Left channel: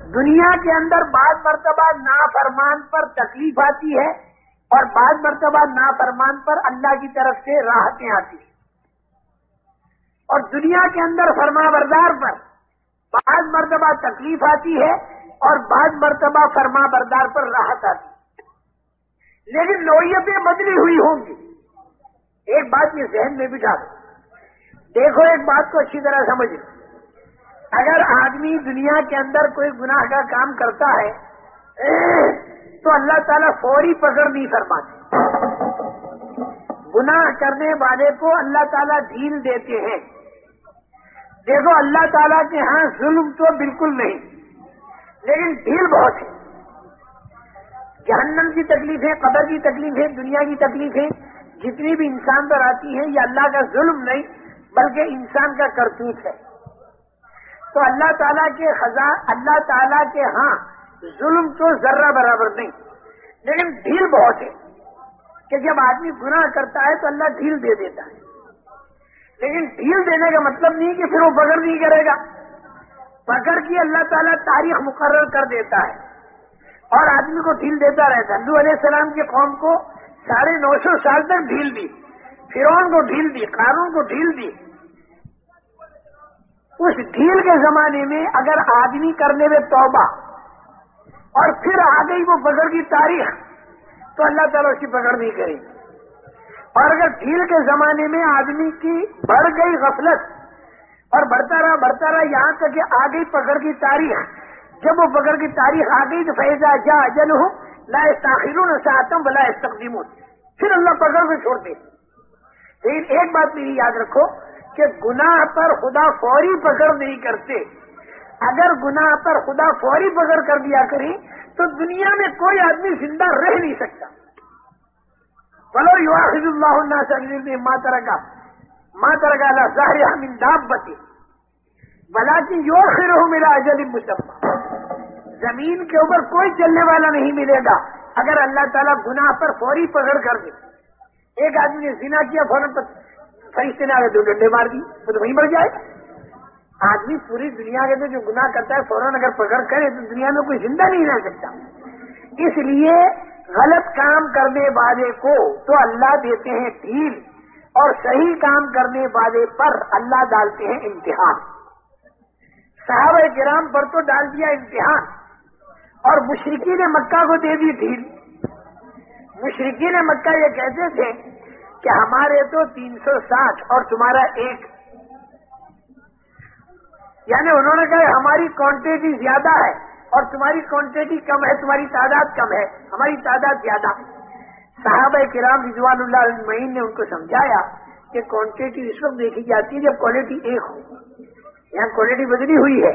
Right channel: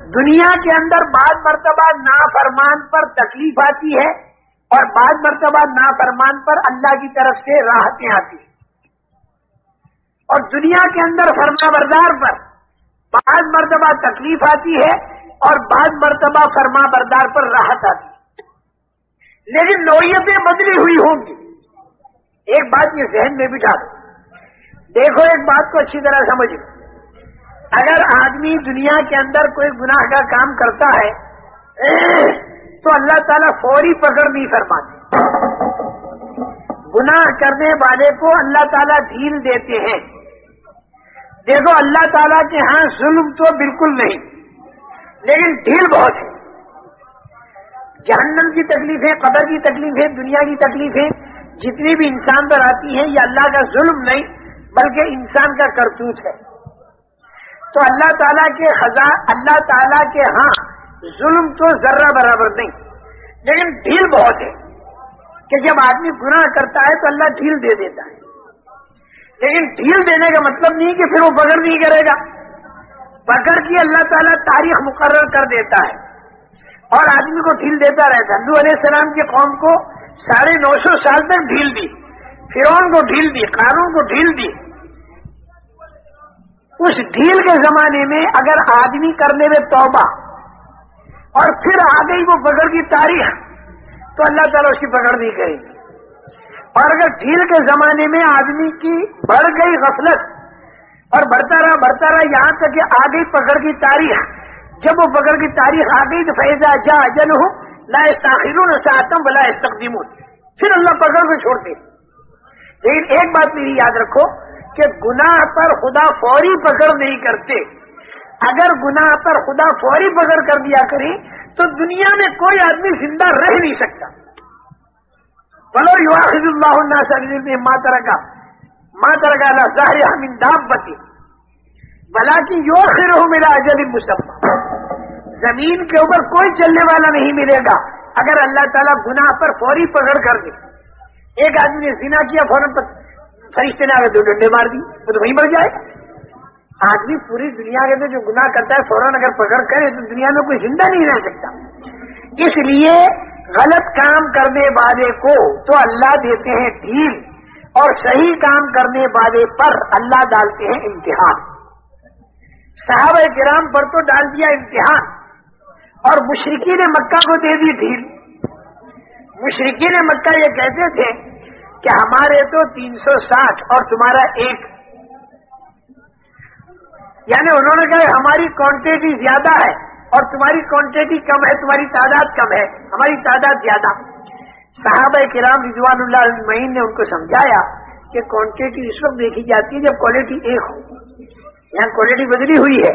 دنیا کے اندر بعض مرتبہ نافرمان پر تکلیف آتی ہے اور بعض مرتبہ نافرمان پر اللہ کی طرف سے راحتیں آتی ہیں، اور دنیا کے اندر فرما بردار پر بعض مرتبہ تکلیف آتی ہے اور بعض مرتبہ فرما بردار پر راحت آتی ہے، لیکن نوعیتیں بدلی ہوئی ہوں گی۔ ایک بات یہ ذہن میں بٹھا دو، دیکھو ایک بات کو اچھی طرح سمجھ لو، اگر آدمی دنیا کے اندر کوئی گناہ کا کام کرتا ہے تو اللہ تعالیٰ فوری پکڑ نہیں فرماتے، گناہ کرنے والے کو اللہ تعالیٰ ڈھیل دیتے ہیں۔ دیکھو اللہ تعالیٰ کے ہاں ظلم تو بالکل نہیں، لیکن ڈھیل بہت ہے۔ جہنم کی تکلیفیں، قبر کی تکلیفیں، دنیا کی تکلیفیں جتنی بھی انسان پر آتی ہیں، یہ اللہ کا ظلم نہیں بلکہ انسان کا کرتوت ہے۔ تو اللہ تعالیٰ کے اللہ تعالیٰ کے ہاں ظلم تو ذرہ برابر نہیں، لیکن ڈھیل بہت ہے کہ جب آدمی گناہ کرتا ہے تو اللہ ڈھیل دے دیتا ہے، لیکن ڈھیل دینے کا مطلب نہیں کہ پھر وہ پکڑ نہیں کرے گا، پکڑ کی اللہ تعالیٰ تاریخ مقرر کر دیتا ہے اور آدمی کو ڈھیل دیتا رہتا ہے۔ نوح علیہ السلام کی قوم کو 950 سال تک ڈھیل دی، فرعون کو ڈھیل دی، قارون کو ڈھیل دی۔ اس ڈھیل کے زمانے میں اگر آدمی کر لے توبہ اور پھر آ گئی وہ پکڑ کی تاریخ تو اللہ تعالیٰ اس کی پکڑ نہیں کرے گی، اور اگر ڈھیل کے زمانے میں آدمی کی بڑھ گئی غفلت اور بڑھتا رہا یہاں تک کہ آ گئی پکڑ کی تاریخ، جب وہ پکڑ کی تاریخ آ گئی تو فیضا جا اجلہم لا یستاخرون ساعۃ ولا یستقدمون، پھر اللہ پکڑ کو چھوڑتے۔ لیکن ایک بات میری یاد رکھو کہ گناہ پر خدا فوری پکڑ نہیں کرتے۔ اگر گناہ پر خدا فوری پکڑ کر دیا کرے تو دنیا میں کوئی آدمی زندہ رہ نہیں سکتا۔ وَلَوْ يُؤَاخِذُ اللَّهُ النَّاسَ بِظُلْمِهِمْ مَا تَرَكَ عَلَىٰ ظَهْرِهَا مِن دَابَّةٍ وَلَٰكِن يُؤَخِّرُهُمْ إِلَىٰ أَجَلٍ مُّسَمًّى، زمین کے اوپر کوئی چلنے والا نہیں ملے گا اگر اللہ تعالیٰ گناہ پر فوری پکڑ کر دے۔ ایک آدمی نے زنا کیا، فوراً فرشتے نے آگے 2 ڈنڈے مار دی، وہ تو وہیں مر جائے۔ آدمی پوری دنیا کے اندر جو گناہ کرتا ہے فوراً اگر پکڑ کرے تو دنیا میں کوئی زندہ نہیں رہ سکتا۔ اس لیے غلط کام کرنے والے کو تو اللہ دیتے ہیں ڈھیل، اور صحیح کام کرنے والے پر اللہ ڈالتے ہیں امتحان۔ صحابہ کرام پر تو ڈال دیا امتحان، اور مشرکین مکہ کو دے دی ڈھیل۔ مشرکین مکہ یہ کہتے تھے کہ ہمارے تو 360 اور تمہارا 1، یعنی انہوں نے کہا ہماری کوانٹٹی زیادہ ہے اور تمہاری کوانٹٹی کم ہے، تمہاری تعداد کم ہے، ہماری تعداد زیادہ۔ صحابہ کرام رضوان اللہ اجمعین نے ان کو سمجھایا کہ کوانٹٹی اس وقت دیکھی جاتی ہے جب کوالٹی 1 ہو، یہاں کوالٹی بدلی ہوئی ہے۔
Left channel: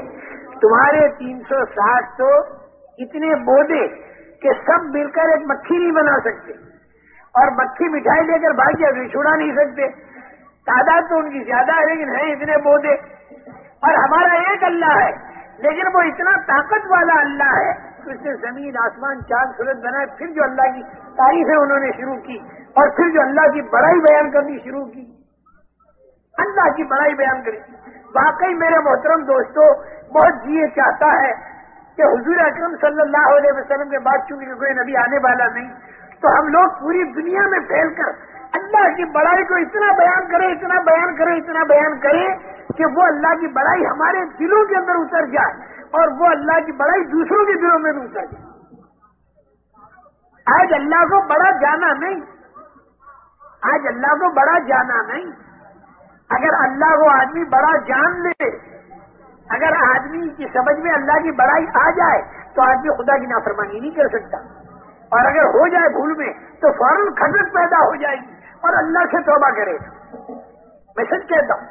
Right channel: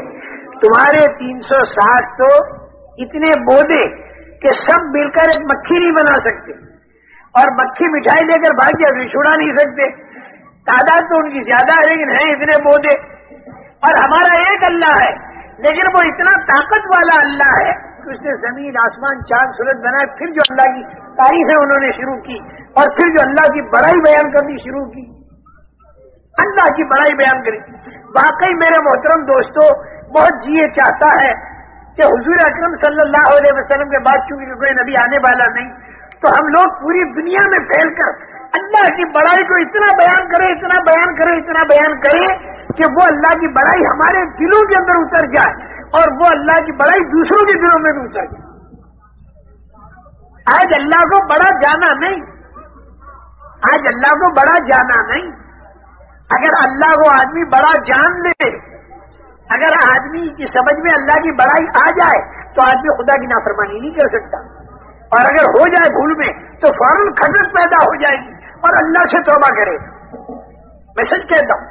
تمہارے 360 تو اتنے بودے کہ سب مل کر ایک مکھی نہیں بنا سکتے، اور مکھی مٹھائی لے کر بھاگ جائے چھڑا نہیں سکتے۔ تعداد تو ان کی زیادہ ہے لیکن ہیں اتنے بودے، اور ہمارا ایک اللہ ہے لیکن وہ اتنا طاقت والا اللہ ہے کہ اس نے زمین آسمان چاند سورج بنائے۔ پھر جو اللہ کی تعریفیں انہوں نے شروع کی اور پھر جو اللہ کی بڑائی بیان کرنی شروع کی، اللہ کی بڑائی بیان کری۔ واقعی میرے محترم دوستو، بہت جیے چاہتا ہے کہ حضور اکرم صلی اللہ علیہ وسلم کے بعد چونکہ کوئی نبی آنے والا نہیں، تو ہم لوگ پوری دنیا میں پھیل کر اللہ کی بڑائی کو اتنا بیان کریں، اتنا بیان کریں، اتنا بیان کریں کہ وہ اللہ کی بڑائی ہمارے دلوں کے اندر اتر جائے اور وہ اللہ کی بڑائی دوسروں کے دلوں میں بھی اتر جائے۔ آج اللہ کو بڑا جانا نہیں، آج اللہ کو بڑا جانا نہیں۔ اگر اللہ کو آدمی بڑا جان لے، اگر آدمی کی سمجھ میں اللہ کی بڑائی آ جائے تو آدمی خدا کی نافرمانی نہیں کر سکتا، اور اگر ہو جائے بھول میں تو فوراً کھٹک پیدا ہو جائے گی اور اللہ سے توبہ کرے۔ میں سچ کہتا ہوں،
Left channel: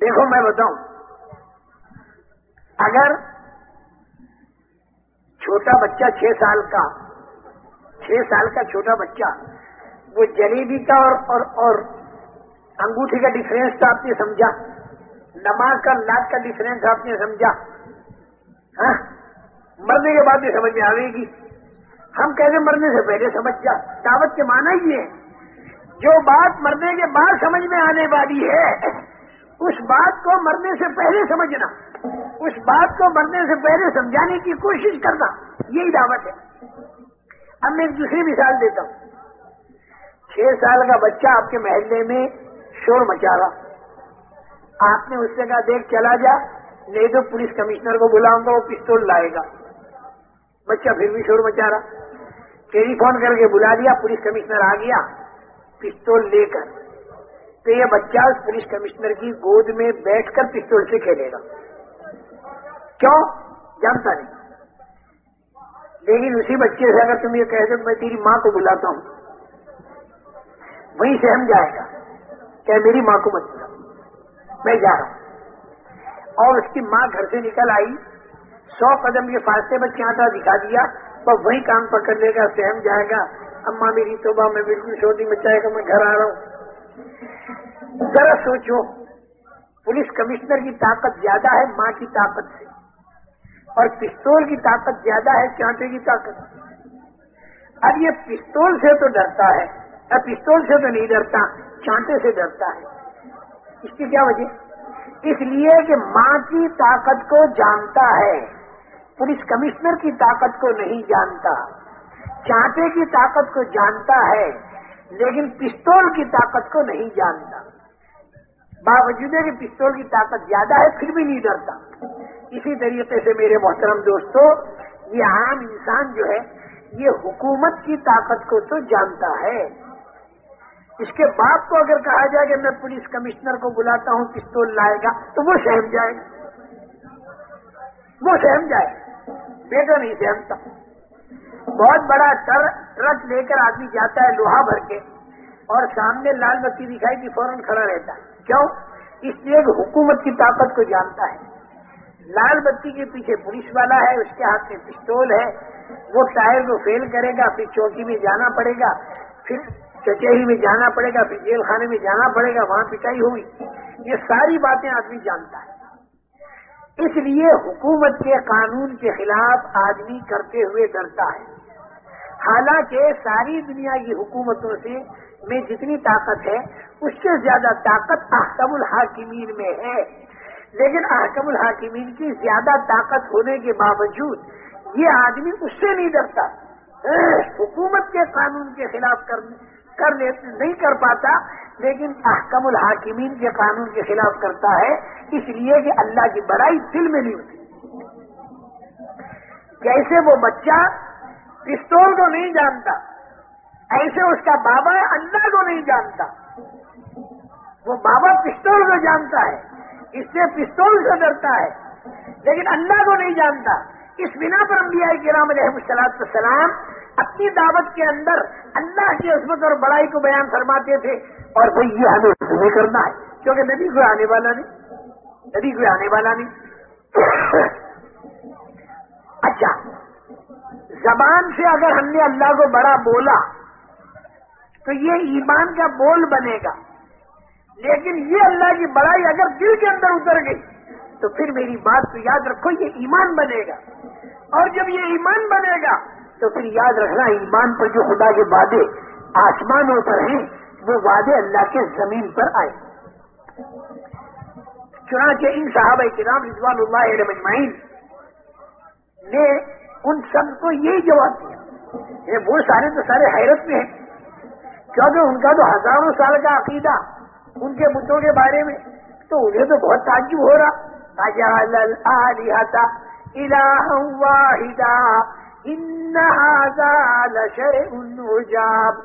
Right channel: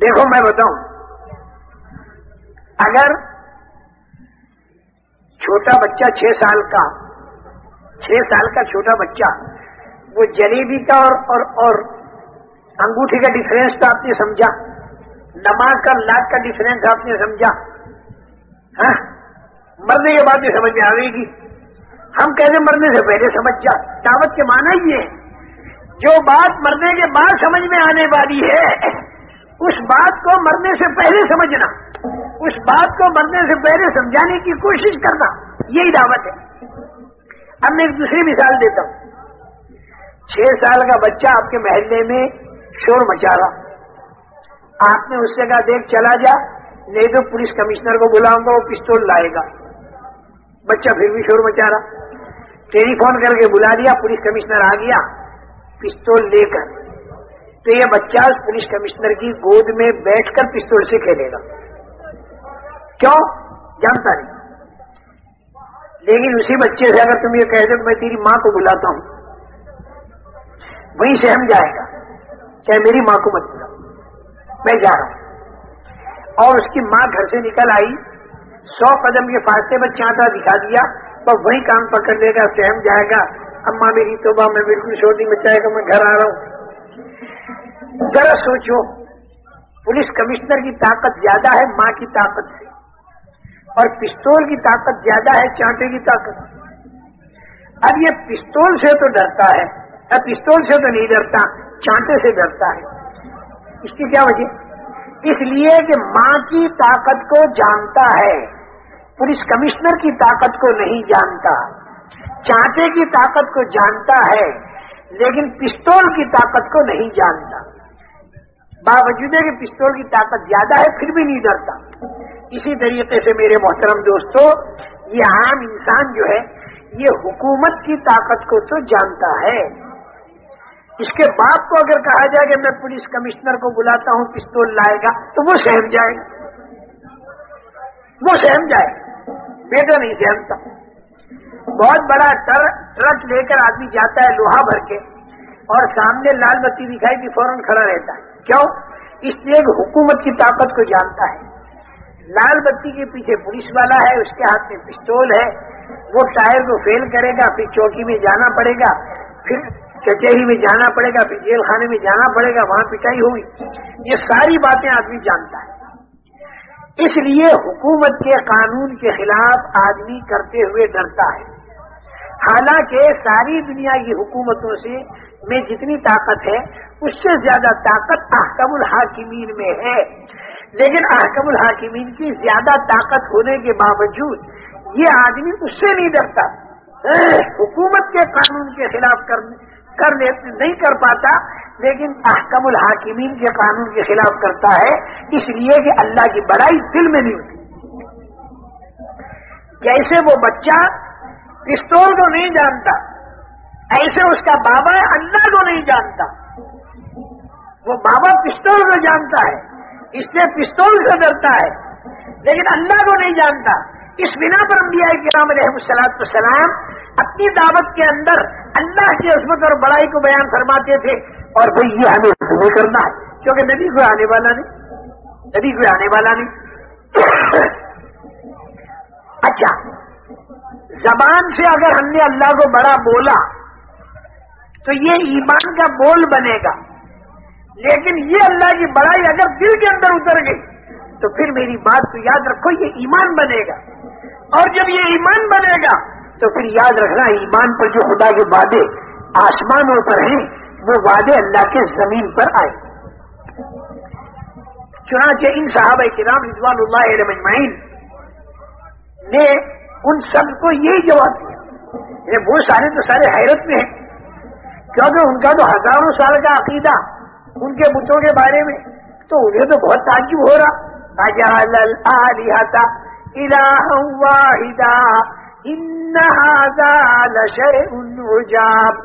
دیکھو میں بتاؤں، اگر چھوٹا بچہ 6 سال کا چھوٹا بچہ وہ جلیبی کا اور انگوٹھی کا ڈفرینس تو آپ نے سمجھا، نماز کا لاکھ کا ڈفرینس آپ نے سمجھا، ہاں مرنے کے بعد بھی سمجھ میں آئے گی۔ ہم کہتے مرنے سے پہلے سمجھ جا، دعوت کے معنی یہ ہے جو بات مرنے کے بعد سمجھ میں آنے والی ہے اس بات کو مرنے سے پہلے سمجھنا۔ اس بات کو مرنے سے پہلے سمجھانے کی کوشش کرنا، یہی دعوت ہے۔ اب میں ایک دوسری مثال دیتا ہوں۔ 6 سال کا بچہ آپ کے محلے میں شور مچا رہا، آپ نے اس سے کہا دیکھ چلا جا، نہیں تو پولیس کمشنر کو بلاؤں گا، وہ پستول لائے گا۔ بچہ پھر بھی شور مچا رہا، ٹیلی فون کر کے بلا دیا، پولیس کمشنر آ گیا پستول لے کر، تو یہ بچہ اس پولیس کمشنر کی گود میں بیٹھ کر پستول سے کھیلے گا۔ کیوں؟ جانتا نہیں۔ لیکن اسی بچے سے اگر تم یہ کہہ دو کہ میں تیری ماں کو بلاتا ہوں، وہیں سہم جائے گا، چاہے میری ماں کو مت بلا، میں جا رہا ہوں۔ اور اس کی ماں گھر سے نکل آئی، 100 قدم کے فاصلے پر چانٹا دکھا دیا، تو وہیں کام پکڑ لے گا، سہم جائے گا، اماں میری توبہ، میں بالکل شور نہیں مچائے گا، میں گھر آ رہا ہوں۔ ذرا سوچو، پولیس کمشنر کی طاقت زیادہ ہے ماں کی طاقت سے، اور پستول کی طاقت زیادہ ہے چانٹے کی طاقت۔ اب یہ پستول سے تو ڈرتا ہے، اب پستول سے تو نہیں ڈرتا، چانٹے سے ڈرتا ہے۔ اس کی کیا وجہ؟ اس لیے کہ ماں کی طاقت کو جانتا ہے، پولیس کمشنر کی طاقت کو نہیں جانتا، چانٹے کی طاقت کو جانتا ہے لیکن پستول کی طاقت کو نہیں جانتا۔ باوجود ہے کہ پستول کی طاقت زیادہ ہے پھر بھی نہیں ڈرتا۔ اسی طریقے سے میرے محترم دوستو، یہ عام انسان جو ہے یہ حکومت کی طاقت کو تو جانتا ہے۔ اس کے باپ کو اگر کہا جائے کہ میں پولیس کمشنر کو بلاتا ہوں پستول لائے گا تو وہ سہم جائے گا، وہ سہم جائے گا، بیٹا نہیں سہمتا۔ بہت بڑا ٹرک لے کر آدمی جاتا ہے لوہا بھر کے، اور سامنے لال بتی دکھائی دی فوراً کھڑا رہتا ہے۔ کیوں؟ اس لیے کہ حکومت کی طاقت کو جانتا ہے۔ لال بتی کے پیچھے پولیس والا ہے، اس کے ہاتھ میں پستول ہے، وہ ٹائر کو فیل کرے گا، پھر چوکی میں جانا پڑے گا، پھر کچہری میں جانا پڑے گا، پھر جیل خانے میں جانا پڑے گا، وہاں پٹائی ہوگی۔ یہ ساری باتیں آدمی جانتا ہے، اس لیے حکومت کے قانون کے خلاف آدمی کرتے ہوئے ڈرتا ہے۔ حالانکہ ساری دنیا کی حکومتوں سے میں جتنی طاقت ہے اس سے زیادہ طاقت احکم الحاکمین میں ہے، لیکن احکم الحاکمین کی زیادہ طاقت ہونے کے باوجود یہ آدمی اس سے نہیں ڈرتا، حکومت کے قانون کے خلاف نہیں کر پاتا، لیکن احکم الحاکمین کے قانون کے خلاف کرتا ہے، اس لیے کہ اللہ کی بڑائی دل میں نہیں ہوتی۔ جیسے وہ بچہ پستول کو نہیں جانتا، ایسے اس کا بابا اللہ کو نہیں جانتا۔ وہ بابا پستول کو جانتا ہے، اس لیے پستول سے ڈرتا ہے، لیکن اللہ کو نہیں جانتا۔ اس بنا پر انبیاء کرام علیہ الصلوۃ والسلام اپنی دعوت کے اندر اللہ کی عظمت اور بڑائی کو بیان فرماتے تھے، اور بھئی یہ ہمیں نہیں کرنا ہے، کیونکہ نبی کوئی آنے والا نہیں، نبی کوئی آنے والا نہیں۔ اچھا، زبان سے اگر ہم نے اللہ کو بڑا بولا تو یہ ایمان کا بول بنے گا، لیکن یہ اللہ کی بڑائی اگر دل کے اندر اتر گئی تو پھر میری بات کو یاد رکھو، یہ ایمان بنے گا، اور جب یہ ایمان بنے گا تو پھر یاد رکھنا ایمان پر جو خدا کے وعدے آسمانوں پر ہیں وہ وعدے اللہ کے زمین پر آئے۔ چنانچہ ان صحابہ کرام رضوان اللہ علیہم اجمعین نے ان سب کو یہی جواب دیا۔ وہ سارے تو سارے حیرت میں ہیں، کیونکہ ان کا تو ہزاروں سال کا عقیدہ ان کے بتوں کے بارے میں، تو انہیں تو بہت تعجب ہو رہا۔ اجعل الآلہۃ الہا واحدا ان ھذا لشیء عجاب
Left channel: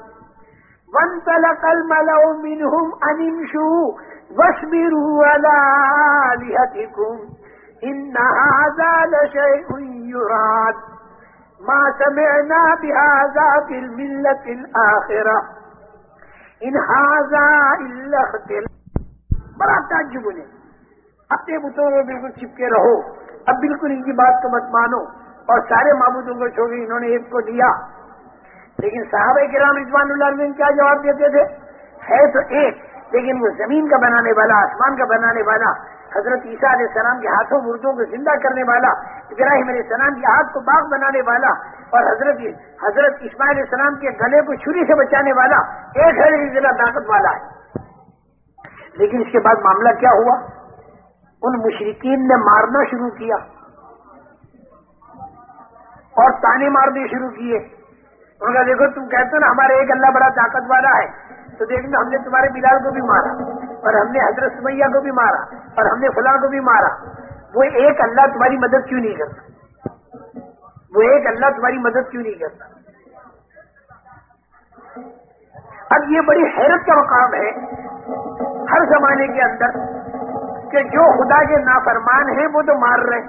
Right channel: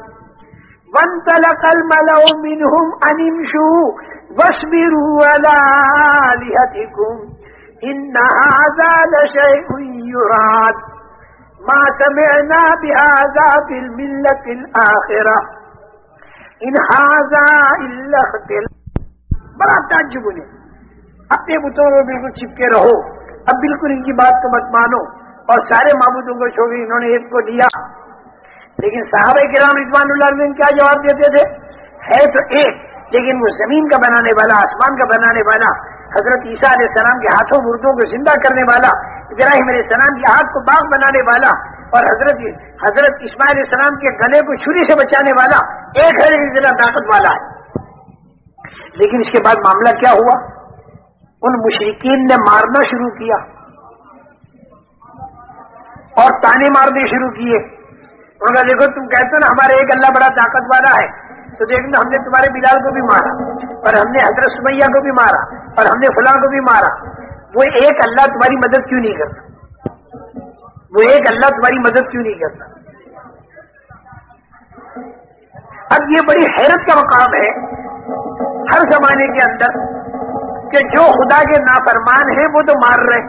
وانطلق الملأ منهم ان امشوا واصبروا على آلہتکم ان ھذا لشیء یراد ما سمعنا بهذا في الملة الآخرة ان ھذا الا اختلاق۔ بڑا تعجب انہیں، اپنے بتوں کو بالکل چپکے رہو، اب بالکل ان کی بات کو مت مانو، اور سارے معبودوں کو چھوڑ انہوں نے ایک کو دیا۔ لیکن صحابہ کرام رضوان اللہ علیہم کیا جواب دیتے تھے؟ ہے تو ایک، لیکن وہ زمین کا بنانے والا، آسمان کا بنانے والا، حضرت عیسیٰ علیہ السلام کے ہاتھوں مردوں کو زندہ کرنے والا، ابراہیم علیہ السلام کے ہاتھ کو باغ بنانے والا، اور حضرت اسماعیل علیہ السلام کے گلے کو چھری سے بچانے والا ایک ہے، لیکن ذرا طاقت والا ہے۔ لیکن اس کے بعد معاملہ کیا ہوا؟ ان مشرکین نے مارنا شروع کیا اور تانے مارنے شروع کیے. انہوں نے دیکھو تم کہتے ہو نا ہمارے ایک اللہ بڑا طاقت والا ہے, تو دیکھنا ہم نے تمہارے بلال کو بھی مارا اور ہم نے حضرت سمیہ کو بھی مارا اور ہم نے فلاں کو بھی مارا. وہ ایک اللہ تمہاری مدد کیوں نہیں کرتا؟ وہ ایک اللہ تمہاری مدد کیوں نہیں کرتا؟ اب یہ بڑی حیرت کا مقام ہے ہر زمانے کے اندر کہ جو خدا کے نافرمان ہیں وہ تو مار رہے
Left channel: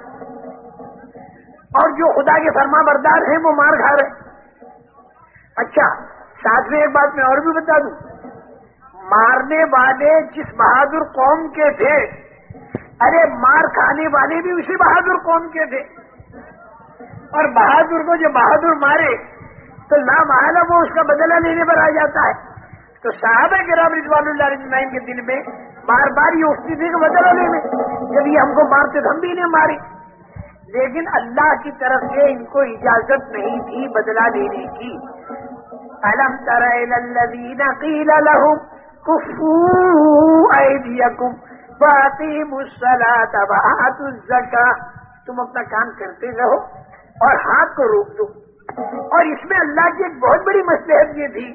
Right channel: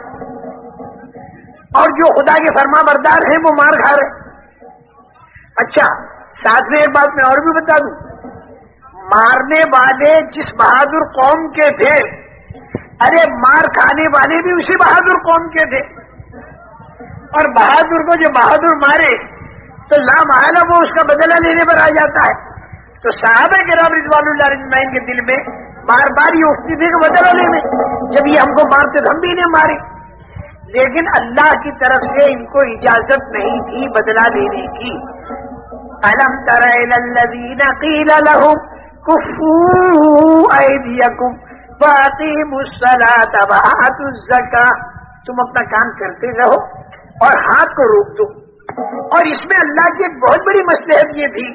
اور جو خدا کے فرما بردار ہیں وہ مار کھا رہے. اچھا ساتھ میں ایک بات میں اور بھی بتا دوں, مارنے والے جس بہادر قوم کے تھے, ارے مار کھانے والے بھی اسی بہادر قوم کے تھے, اور بہادر کو جو بہادر مارے تو لا محالہ وہ اس کا بدلہ لینے پر آ جاتا ہے. تو صحابہ کرام رضوان اللہ اجمعین کے دل میں بار بار یہ اٹھتی تھی کہ بدلہ لینے, جب یہ ہم کو مارتے تو ہم بھی انہیں مارے. لیکن اللہ کی طرف سے ان کو اجازت نہیں تھی بدلہ لینے کی. أَلَمْ تَرَ إِلَى الَّذِينَ قِيلَ لَهُمْ كُفُّوا أَيْدِيَكُمْ وَأَقِيمُوا الصَّلَاةَ وَآتُوا الزَّكَاةَ, تم اپنا کام کرتے رہو اور ہاتھ کو روک دو. اور اس میں اللہ کی ایک بہت بڑی مصلحت یہ تھی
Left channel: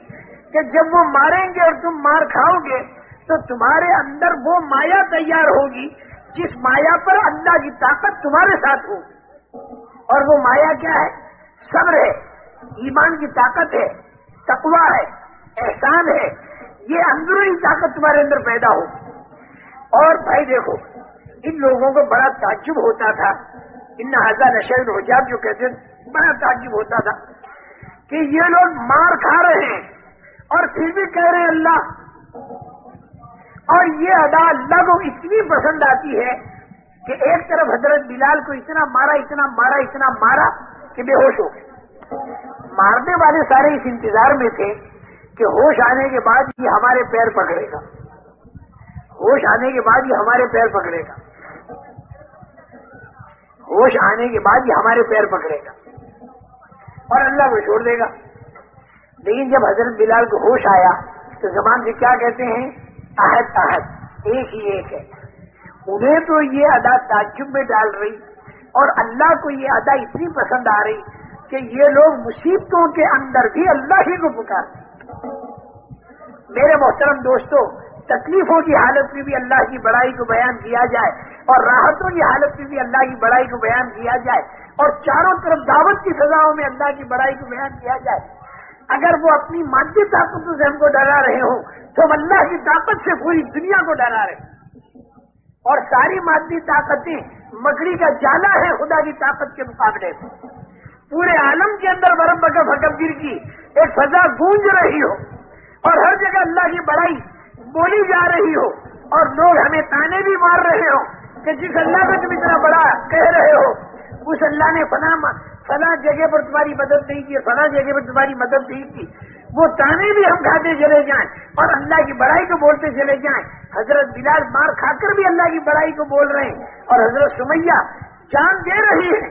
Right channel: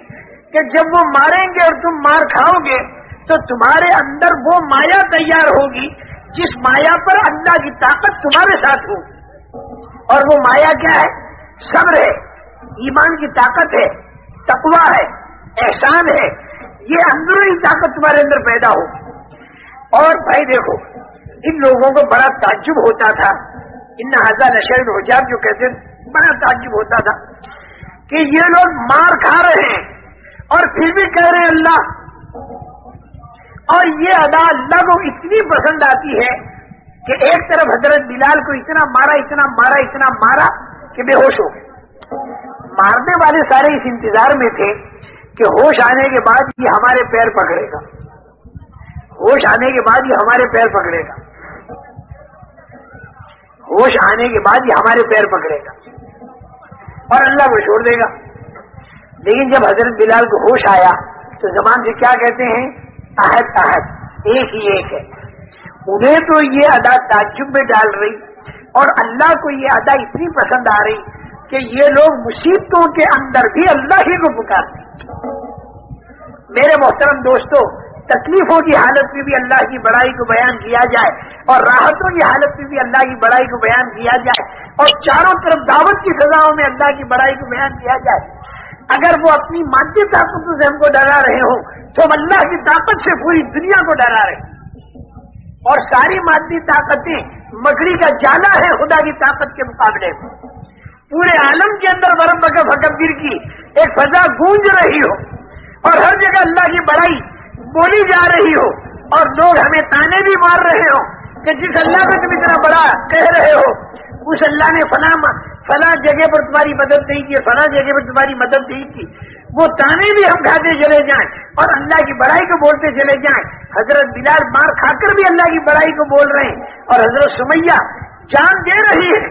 کہ جب وہ ماریں گے اور تم مار کھاؤ گے تو تمہارے اندر وہ مایا تیار ہوگی جس مایا پر اللہ کی طاقت تمہارے ساتھ ہو. اور وہ مایا کیا ہے؟ صبر ہے, ایمان کی طاقت ہے, تقویٰ ہے, احسان ہے. یہ اندرونی طاقت تمہارے اندر پیدا ہو. اور بھائی دیکھو ان لوگوں کو بڑا تعجب ہوتا تھا, ان ھذا لشیء عجاب جو کہتے ہیں, بڑا تعجب ہوتا تھا کہ یہ لوگ مار کھا رہے ہیں اور پھر بھی کہہ رہے ہیں اللہ. اور یہ ادا اللہ کو اتنی پسند آتی ہے کہ ایک طرف حضرت بلال کو اتنا مارا کہ بے ہوش ہو گئے. مارنے والے سارے اس انتظار میں تھے کہ ہوش آنے کے بعد یہ ہمارے پیر پکڑے گا, ہوش آنے کے بعد یہ ہمارے پیر پکڑے گا, ہوش آنے کے بعد یہ ہمارے پیر پکڑے گا اور اللہ کو چھوڑ دے گا. لیکن جب حضرت بلال کو ہوش آیا تو زبان سے کیا کہتے ہیں؟ احد احد, ایک ہی ایک ہے. انہیں تو یہ ادا تعجب میں ڈال رہی اور اللہ کو یہ ادا اتنی پسند آ رہی کہ یہ لوگ مصیبتوں کے اندر بھی اللہ ہی کو پکارتے. میرے محترم دوستو, تکلیفوں کی حالت میں بھی اللہ کی بڑائی کو بیان کیا جائے اور راحتوں کی حالت میں بھی اللہ کی بڑائی کو بیان کیا جائے اور چاروں طرف دعوت کی فضاؤں میں اللہ کی بڑائی کو بیان کیا جائے. اگر وہ اپنی مادی طاقتوں سے ہم کو ڈرا رہے ہوں تو ہم اللہ کی طاقت سے پوری دنیا کو ڈرا رہے ہیں. اور ساری مادی طاقتیں مکڑی کا جالا ہے خدا کی طاقت کے مقابلے میں. پورے عالم کے اندر ورب کا فکبر کی ایک فضا گونج رہی ہو اور ہر جگہ اللہ کی بڑائی بولی جا رہی ہو اور لوگ ہمیں تانے بھی مار رہے ہو کہ جس اللہ کو تم اتنا بڑا کہہ رہے ہو اس اللہ نے فلاں جگہ پر تمہاری مدد نہیں کی, فلاں جگہ پر تمہاری مدد نہیں کی. وہ تانے بھی ہم کھاتے چلے جائیں اور اللہ کی بڑائی کو بولتے چلے جائیں. حضرت بلال مار کھا کر بھی اللہ کی بڑائی کو بول رہے ہیں اور حضرت سمیہ جان دے رہی ہے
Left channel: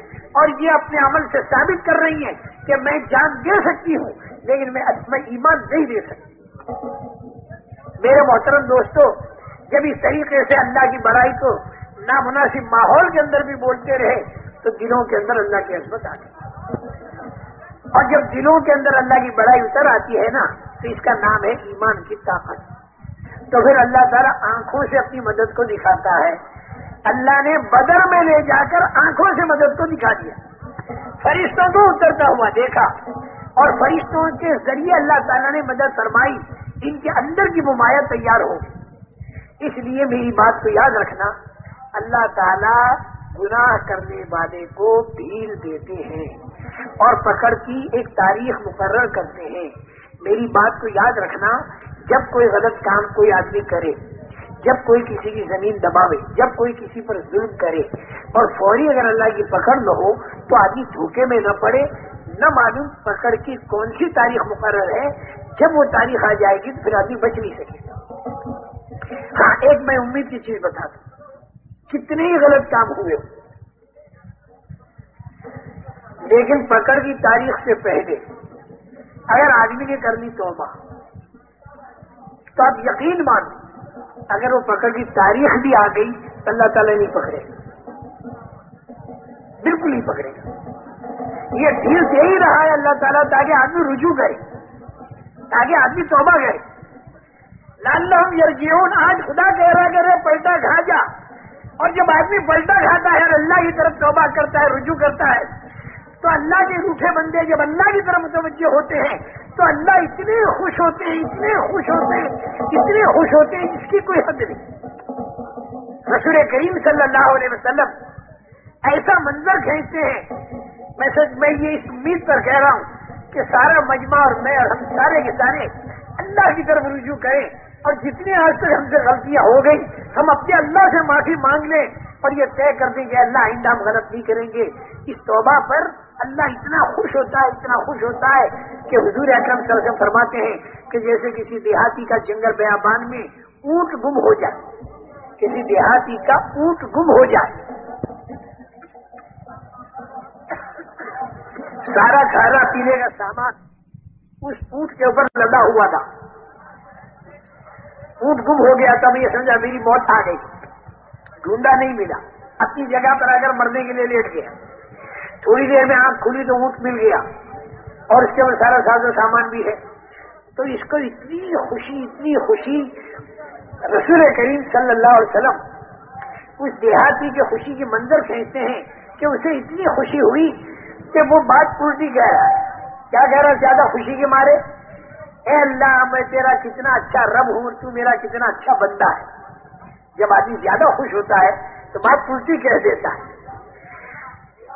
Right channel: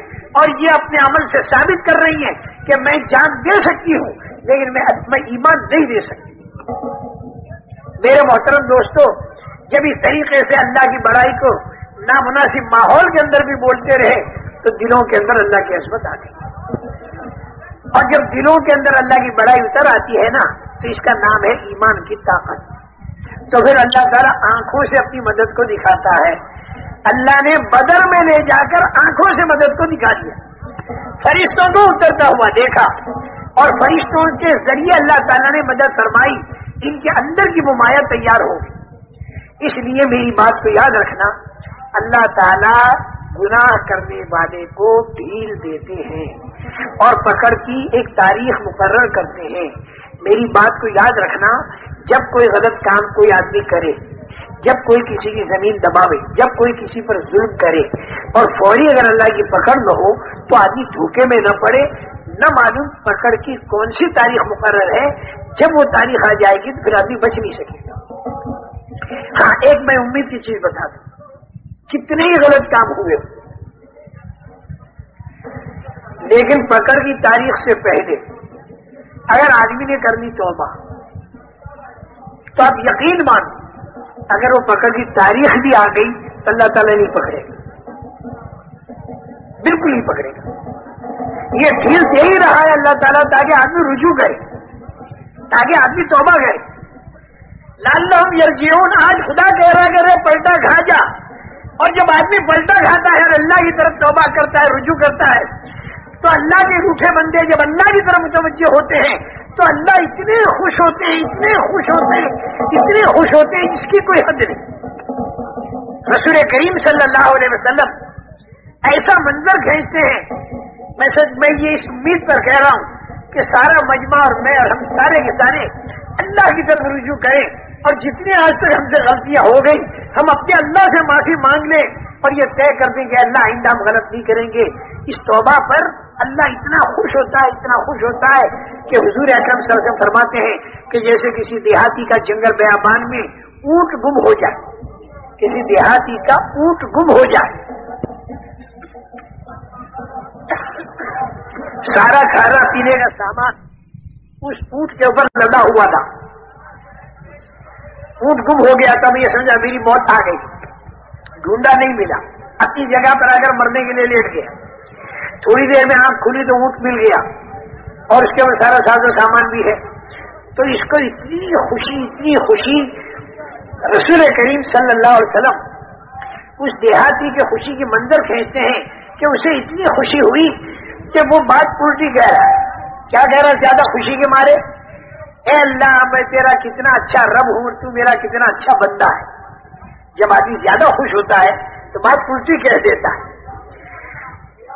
اور یہ اپنے عمل سے ثابت کر رہی ہیں کہ میں جان دے سکتی ہوں لیکن میں ایمان نہیں دے سکتی. میرے محترم دوستو, جب اس طریقے سے اللہ کی بڑائی کو نامناسب ماحول کے اندر بھی بولتے رہے تو دلوں کے اندر اللہ کی عظمت آ گئی. اور جب دلوں کے اندر اللہ کی بڑائی اتر آتی ہے نا تو اس کا نام ہے ایمان کی طاقت. تو پھر اللہ تعالیٰ آنکھوں سے اپنی مدد کو دکھاتا ہے. اللہ نے بدر میں لے جا کر آنکھوں سے مدد کو دکھا دیا, فرشتوں کو اترتا ہوا دیکھا اور فرشتوں کے ذریعے اللہ تعالیٰ نے مدد فرمائی. ان کے اندر کی ممایا تیار ہو گئی. اس لیے میری بات کو یاد رکھنا, اللہ تعالیٰ گناہ کرنے والے کو ڈھیل دیتے ہیں اور پکڑ کی ایک تاریخ مقرر کرتے ہیں. میری بات کو یاد رکھنا, جب کوئی غلط کام کوئی آدمی کرے, جب کوئی کسی کی زمین دباوے, جب کوئی کسی پر ظلم کرے اور فوری اگر اللہ کی پکڑ نہ ہو تو آدمی دھوکے میں نہ پڑے, نہ معلوم پکڑ کی کون سی تاریخ مقرر ہے. جب وہ تاریخ آ جائے گی تو پھر آدمی بچ نہیں سکے گا. ہاں ایک میں امید کی چیز بتا دوں, کتنے ہی غلط کام ہوئے لیکن پکڑ کی تاریخ سے پہلے اگر آدمی نے کرنی توبہ تو آپ یقین مانو اگر وہ پکڑ کی تاریخ بھی آ گئی تو اللہ تعالیٰ نہیں پکڑے گا، بالکل نہیں پکڑے گا. یہ ڈھیل دے ہی رہا ہے اللہ تعالیٰ تاکہ آدمی رجوع کرے، تاکہ آدمی توبہ کرے. لعلہم یرجعون، آج خدا کہہ رہا کہ پلٹا کھا جا. اور جب آدمی پلٹا کھاتا ہے اور اللہ کی طرف توبہ کرتا ہے، رجوع کرتا ہے، تو اللہ کے روٹھے بندے جب اللہ کی طرف متوجہ ہوتے ہیں تو اللہ اتنے خوش ہوتے ہیں، اتنے خوش ہوتے ہیں، اتنے خوش ہوتے ہیں جس کی کوئی حد نہیں. رسول کریم صلی اللہ علیہ وسلم ایسا منظر کھینچتے ہیں. میں یہ اس امید پر کہہ رہا ہوں کہ سارا مجمع اور میں اور ہم سارے کے سارے اللہ کی طرف رجوع کریں، اور جتنی آج تک ہم سے غلطیاں ہو گئی ہم اپنے اللہ سے معافی مانگ لیں اور یہ طے کر دیں کہ اللہ آئندہ ہم غلط نہیں کریں گے. اس توبہ پر اللہ اتنا خوش ہوتا ہے، اتنا خوش ہوتا ہے کہ حضور اکرم صلی اللہ علیہ وسلم فرماتے ہیں کہ جیسے کسی دیہاتی کا جنگل بیابان میں اونٹ گم ہو جائے، کسی دیہاتی کا اونٹ گم ہو جائے، سارا کھانا پینے کا سامان اس اونٹ کے اوپر لدا ہوا تھا، اونٹ گم ہو گیا تب یہ سمجھا میری موت آ گئی، ڈھونڈا نہیں ملا، اپنی جگہ پر آ کر مرنے کے لیے لیٹ گیا. تھوڑی دیر میں آنکھ کھلی تو اونٹ مل گیا اور اس کے اوپر سارا ساز و سامان بھی ہے. تو اس کو اتنی خوشی رسول کریم صلی اللہ علیہ وسلم اس دیہاتی کے خوشی کے منظر کھینچتے ہیں کہ اسے اتنی خوشی ہوئی کہ وہ بات الٹی کہہ رہا ہے. کیا کہہ رہا ہے زیادہ خوشی کے مارے؟ اے اللہ میں تیرا کتنا اچھا رب ہوں، تو میرا کتنا اچھا بندہ ہے. جب آدمی زیادہ خوش ہوتا ہے تو بات الٹی کہہ دیتا ہے.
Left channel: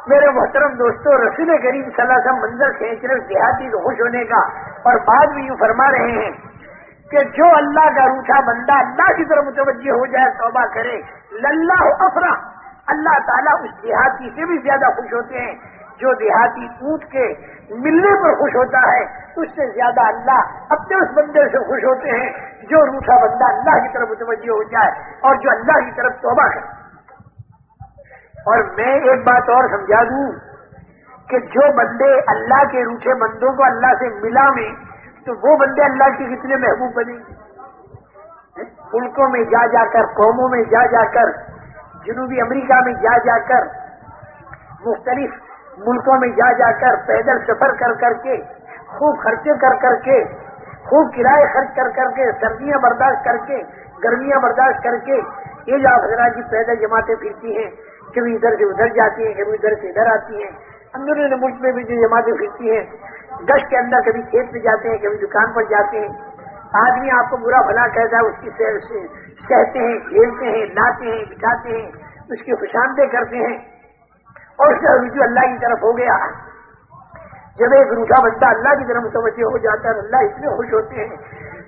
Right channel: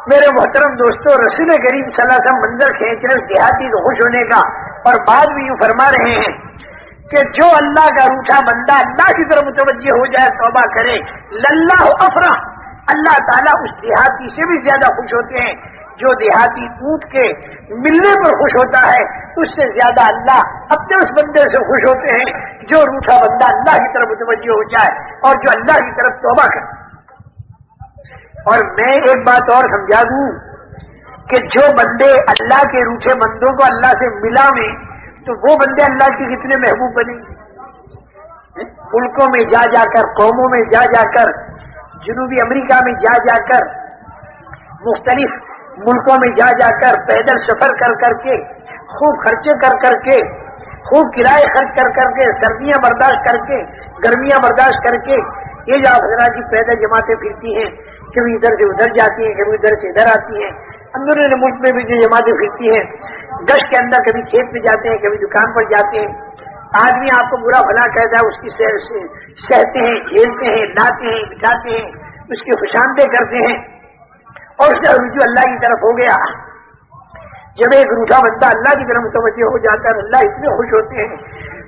میرے محترم دوستو، رسول کریم صلی اللہ علیہ وسلم منظر کھینچ رہے دیہاتی کو خوش ہونے کا، اور بعد میں یوں فرما رہے ہیں کہ جو اللہ کا روٹھا بندہ اللہ کی طرف متوجہ ہو جائے، توبہ کرے، للہ افرح، اللہ تعالیٰ اس دیہاتی سے بھی زیادہ خوش ہوتے ہیں. جو دیہاتی اونٹ کے ملنے پر خوش ہوتا ہے اس سے زیادہ اللہ اپنے اس بندے سے خوش ہوتے ہیں جو روٹھا بندہ اللہ کی طرف متوجہ ہو جائے اور جو اللہ کی طرف توبہ کرے. اور میں ایک بات اور سمجھا دوں کہ جو بندے اللہ کے روٹھے بندوں کو اللہ سے ملا میں، تو وہ بندے اللہ کے کتنے محبوب بنے گے. ملکوں میں جا جا کر، قوموں میں جا جا کر، جنوبی امریکہ میں جا جا کر، مختلف ملکوں میں جا جا کر، پیدل سفر کر کر کے، خوب خرچے کر کر کے، خوب کرائے خرچ کر کر کے، سردیاں برداشت کر کے، گرمیاں برداشت کر کے، یہ جو حضرات کی پیدل جماعتیں پھرتی ہیں، کبھی ادھر سے ادھر جاتی ہیں، کبھی ادھر سے ادھر آتی ہیں. اندرون ملک میں بھی جو جماعتیں پھرتی ہیں، گشت کے اندر کبھی کھیت میں جاتے ہیں، کبھی دکان پر جاتے ہیں. آدمی آپ کو برا بھلا کہتا ہے، اس کی سہتے ہیں، جھیلتے ہیں، لاتے ہیں، بٹھاتے ہیں، اس کی خوشامدیں کرتے ہیں، اور اس کا رجوع اللہ کی طرف ہو گیا. جب ایک روٹھا بندہ اللہ کی طرف متوجہ ہو جاتا ہے، اللہ اتنے خوش ہوتے ہیں.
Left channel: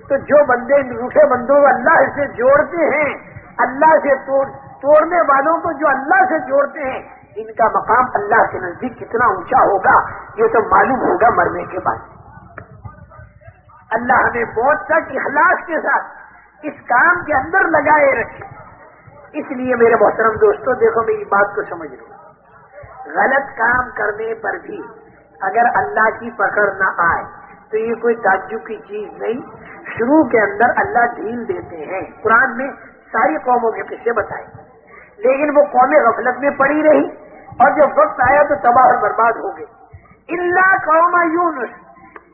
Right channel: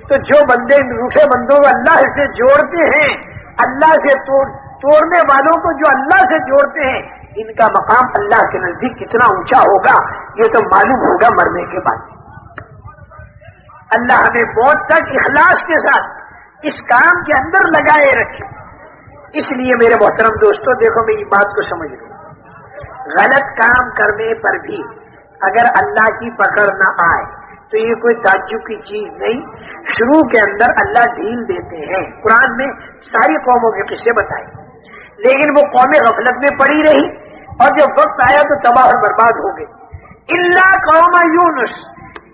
تو جو بندے روٹھے بندوں کو اللہ سے جوڑتے ہیں، اللہ سے توڑنے والوں کو جو اللہ سے جوڑتے ہیں، ان کا مقام اللہ کے نزدیک کتنا اونچا ہوگا یہ تو معلوم ہوگا مرنے کے بعد. اللہ ہمیں موت تک اخلاص کے ساتھ اس کام کے اندر لگائے رکھے. اس لیے میرے محترم دوستو، دیکھو میری بات کو سمجھ لو. غلط کام کرنے پر بھی اگر اللہ کی پکڑ نہ آئے تو یہ کوئی تعجب کی چیز نہیں. شروع کے اندر اللہ ڈھیل دیتے ہیں. قرآن میں ساری قوموں کے قصے بتائے، لیکن وہ قومیں غفلت میں پڑی رہی اور جب وقت آیا تو تباہ اور برباد ہو گئی. اللہ قوم یونس،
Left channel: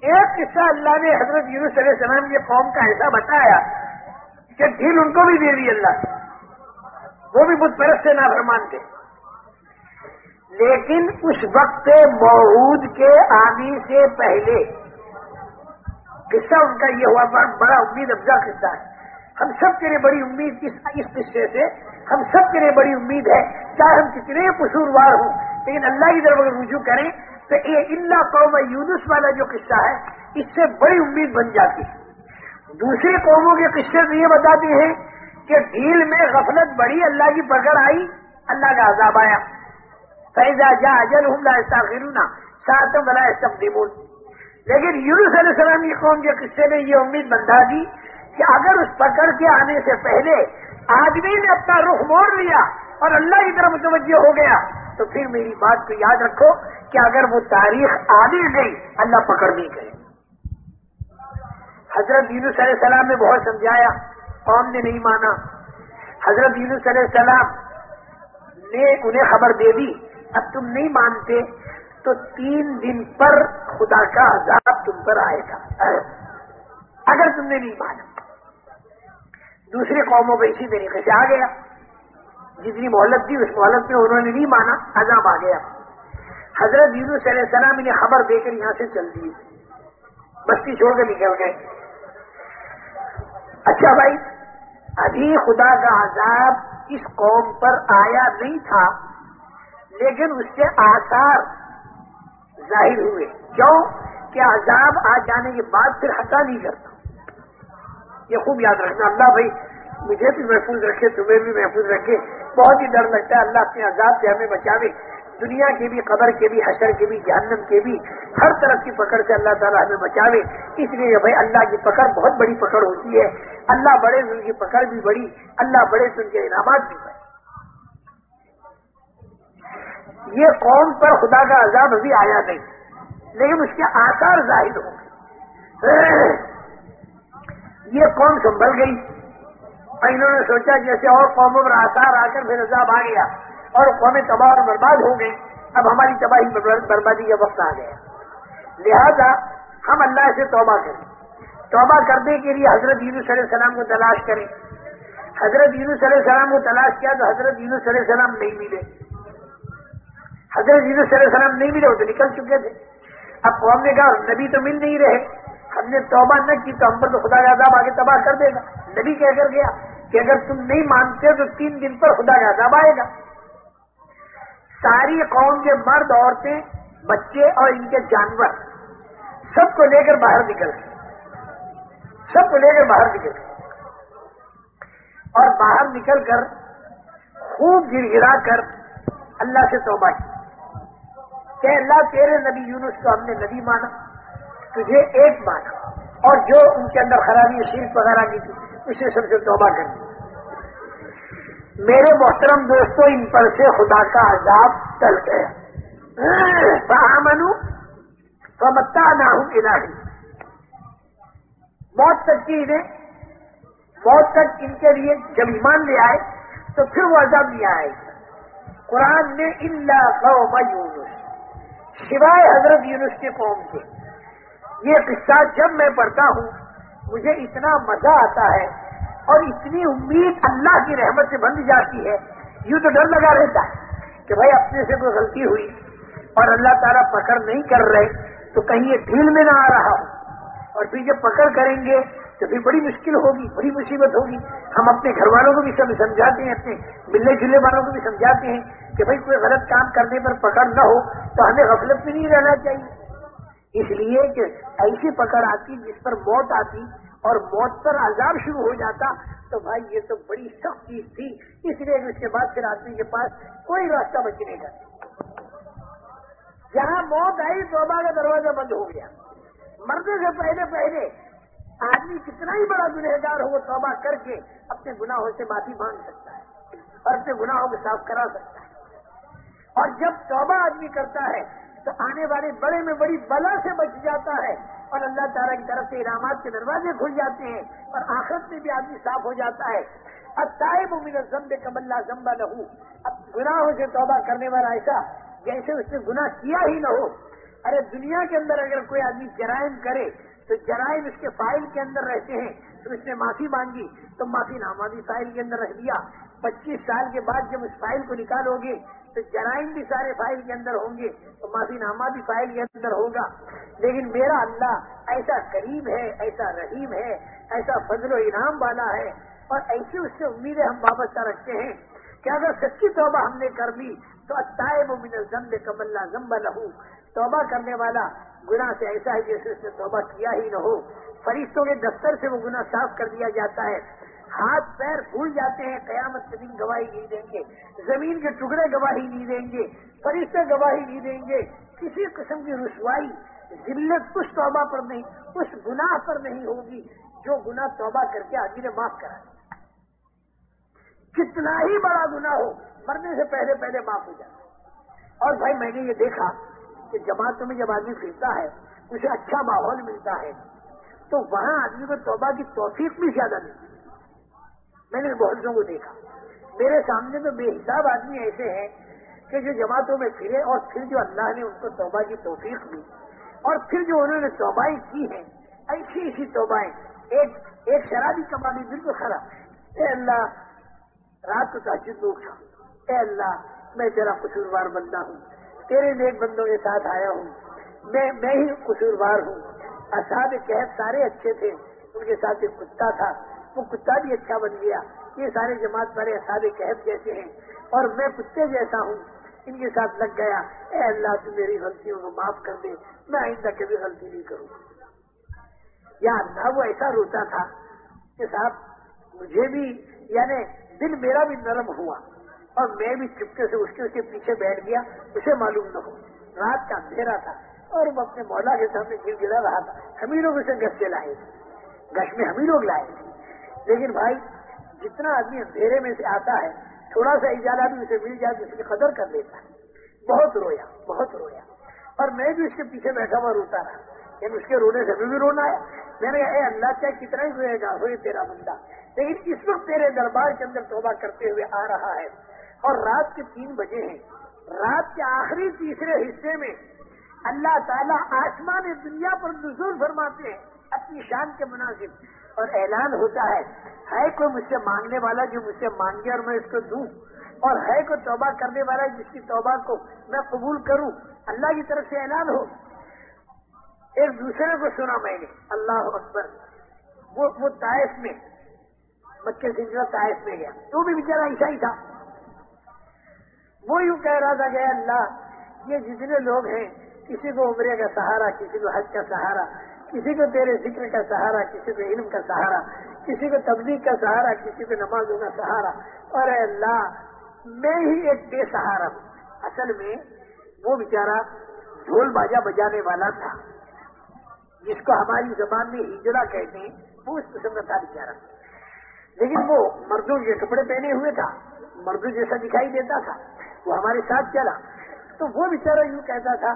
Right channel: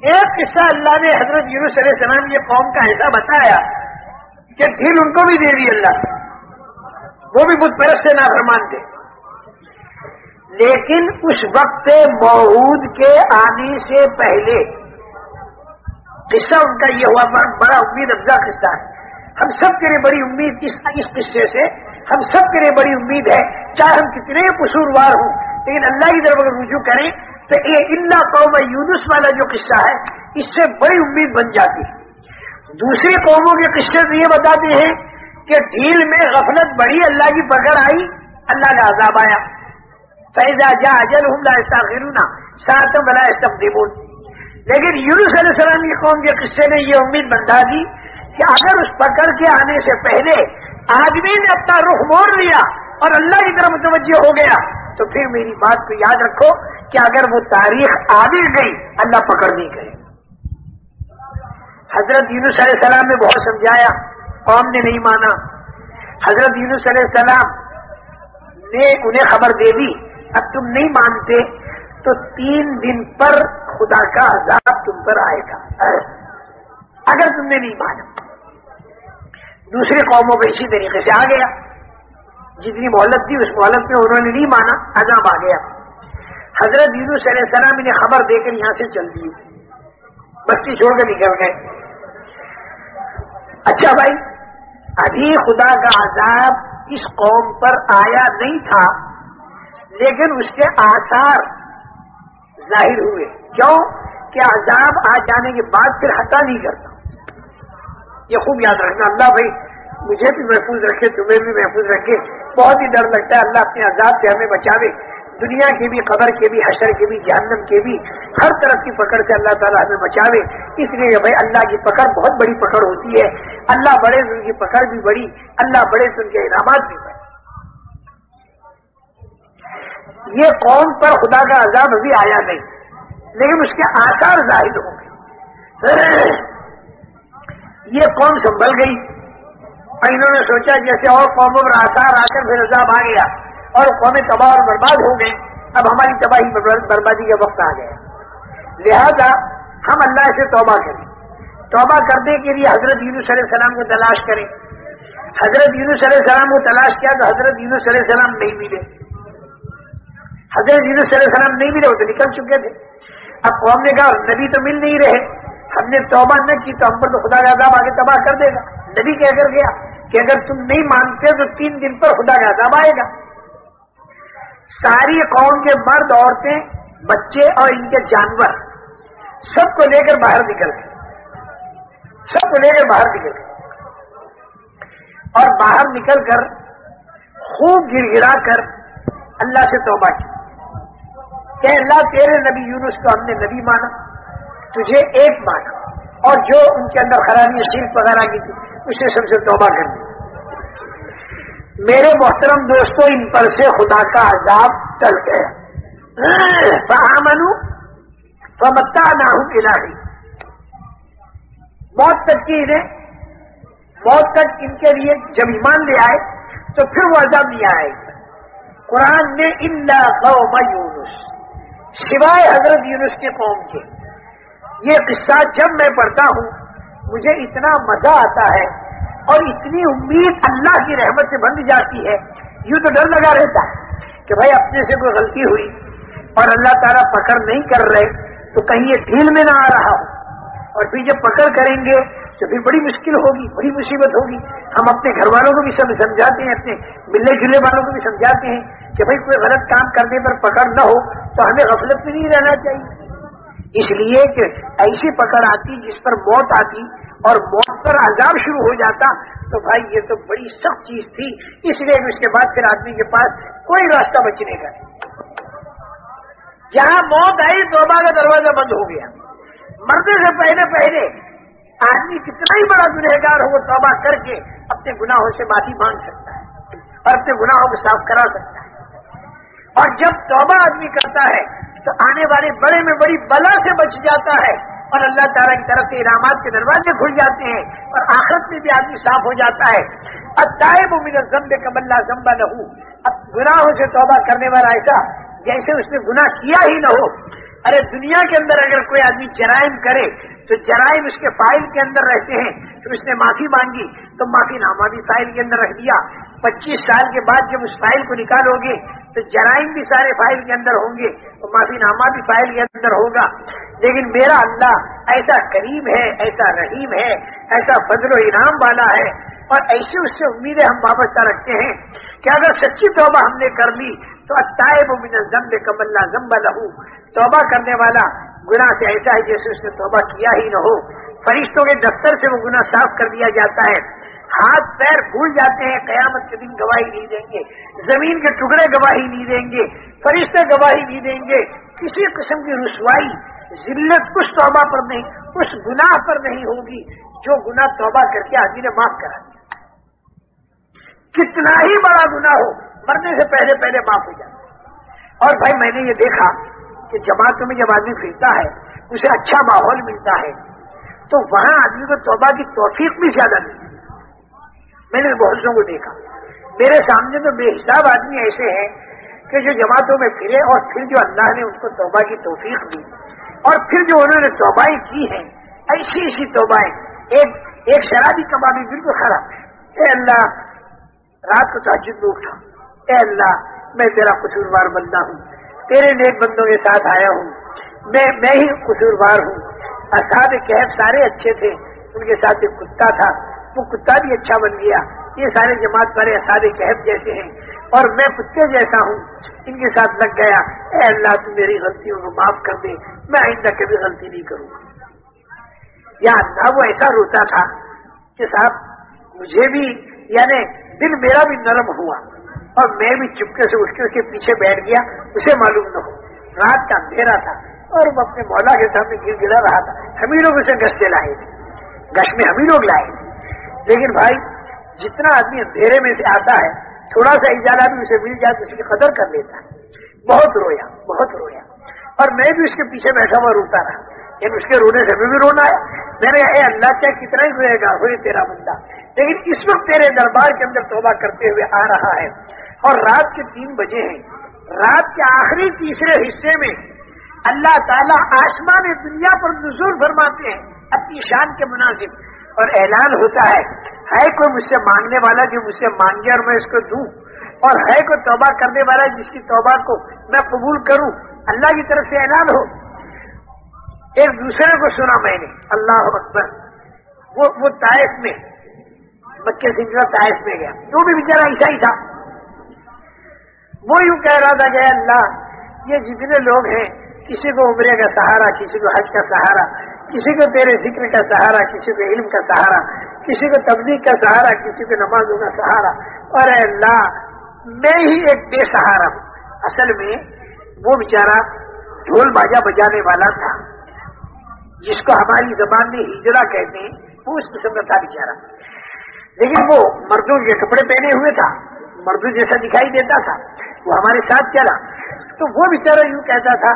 ایک قصہ اللہ نے حضرت یونس علیہ السلام کی قوم کا ایسا بتایا کہ ڈھیل ان کو بھی دے دی اللہ، وہ بھی بت پرست سے نافرمان تھے. لیکن اس وقت موعود کے آنے سے پہلے قصہ ان کا یہ ہوا، بڑا امید افزا قصہ ہے. ہم سب کے لیے بڑی امید اس قصے سے، ہم سب کے لیے بڑی امید ہے، چاہے ہم کتنے قصوروار ہوں لیکن اللہ کی طرف اگر رجوع کریں تو یہ اللہ قوم یونس والا جو قصہ ہے اس سے بڑی امید بن جاتی ہے. دوسری قوموں کے قصے تو یہ بتاتے ہیں کہ ڈھیل میں غفلت بڑھی، اللہ کی پکڑ آئی، اللہ کا عذاب آیا. فَإِذَا جَاءَ أَجَلُهُمْ لَا يَسْتَأْخِرُونَ سَاعَةً وَلَا يَسْتَقْدِمُونَ. لیکن یونس علیہ السلام کی قوم کے قصے نے یہ امید بندھا دی کہ اگر اس پکڑ کے آنے سے پہلے آدمی نے اپنا رخ موڑ لیا اور اللہ کی طرف متوجہ ہو گیا تو پھر میری بات کو یاد رکھو کہ اگر وہ تاریخ آگے گئی اللہ پکڑ نہیں گئے. حضرت یونس علیہ السلام نے بہت سمجھایا، قوم نے نہیں مانا. حضرت یونس علیہ السلام نے انہیں خبر دے دی اب تم نہیں مانتے تو 3 دن پر خدا کا عذاب تم پر آئے گا اگر تم نے نہیں مانا. دوسری قوموں کو اسی طریقے سے آ گیا, جتنی مہلت تھی اس مہلت میں انہوں نے نہیں مانا, عذاب آ گیا. حضرت یونس علیہ السلام انہیں خبر دے کر یہاں سے چل دیے, بستی چھوڑ کے نکل گئے. اچھا بھائی, ابھی خدا کا عذاب اس قوم پر آیا نہیں تھا لیکن اس کے آثار ظاہر ہوئے. کیوں کہ عذاب آ جانے کے بعد پھر ہٹا نہیں کرتا. یہ خوب یاد رکھنا. اللہ بھائی مجھے بھی محفوظ رکھے, تمہیں بھی محفوظ رکھے. بہت ہی ڈر لگتا ہے, اللہ اپنے عذاب سے ہمیں بچاوے, دنیا کے بھی, قبر کے بھی, حشر کے بھی, جہنم کے بھی, ہر طرف کی پکڑ سے اللہ تعالیٰ ہمیں بچاوے. اس لیے بھائی اللہ کی پکڑ بہت بڑی پکڑ ہوتی ہے. اللہ بڑے تو ان کی پکڑ بھی بڑی, اللہ بڑے تو ان کے انعامات بھی بڑے. یہ قوم پر خدا کا عذاب ابھی آیا نہیں لیکن اس کے آثار ظاہر ہوں گے. یہ قوم سنبھل گئی اور انہوں نے سوچا جیسے اور قوموں پر آثار آ کر پھر عذاب آ گیا اور قومیں تباہ اور برباد ہو گئی, اب ہماری تباہی بربادی کا وقت آ گیا. لہذا ہم اللہ سے توبہ کریں. توبہ کرنے کے لیے حضرت یونس علیہ السلام کو تلاش کریں. حضرت یونس علیہ السلام کو تلاش کیا تو حضرت یونس علیہ السلام نہیں ملے. حضرت یونس علیہ السلام نہیں ملے, وہ تو نکل چکے تھے. اب قوم نے کہا نبی تو مل نہیں رہے, ہم نے توبہ نہ کی تو ہم پر تو خدا کا عذاب آگے تباہ کر دے گا. نبی کہہ کر گیا کہ اگر تم نہیں مانتے تو 3 دن پر خدا کا عذاب آئے گا. ساری قوم کے مرد, عورتیں, بچے اور ان کے جانور سب کو لے کر باہر نکل گئے. سب کو لے کر باہر نکل گئے اور باہر نکل کر خوب گر گرا کر اللہ سے توبہ کی کہ اللہ تیرے نبی یونس کو ہم نے نبی مانا, تجھے ایک مانا, اور جو ان کے اندر خرابی شرک وغیرہ کی تھی اسے سب سے توبہ کر دی. میرے محترم دوستوں, ان پر سے خدا کا عذاب ٹل گیا. فآمنوا فمتعناہم الہی, موت تک کی انہیں, موت تک ان کے لیے جب ایمان لے آئے تو پھر وہ عذاب نہیں آئے. قرآن نے الا قوم یونس, سوائے حضرت یونس کے قوم کے. یہ قصہ جب میں پڑھتا ہوں مجھے اتنا مزہ آتا ہے اور اتنی امید اللہ کی رحمت سے بند جاتی ہے. یوں تو ڈر لگا رہتا ہے کہ بھائی اپنے سے کوئی غلطی ہوئی اور اللہ تعالیٰ پکڑ نہیں کر رہے تو کہیں یہ ڈھیل میں نہ آ رہا ہو, اور پھر جب پکڑ کریں گے تو پھر بڑی مشکل ہوگی, بڑی مصیبت ہوگی. ہم اپنے گھر والوں کو بھی سمجھاتے ہیں, اپنے ملنے جلنے والوں کو بھی سمجھاتے ہیں کہ بھائی کوئی غلط کام کرنے پر پکڑ نہ ہو تو ہمیں غفلت میں نہیں رہنا چاہیے. اس لیے کہ ایسی پکڑ آتی جس پر موت آتی اور موت پر عذاب شروع ہو جاتا تو بھائی یہ تو بڑی سخت چیز تھی. اس لیے اس کے بعد پھر آدمی کے پاس کوئی راستہ بچنے کا نہیں. جہاں موت آئی توبہ کا دروازہ بند ہو گیا. مرنے سے پہلے آدمی کتنا ہی بڑا گنہگار ہو وہ توبہ کر کے اپنے گناہوں سے معافی مانگ سکتا ہے اور اپنے گناہوں کو صاف کرا سکتا ہے. اور جب توبہ آدمی کرتا ہے تو آنے والے بڑے میں بڑی بلا سے بچ جاتا ہے اور اللہ تعالیٰ کی طرف سے انعامات کے دروازے کھل جاتے ہیں اور آخرت میں بھی آدمی صاف ہو جاتا ہے. التائب من الذنب کمن لا ذنب لہ, اب گناہوں سے توبہ کرنے والا ایسا جیسے اس نے گناہ کیا ہی نہ ہو. ارے دنیا کے اندر اگر کوئی آدمی جرائم کرے تو جرائم اس کے فائل کے اندر رہتے ہیں, تو اس نے معافی مانگی تو معافی نامہ بھی فائل کے اندر رکھ دیا. 25 سال کے بعد جب اس فائل کو نکالو گے تو جرائم بھی سارے فائل کے اندر ہوں گے اور معافی نامہ بھی فائل کے اندر ہوگا. لیکن میرا اللہ ایسا کریم ہے, ایسا رحیم ہے, ایسا فضل و انعام والا ہے اور ایسی اس سے امیدیں ہم وابستہ رکھتے ہیں کہ اگر سچی توبہ ہم نے کر لی تو التائب من الذنب کمن لا ذنب لہ, توبہ کرنے والا گناہ سے ایسا ہے جیسے اس نے توبہ کیا ہی نہ ہو. فرشتوں کے دفتر سے وہ گناہ صاف کر دیا جاتا ہے. ہاتھ پیر بھول جاتے ہیں, قیامت کے دن گواہی نہیں دیں گے, زمین کے ٹکڑے گواہی نہیں دیں گے, فرشتے گواہی نہیں دیں گے. کسی قسم کی رسوائی ذلت اس توبہ پر نہیں, اس گناہ پر نہیں ہوگی جو گناہ توبہ کر کے آدمی نے معاف کرا دیا. کتنا ہی بڑا گناہ ہو مرنے سے پہلے معاف ہو جاتا. اور بھائی میں نے یہ دیکھا کہ جماعتوں میں جب آدمی پھرتا ہے اسے اچھا ماحول ملتا ہے تو وہاں آدمی کو توبہ کی توفیق بھی زیادہ ملتی ہے. میں نے بہتوں کو دیکھا، میرے سامنے تو بے حساب آدمی ایسے ہیں کہ جو جماعتوں میں پھرے اور پھر جو اللہ نے ان کو توبہ کی توفیق دی اور پھر جو انہوں نے توبائیں کی ہیں، ایسی ایسی توبائیں. ایک شرابی کبابی بالکل خراب، اے اللہ رات کو تہجد میں اٹھا، اے اللہ میں تیرا قصوروار بندہ ہوں، تیرے نیک بندوں کے ساتھ آیا ہوں، میں ہی قصوروار ہوں. اصحاب کہف سارے اچھے تھے، ان کے ساتھ ایک کتا تھا، وہ کتا بھی اچھا بن گیا. یہ سارے جماعت والے اصحاب کہف جیسے ہیں اور میں کتے جیسا ہوں، ان کے ساتھ لگ گیا. اے اللہ تو میری غلطیوں کو معاف کر دے، میں آئندہ کبھی غلطی نہیں کروں گا. یا اللہ وہ ایسا روتا تھا کہ صاحب مجھے بھی یعنی دل میرا بھی نرم ہوا اور میں بھی چپکے سے اٹھ کے اس کے پیچھے بیٹھ گیا، اسے معلوم نہ ہو. رات کا اندھیرا تھا اور وہ اپنے مولا کے سامنے گر گرا رہا تھا. ہم ہی لوگ اسے گشتے لائے تھے، گش میں ہم ہی لوگ لائے تھے. لیکن بھائی جتنا آدمی اندھیرے میں سے آتا ہے تھوڑا سا اجالہ بھی اسے مل جائے تو اس کی قدر کر لیتا ہے. بہت رویا بہت رویا اور میں بھی اس کے پیچھے بیٹھا ہوا روتا رہا، لیکن اس کے رونے سے بھی رونا آیا. میں نے اے اللہ کیا کتنا ہی روئے گا، ہوئے تیرا بندہ، لیکن اس وقت تیرے دربار کے اندر توبہ کرتے ہوئے آ رہا ہے اور رات کے 3 بجے ہیں. رات کے آخری تیسرے حصے میں اللہ تعالیٰ آسمان دنیا پر نزول فرماتے ہیں اپنی شان کے مناسب اور اعلان ہوتا ہے کوئی مجھ سے مانگنے والا جو مجھ سے مانگے اور میں اس کو دوں، اور ہے کوئی توبہ کرنے والا جس کی توبہ کو میں قبول کروں. اللہ کی طرف سے اعلان ہو. ایک دوسرے کو سنا میں نے، اللہ اکبر. وہ طائف میں مکے سے طائف میں گیا، وہ بھی بیچارہ عیسائی تھا. وہ یوں کہہ رہا تھا کہ اللہ یہ جتنے لوگ ہیں، کسی کو عمرے کا سہارا، کسی کو حج کا سہارا، کسی کو تیرے ذکر کا سہارا، کسی کو علم کا سہارا، کسی کو تبلیغ کا سہارا، کسی کو نمازوں کا سہارا، اور اے اللہ میں ہی ایک بے سہارا ہوں. اصل میں وہ بیچارہ ڈھول باجا بجانے والا تھا، جس کو ہماری زبان میں ہجڑا کہتے ہیں، وہ اس قسم کا تھا بیچارہ. لیکن وہ مردوں کے کپڑے پہنے ہوئے تھا، مردوں جیسا دکھائی دیتا تھا. وہ ہمارے ساتھ چلا تو وہ بیچارہ یوں کہتا تھا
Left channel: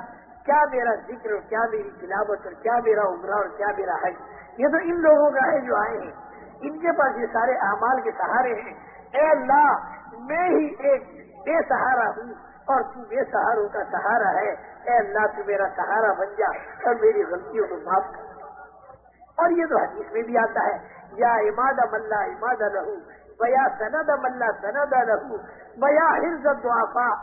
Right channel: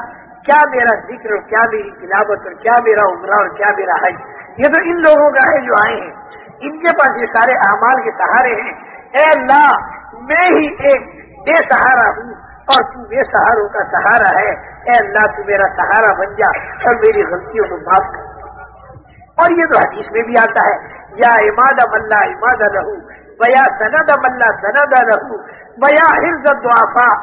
کیا میرا ذکر اور کیا میری تلاوت اور کیا میرا عمرہ اور کیا میرا حج، یہ تو ان لوگوں کا ہے جو آئے ہیں، ان کے پاس یہ سارے اعمال کے سہارے ہیں. اے اللہ میں ہی ایک بے سہارا ہوں اور تو بے سہاروں کا سہارا ہے. اے اللہ تو میرا سہارا بن جا اور میری غلطیوں کو معاف کر. اور یہ تو حدیث میں بھی آتا ہے یا عماد ملا عماد لہو ویا سند ملا سند لہو ویا حفظ الضعفاء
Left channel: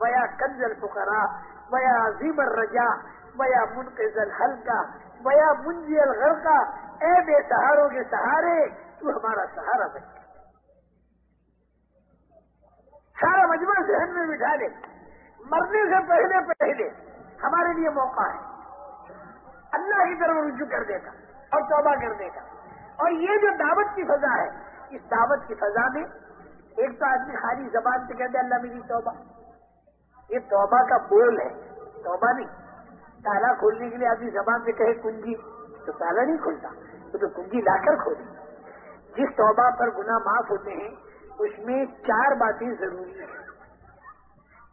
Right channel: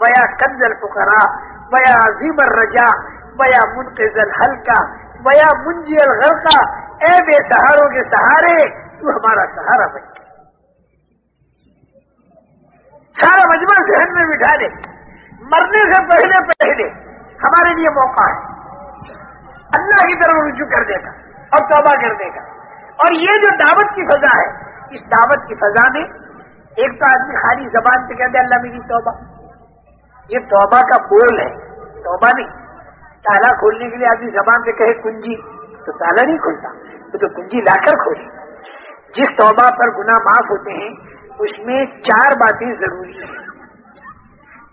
ویا کنز الفقراء ویا عظیم الرجاء ویا منقذ الحلقہ ویا منجی الغرقہ. اے بے سہاروں کے سہارے تو ہمارا سہارا بن گیا. سارا مجمع ذہن میں بٹھا دے، مرنے سے پہلے ہمارے لیے موقع ہے اللہ کی طرف رجوع کرنے کا اور توبہ کرنے کا. اور یہ جو دعوت کی فضا ہے، اس دعوت کی فضا میں ایک تو آدمی خالی زبان سے کہتے اللہ میری توبہ، یہ توبہ کا بول ہے، توبہ نہیں. تالا کھولنے کے لیے آدمی زبان سے کہے کنجی تو تالا نہیں کھلتا، وہ تو کنجی لا کر کھولے. جس توبہ پر گناہ معاف ہوتے ہیں اس میں 4 باتیں ضروری ہیں.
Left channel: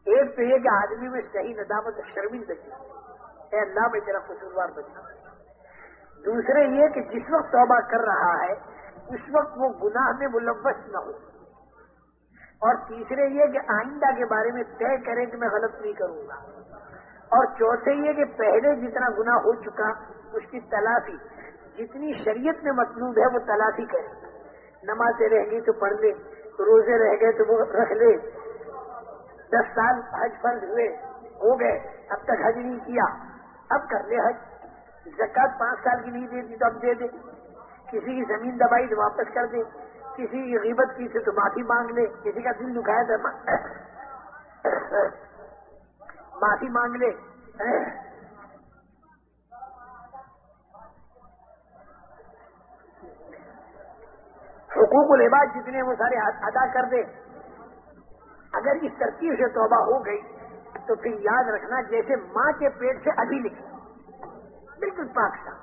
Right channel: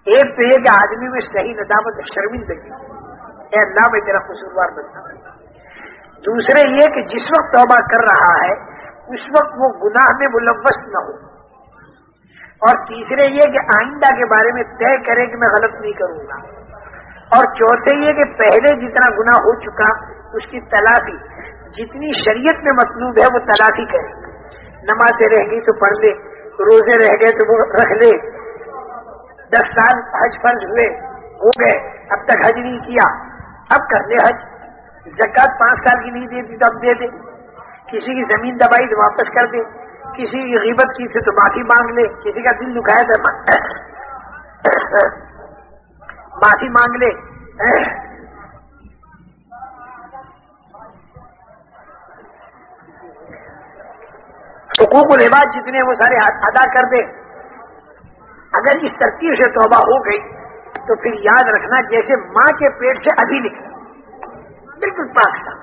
ایک تو یہ کہ آدمی میں صحیح ندامت شرمندگی، اے اللہ میں تیرا قصوروار بنتا ہوں. دوسرے یہ کہ جس وقت توبہ کر رہا ہے اس وقت وہ گناہ میں ملوث نہ ہو. اور تیسرے یہ کہ آئندہ کے بارے میں طے کرے کہ میں غلط نہیں کروں گا. اور چوتھے یہ کہ پہلے جتنا گناہ ہو چکا اس کی تلافی جتنی شریعت میں مطلوب ہے وہ تلافی کرے. نمازیں رہ گئی تو پڑھ لے، روزے رہ گئے تو وہ رکھ لے. 10 سال حج فرض ہوئے ہو گئے، اب تک حج نہیں کیا، اب کر لے حج. زکات 5 سال کی نہیں دیتی تو اب دے دے. کسی کی زمین دبائی تو واپس کر دے، کسی کی غیبت کی تھی تو معافی مانگ لے، کسی کا دل دکھایا تو معافی مانگ لے. حقوق العباد جتنے وہ سارے ادا کر دے. اگر اس ترتیب سے توبہ ہو گئی تو پھر یاد رکھنا جیسے ماں کے پیٹ سے ابھی نکلا بالکل پاک تھا،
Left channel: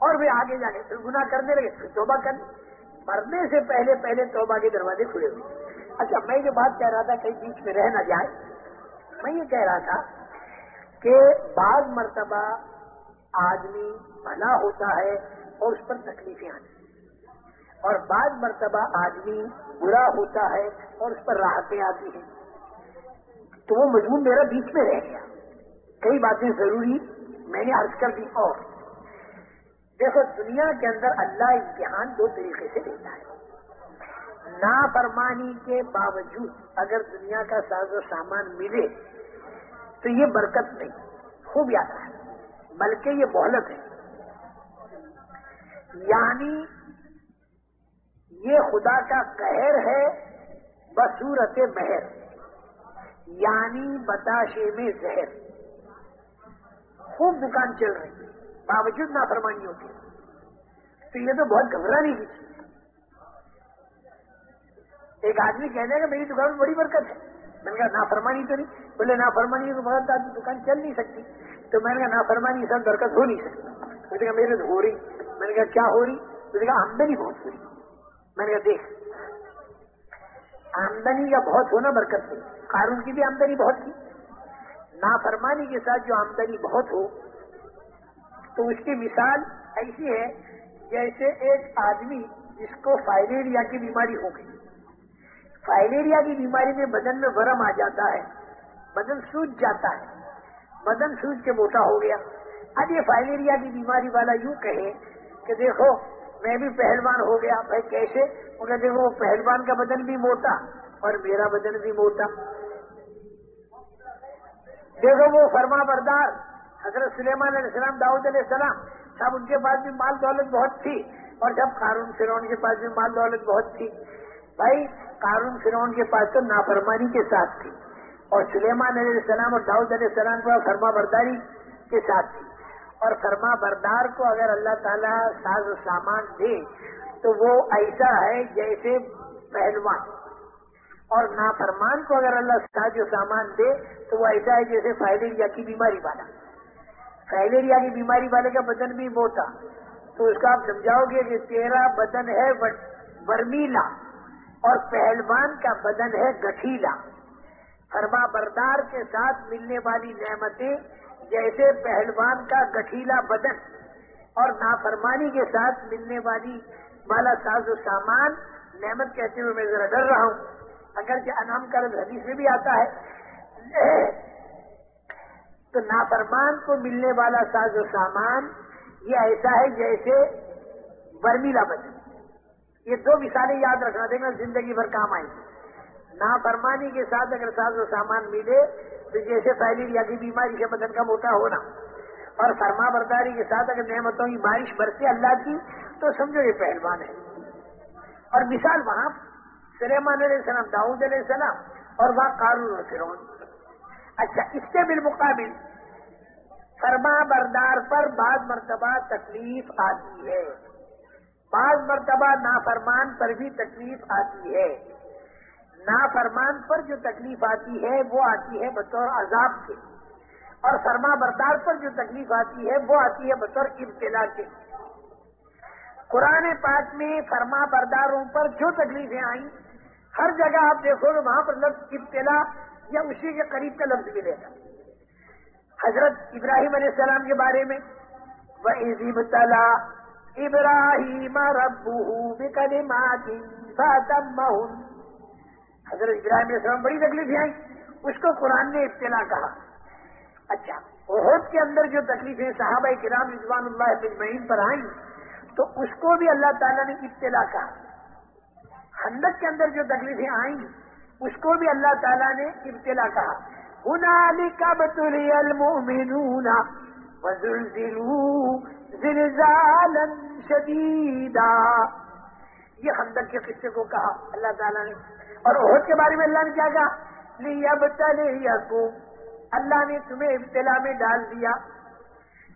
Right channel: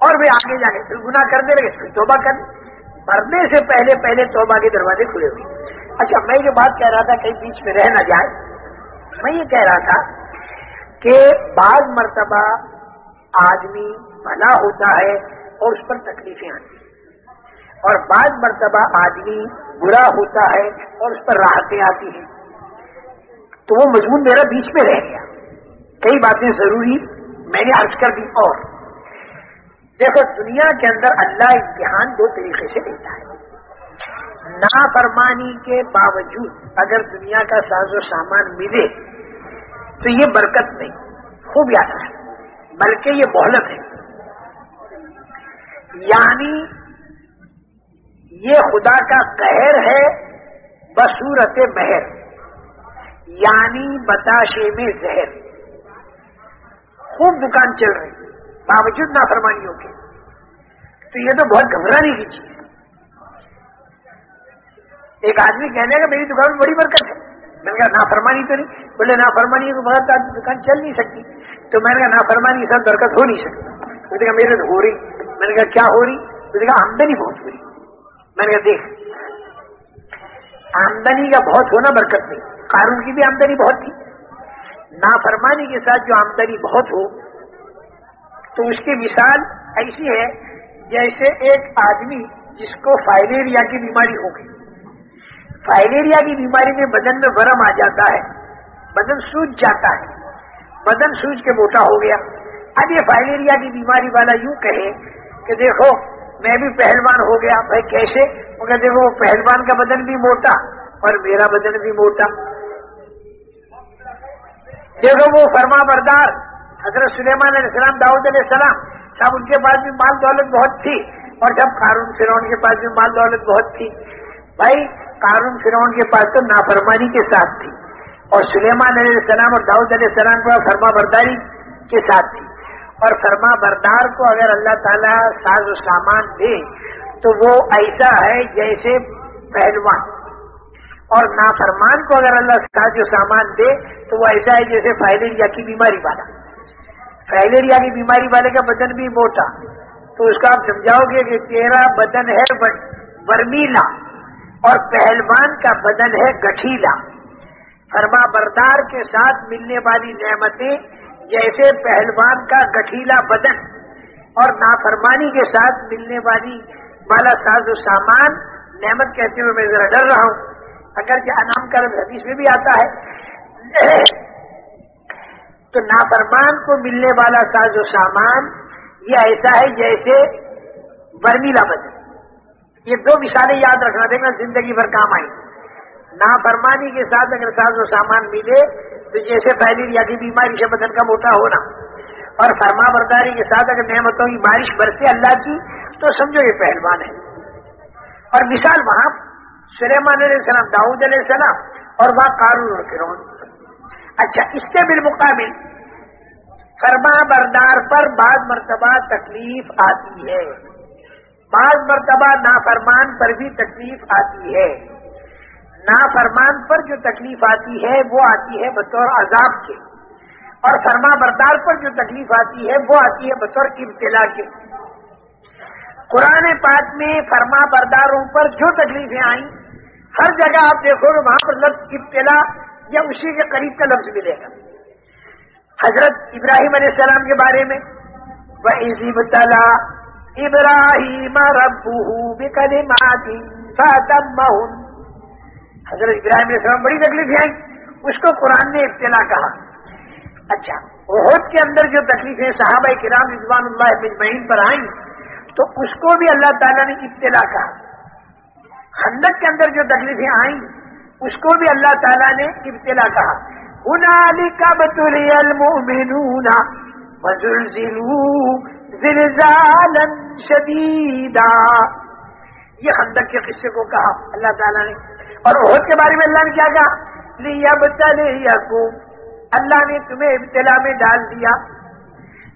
اور وہ آگے جا کے پھر گناہ کرنے لگے، پھر توبہ کرنے. مرنے سے پہلے توبہ کے دروازے کھلے ہوئے. اچھا میں جو بات کہہ رہا تھا کہیں بیچ میں رہ نہ جائے، میں یہ کہہ رہا تھا کہ بعض مرتبہ آدمی بھلا ہوتا ہے اور اس پر تکلیفیں آتی ہیں. اور بعض مرتبہ آدمی برا ہوتا ہے اور اس پر راحتیں آتی ہیں، تو وہ مضمون میرا بیچ میں رہ گیا، کئی باتیں ضروری میں نے عرض کر دی۔ اور دیکھو دنیا کے اندر اللہ امتحان دو طریقے سے لیتا ہے، نافرمانی کے باوجود اگر دنیا کا ساز و سامان ملے تو یہ برکت نہیں، خوب یاد ہے، بلکہ یہ مہلت ہے، یعنی یہ خدا کا قہر ہے بصورت مہر، یعنی بتاشے میں زہر۔ خوب دکان چل رہی باوجود نافرمانیوں کے، تو یہ تو بہت گھبرانے کی چیز ہے۔ ایک آدمی کہنے کا میری دکان میں بڑی برکت ہے، میں نے کہا نافرمانی تو نہیں، بولے نافرمانی کو بغیر آدمی دکان چل نہیں سکتی، تو میں نے کہا نافرمانی کے ساتھ برکت ہو نہیں سکتی، اس نے کہا میرے تو ہو رہی، میں نے کہا کیا ہو رہی، اس نے کہا آمدنی بہت ہو رہی، میں نے کہا دیکھ آمدنی کا بہت ہونا برکت نہیں، قارون کی بھی آمدنی بہت تھی، نافرمانی کے ساتھ جو آمدنی بہت ہو تو اس کی مثال ایسی ہے جیسے ایک آدمی جس کو فائلیریا کی بیماری ہو گئی، فائلیریا کی بیماری میں بدن میں ورم آ جاتا ہے، بدن سوج جاتا ہے، بدن سوج کے موٹا ہو گیا۔ اب یہ فائلیریا کی بیماری والا یوں کہے کہ دیکھو میں بھی پہلوان ہو گیا، بھائی کیسے؟ وہ کہتے دیکھو پہلوان کا بدن بھی موٹا اور میرا بدن بھی موٹا، دیکھو وہ فرما بردار حضرت سلیمان علیہ السلام، داؤد علیہ السلام صاحب، ان کے پاس بھی مال دولت بہت تھی، اور جب قارون فرعون کے پاس بھی مال دولت بہت تھی، بھائی قارون فرعون کے پاس تو نافرمانی کے ساتھ تھی، اور سلیمان علیہ السلام اور داؤد علیہ السلام کو فرما برداری کے ساتھ تھی، اور فرما بردار کو اگر اللہ تعالیٰ ساز و سامان دے تو وہ ایسا ہے جیسے پہلوان، اور نافرمان کو اگر اللہ ساز و سامان دے تو وہ ایسا ہے جیسے فائلیریا کی بیماری والا، فائلیریا کی بیماری والے کا بدن بھی موٹا، تو اس کا آپ سمجھاؤ گے کہ تیرا بدن ہے برمیلا اور پہلوان کا بدن ہے گٹھیلا۔ فرما بردار کے ساتھ ملنے والی نعمتیں جیسے پہلوان کا گٹھیلا بدن، اور نافرمانی کے ساتھ ملنے والا ساز و سامان، نعمت کہتے ہوئے میں ذرا ڈر رہا ہوں، اگرچہ انعام کا لفظ حدیث میں بھی آتا ہے، تو نافرمان کو ملنے والا ساز و سامان یہ ایسا ہے جیسے برمیلا بدن۔ یہ دو مثالیں یاد رکھنا دیں گا، زندگی بھر کام آئیں گی۔ نافرمانی کے ساتھ اگر ساز و سامان ملے تو جیسے فائلیریا کی بیماری سے بدن کا موٹا ہونا، اور فرما برداری کے ساتھ اگر نعمتوں کی بارش برسے اللہ کی تو سمجھو یہ پہلوان ہے۔ اور مثال وہاں سلیمان علیہ السلام، داؤد علیہ السلام، اور وہاں قارون اور فرعون۔ اچھا، اس کے بالمقابل فرما بردار پر بعض مرتبہ تکلیف آتی ہے، بعض مرتبہ نافرمان پر بھی تکلیف آتی ہے۔ نافرمان پر جو تکلیف آتی ہے وہ آتی ہے بطور عذاب کے، اور فرما بردار پر جو تکلیف آتی ہے وہ آتی ہے بطور ابتلا کے۔ قرآن پاک میں فرما برداروں پر جو تکلیفیں آئیں، ہر جگہ آپ دیکھو گے وہاں پر لفظ ابتلا یا اسی کے قریب کا لفظ ملے گا۔ حضرت ابراہیم علیہ السلام کے بارے میں وَإِذِ ابْتَلَىٰ إِبْرَاهِيمَ رَبُّهُ بِكَلِمَاتٍ فَأَتَمَّهُنَّ، حضرت ابراہیم علیہ السلام بڑی تکلیفیں آئیں، اس کو قرآن نے ابتلا کہا۔ اچھا، احد کے اندر جو تکلیفیں صحابہ کرام رضوان اللہ اجمعین پر آئیں تو اس کو بھی اللہ تعالیٰ نے ابتلا کہا۔ خندق کے اندر جو تکلیفیں آئیں اس کو بھی اللہ تعالیٰ نے ابتلا کہا۔ هُنَالِكَ ابْتُلِيَ الْمُؤْمِنُونَ وَزُلْزِلُوا زِلْزَالًا شَدِيدًا، یہ خندق کے قصے کو کہا اللہ تعالیٰ نے۔ اور احد کے بارے میں اللہ نے کیا کہا؟ لِيَبْتَلِيَكُمْ، اللہ نے تمہیں ابتلا میں ڈال دیا۔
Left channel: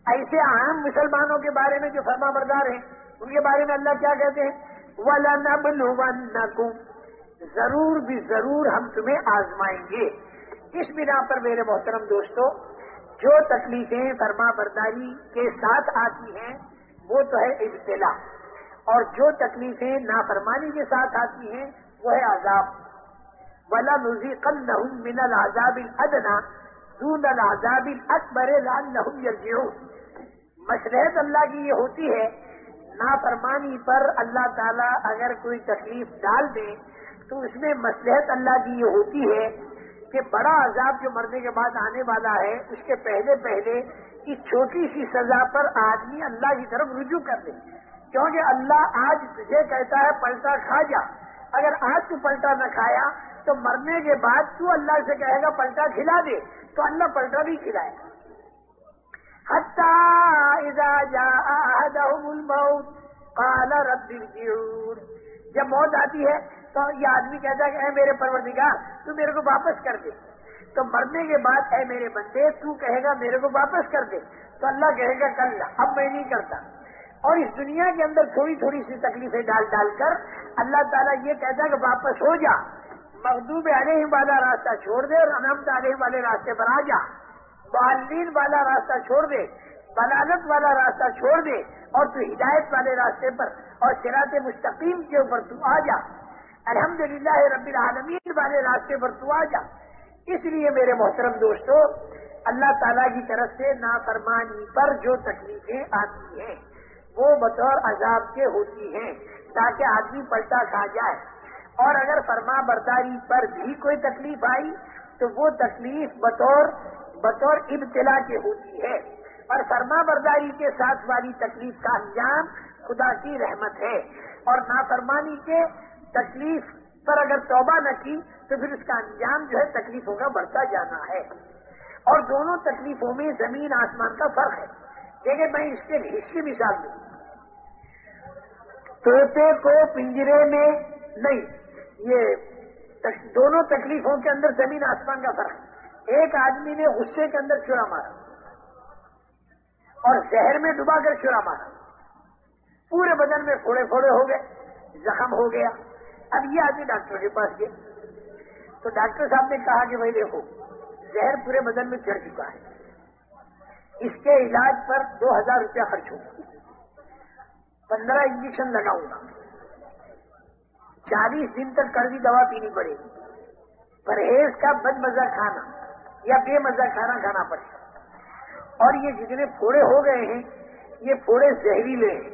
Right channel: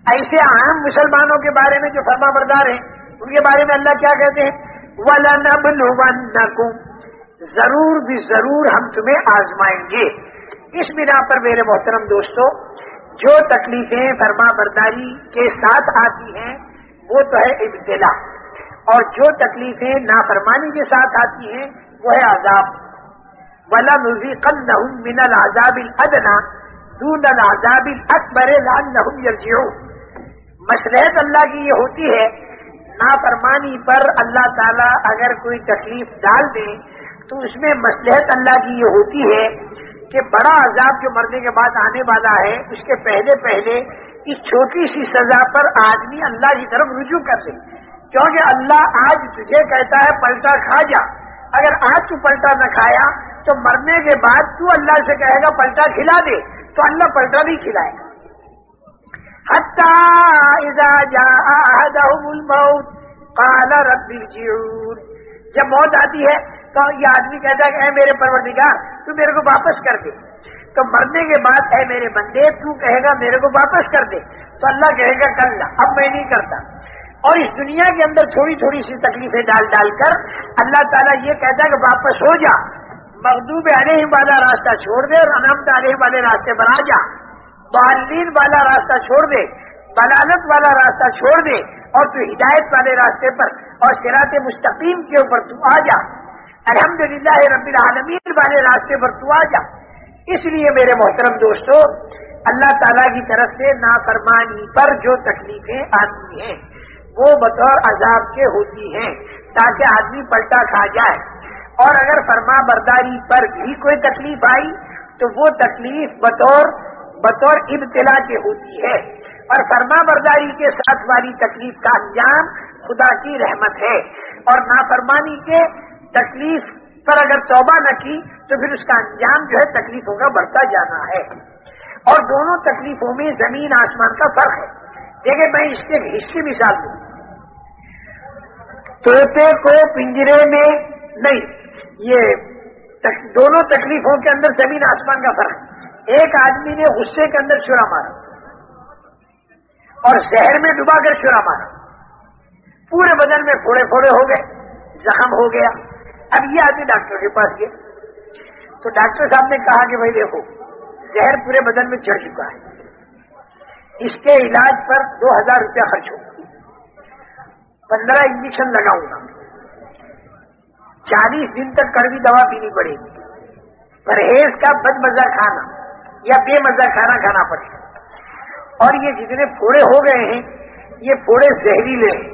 ایسے عام مسلمانوں کے بارے میں جو فرما بردار ہیں ان کے بارے میں اللہ کیا کہتے ہیں؟ وَلَنَبْلُوَنَّكُمْ، ضرور بھی ضرور ہم تمہیں آزمائیں گے۔ اس بنا پر میرے محترم دوستو، جو تکلیفیں فرما برداری کے ساتھ آتی ہیں وہ تو ہے ابتلا، اور جو تکلیفیں نافرمانی کے ساتھ آتی ہیں وہ ہے عذاب۔ وَلَنُذِيقَنَّهُم مِّنَ الْعَذَابِ الْأَدْنَىٰ دُونَ الْعَذَابِ الْأَكْبَرِ لَعَلَّهُمْ يَرْجِعُونَ۔ مصلحت اللہ کی یہ ہوتی ہے نافرمانی پر اللہ تعالیٰ اگر کوئی تکلیف ڈال دے تو اس میں مصلحت اللہ کی یہ ہوتی ہے کہ بڑا عذاب جو مرنے کے بعد آنے والا ہے اس کے پہلے پہلے اس چھوٹی سی سزا پر آدمی اللہ کی طرف رجوع کر لے، کیونکہ اللہ آج تجھے کہتا ہے پلٹا کھا جا، اگر آج تو پلٹا نہ کھایا تو مرنے کے بعد تو اللہ سے کہے گا پلٹا کھلا دے، تو اللہ پلٹا نہیں کھلائے گا۔ حتی اذا جاء احدهم الموت قال رب ارجعون، جب موت آتی ہے تو یہ آدمی کہتا ہے کہ اے میرے پروردگار تو میرے کو واپس کر دے، تو مرنے کے بعد اے میرے بندے تو کہے گا میرے کو واپس کر دے، تو اللہ کہے گا کل اب میں نہیں کرتا۔ اور اس دنیا کے اندر تھوڑی تھوڑی سی تکلیفیں ڈال ڈال کر اللہ تعالیٰ یہ کہتا ہے کہ واپس ہو جا، مغضوب علیہم والا راستہ چھوڑ دے اور انعمت علیہم والے راستے پر آ جا، ضالین والا راستہ چھوڑ دے، ضلالت والا راستہ چھوڑ دے اور تو ہدایت والے راستے پر اور صراط مستقیم کے اوپر تو آ جا، الحمدللہ رب العالمین والے راستے پر تو آ جا۔ اس لیے میرے محترم دوستو، اللہ تعالیٰ کی طرف سے نافرمانی پر جو تکلیفیں آتی ہیں وہ بطور عذاب کے ہوتی ہیں تاکہ آدمی پلٹا کھا جائے، اور اگر فرما برداری پر بھی کوئی تکلیف آئی تو وہ تکلیف بطور ابتلا کے ہوتی ہے، اور فرما برداری کے ساتھ والی تکلیف کا انجام خدا کی رحمت ہے، اور نافرمانی کے تکلیف پر اگر توبہ نہ کی تو پھر اس کا انجام جو ہے تکلیفوں کا بڑھتا جانا ہے۔ اور دونوں تکلیفوں میں زمین آسمان کا فرق ہے۔ دیکھیں میں اس کے ہسٹری مثال دوں، طوطے کو پنجرے میں نہیں، یہ دونوں تکلیفوں کے اندر زمین آسمان کا فرق ہے۔ ایک آدمی نے غصے کے اندر چھرا مارا اور زہر میں ڈبا کر چھرا مارا، پورے بدن میں پھوڑے پھوڑے ہو گئے، زخم ہو گیا۔ اب یہ آدمی ڈاکٹر کے پاس گیا تو ڈاکٹر صاحب نے کہا کہ بھائی دیکھو زہر پورے بدن میں چڑھ چکا ہے، اس کے علاج پر 2000 روپیہ خرچ ہوگا، 15 انجیکشن لگاؤں گا، 40 دن تک کڑوی دوا پینی پڑے گی، پرہیز کا بد مزہ کھانا یا بے مزہ کھانا کھانا پڑے گا، اور یہ جتنے پھوڑے ہو گئے ہیں یہ پھوڑے زہریلے ہیں،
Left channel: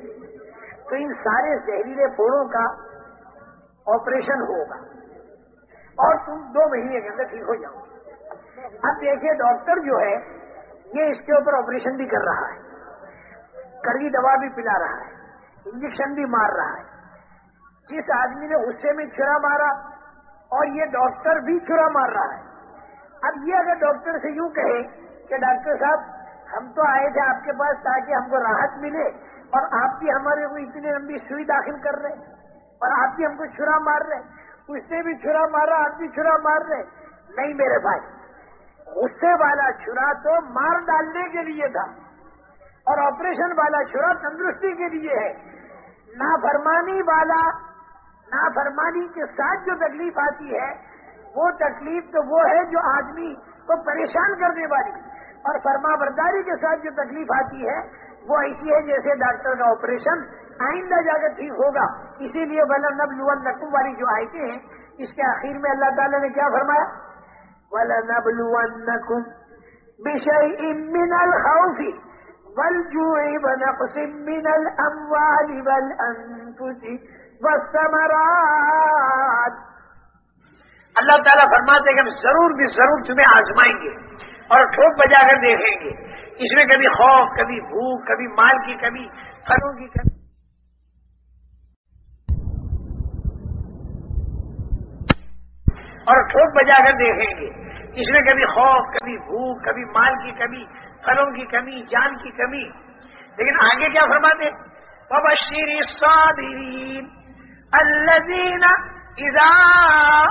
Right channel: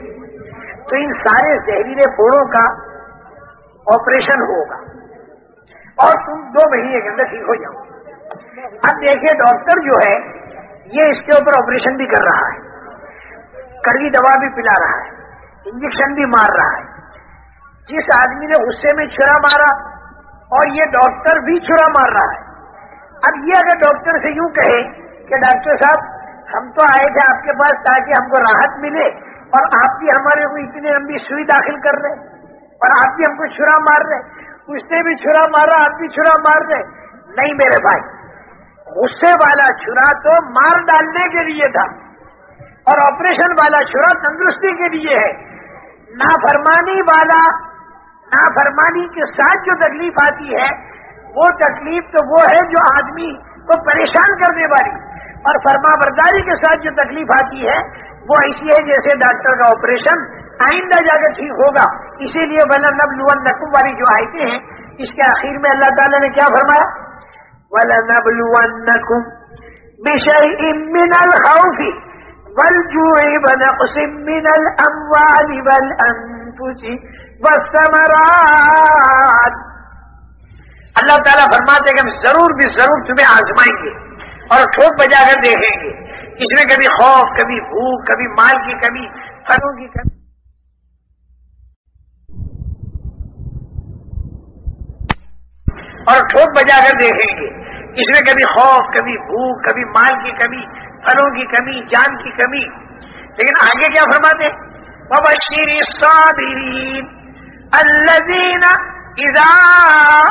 تو ان سارے زہریلے پھوڑوں کا آپریشن ہوگا اور تم 2 مہینے کے اندر ٹھیک ہو جاؤ۔ اب دیکھیے ڈاکٹر جو ہے یہ اس کے اوپر آپریشن بھی کر رہا ہے، کڑوی دوا بھی پلا رہا ہے، انجیکشن بھی مار رہا ہے۔ جس آدمی نے غصے میں چھرا مارا اور یہ ڈاکٹر بھی چھرا مار رہا ہے۔ اب یہ اگر ڈاکٹر سے یوں کہے کہ ڈاکٹر صاحب ہم تو آئے تھے آپ کے پاس تاکہ ہم کو راحت ملے اور آپ بھی ہمارے کو اتنی لمبی سوئی داخل کر رہے اور آپ بھی ہم کو چھرا مار رہے، اس نے بھی چھرا مارا آپ بھی چھرا مار رہے، نہیں میرے بھائی، غصے والا چھرا تو مار ڈالنے کے لیے تھا اور آپریشن والا چھرا تندرستی کے لیے ہے۔ نافرمانی کے ساتھ جو تکلیف آتی ہے وہ تکلیف تو وہ ہے جو آدمی کو پریشان کرنے والی، اور فرما برداری کے ساتھ جو تکلیف آتی ہے وہ ایسی ہے جیسے ڈاکٹر کا آپریشن آئندہ جا کر ٹھیک ہوگا۔ اسی لیے وَلَنَبْلُوَنَّكُمْ والی جو آیتیں ہیں اس کے آخر میں اللہ تعالیٰ نے کیا فرمایا؟ وَلَنَبْلُوَنَّكُمْ بِشَيْءٍ مِّنَ الْخَوْفِ وَالْجُوعِ وَنَقْصٍ مِّنَ الْأَمْوَالِ وَالْأَنفُسِ وَالثَّمَرَاتِ۔ اللہ تعالیٰ فرماتے کہ ہم ضرور بھی ضرور تمہیں آزمائیں گے اور ٹھوک بجا کر دیکھیں گے، اس میں کبھی خوف، کبھی بھوک، کبھی مال کی کمی، پھلوں کی کمی، اور ٹھوک بجا کر دیکھیں گے، اس میں کبھی خوف، کبھی بھوک، کبھی مال کی کمی، پھلوں کی کمی، جان کی کمی۔ لیکن آگے کیا فرماتے؟ وَبَشِّرِ الصَّابِرِينَ الَّذِينَ إِذَا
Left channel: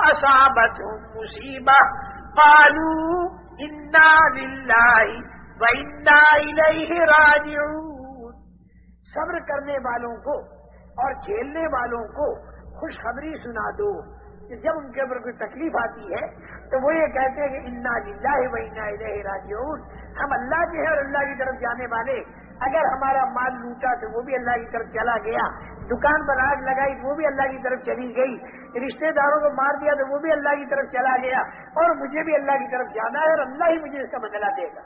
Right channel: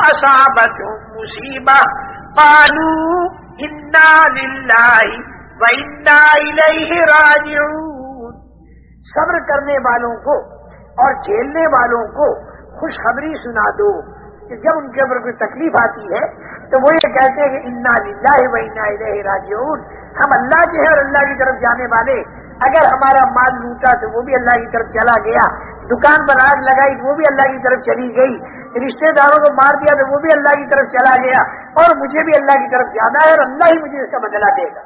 أَصَابَتْهُم مُّصِيبَةٌ قَالُوا إِنَّا لِلَّهِ وَإِنَّا إِلَيْهِ رَاجِعُونَ۔ صبر کرنے والوں کو اور جھیلنے والوں کو خوشخبری سنا دو کہ جب ان کے اوپر کوئی تکلیف آتی ہے تو وہ یہ کہتے ہیں کہ انا للہ و انا الیہ راجعون، ہم اللہ کے ہیں اور اللہ کی طرف جانے والے۔ اگر ہمارا مال لوٹا تو وہ بھی اللہ کی طرف چلا گیا، دکان پر آگ لگائی تو وہ بھی اللہ کی طرف چلی گئی، رشتے داروں کو مار دیا تو وہ بھی اللہ کی طرف چلا گیا، اور مجھے بھی اللہ کی طرف جانا ہے اور اللہ ہی مجھے اس کا بدلہ دے گا۔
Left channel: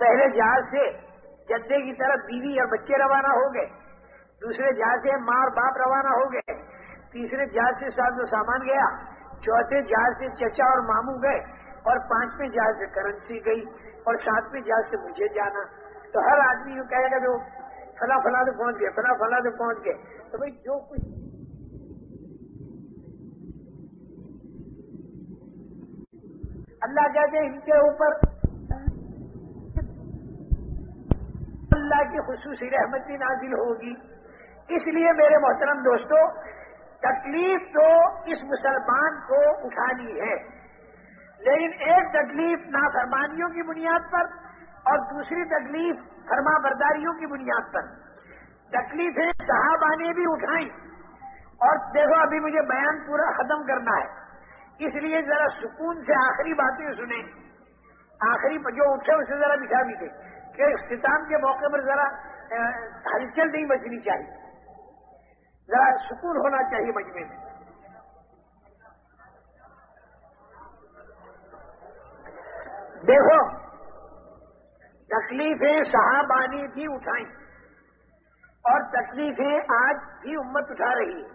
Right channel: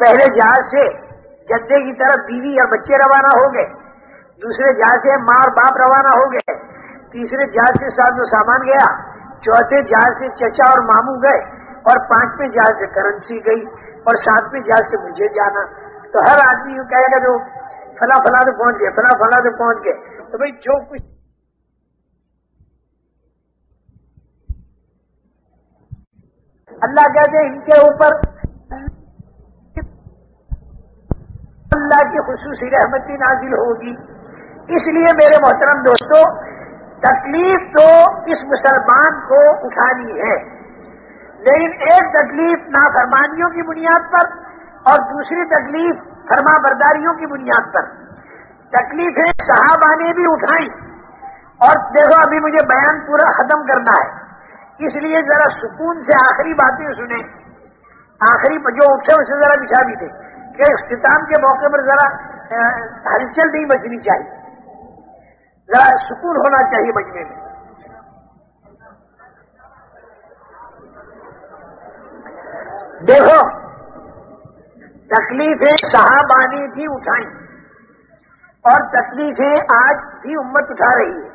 پہلے جہاز سے جدے کی طرف بیوی اور بچے روانہ ہو گئے، دوسرے جہاز سے ماں اور باپ روانہ ہو گئے، تیسرے جہاز سے ساز و سامان گیا، چوتھے جہاز سے چچا اور ماموں گئے، اور پانچویں جہاز سے کرنسی گئی، اور ساتویں جہاز سے مجھے جانا۔ تو ہر آدمی یوں کہے گا جو فلاں فلاں تو پہنچ گئے، فلاں فلاں تو پہنچ گئے۔ تو بھائی جو کچھ اللہ کہتے ہیں ان کے اوپر اللہ کی خصوصی رحمتی نازل ہوگی۔ اس لیے میرے محترم دوستو، تکلیف تو اس مسلمان کو اٹھانی ہے، لیکن ایک تکلیف نافرمانیوں کی بنیاد پر اور دوسری تکلیف فرما برداریوں کی بنیاد پر۔ تکلیفیں صحابہ نے بھی اٹھائیں، اور دیکھو ابھی مجھے بیان پورا ختم کرنا ہے، اس لیے ذرا سکون سے آخری باتیں سنیں، آخری جو اٹھے اسے ذرا بچھا بھی دیں کہ اختتام کے موقع پر ذرا ہلچل نہیں مچنی چاہیے، ذرا سکون ہونا چاہیے مجمع میں۔ دیکھو تکلیفیں صحابہ نے بھی اٹھائیں، اور تکلیفیں آج بھی امت اٹھا رہی ہے،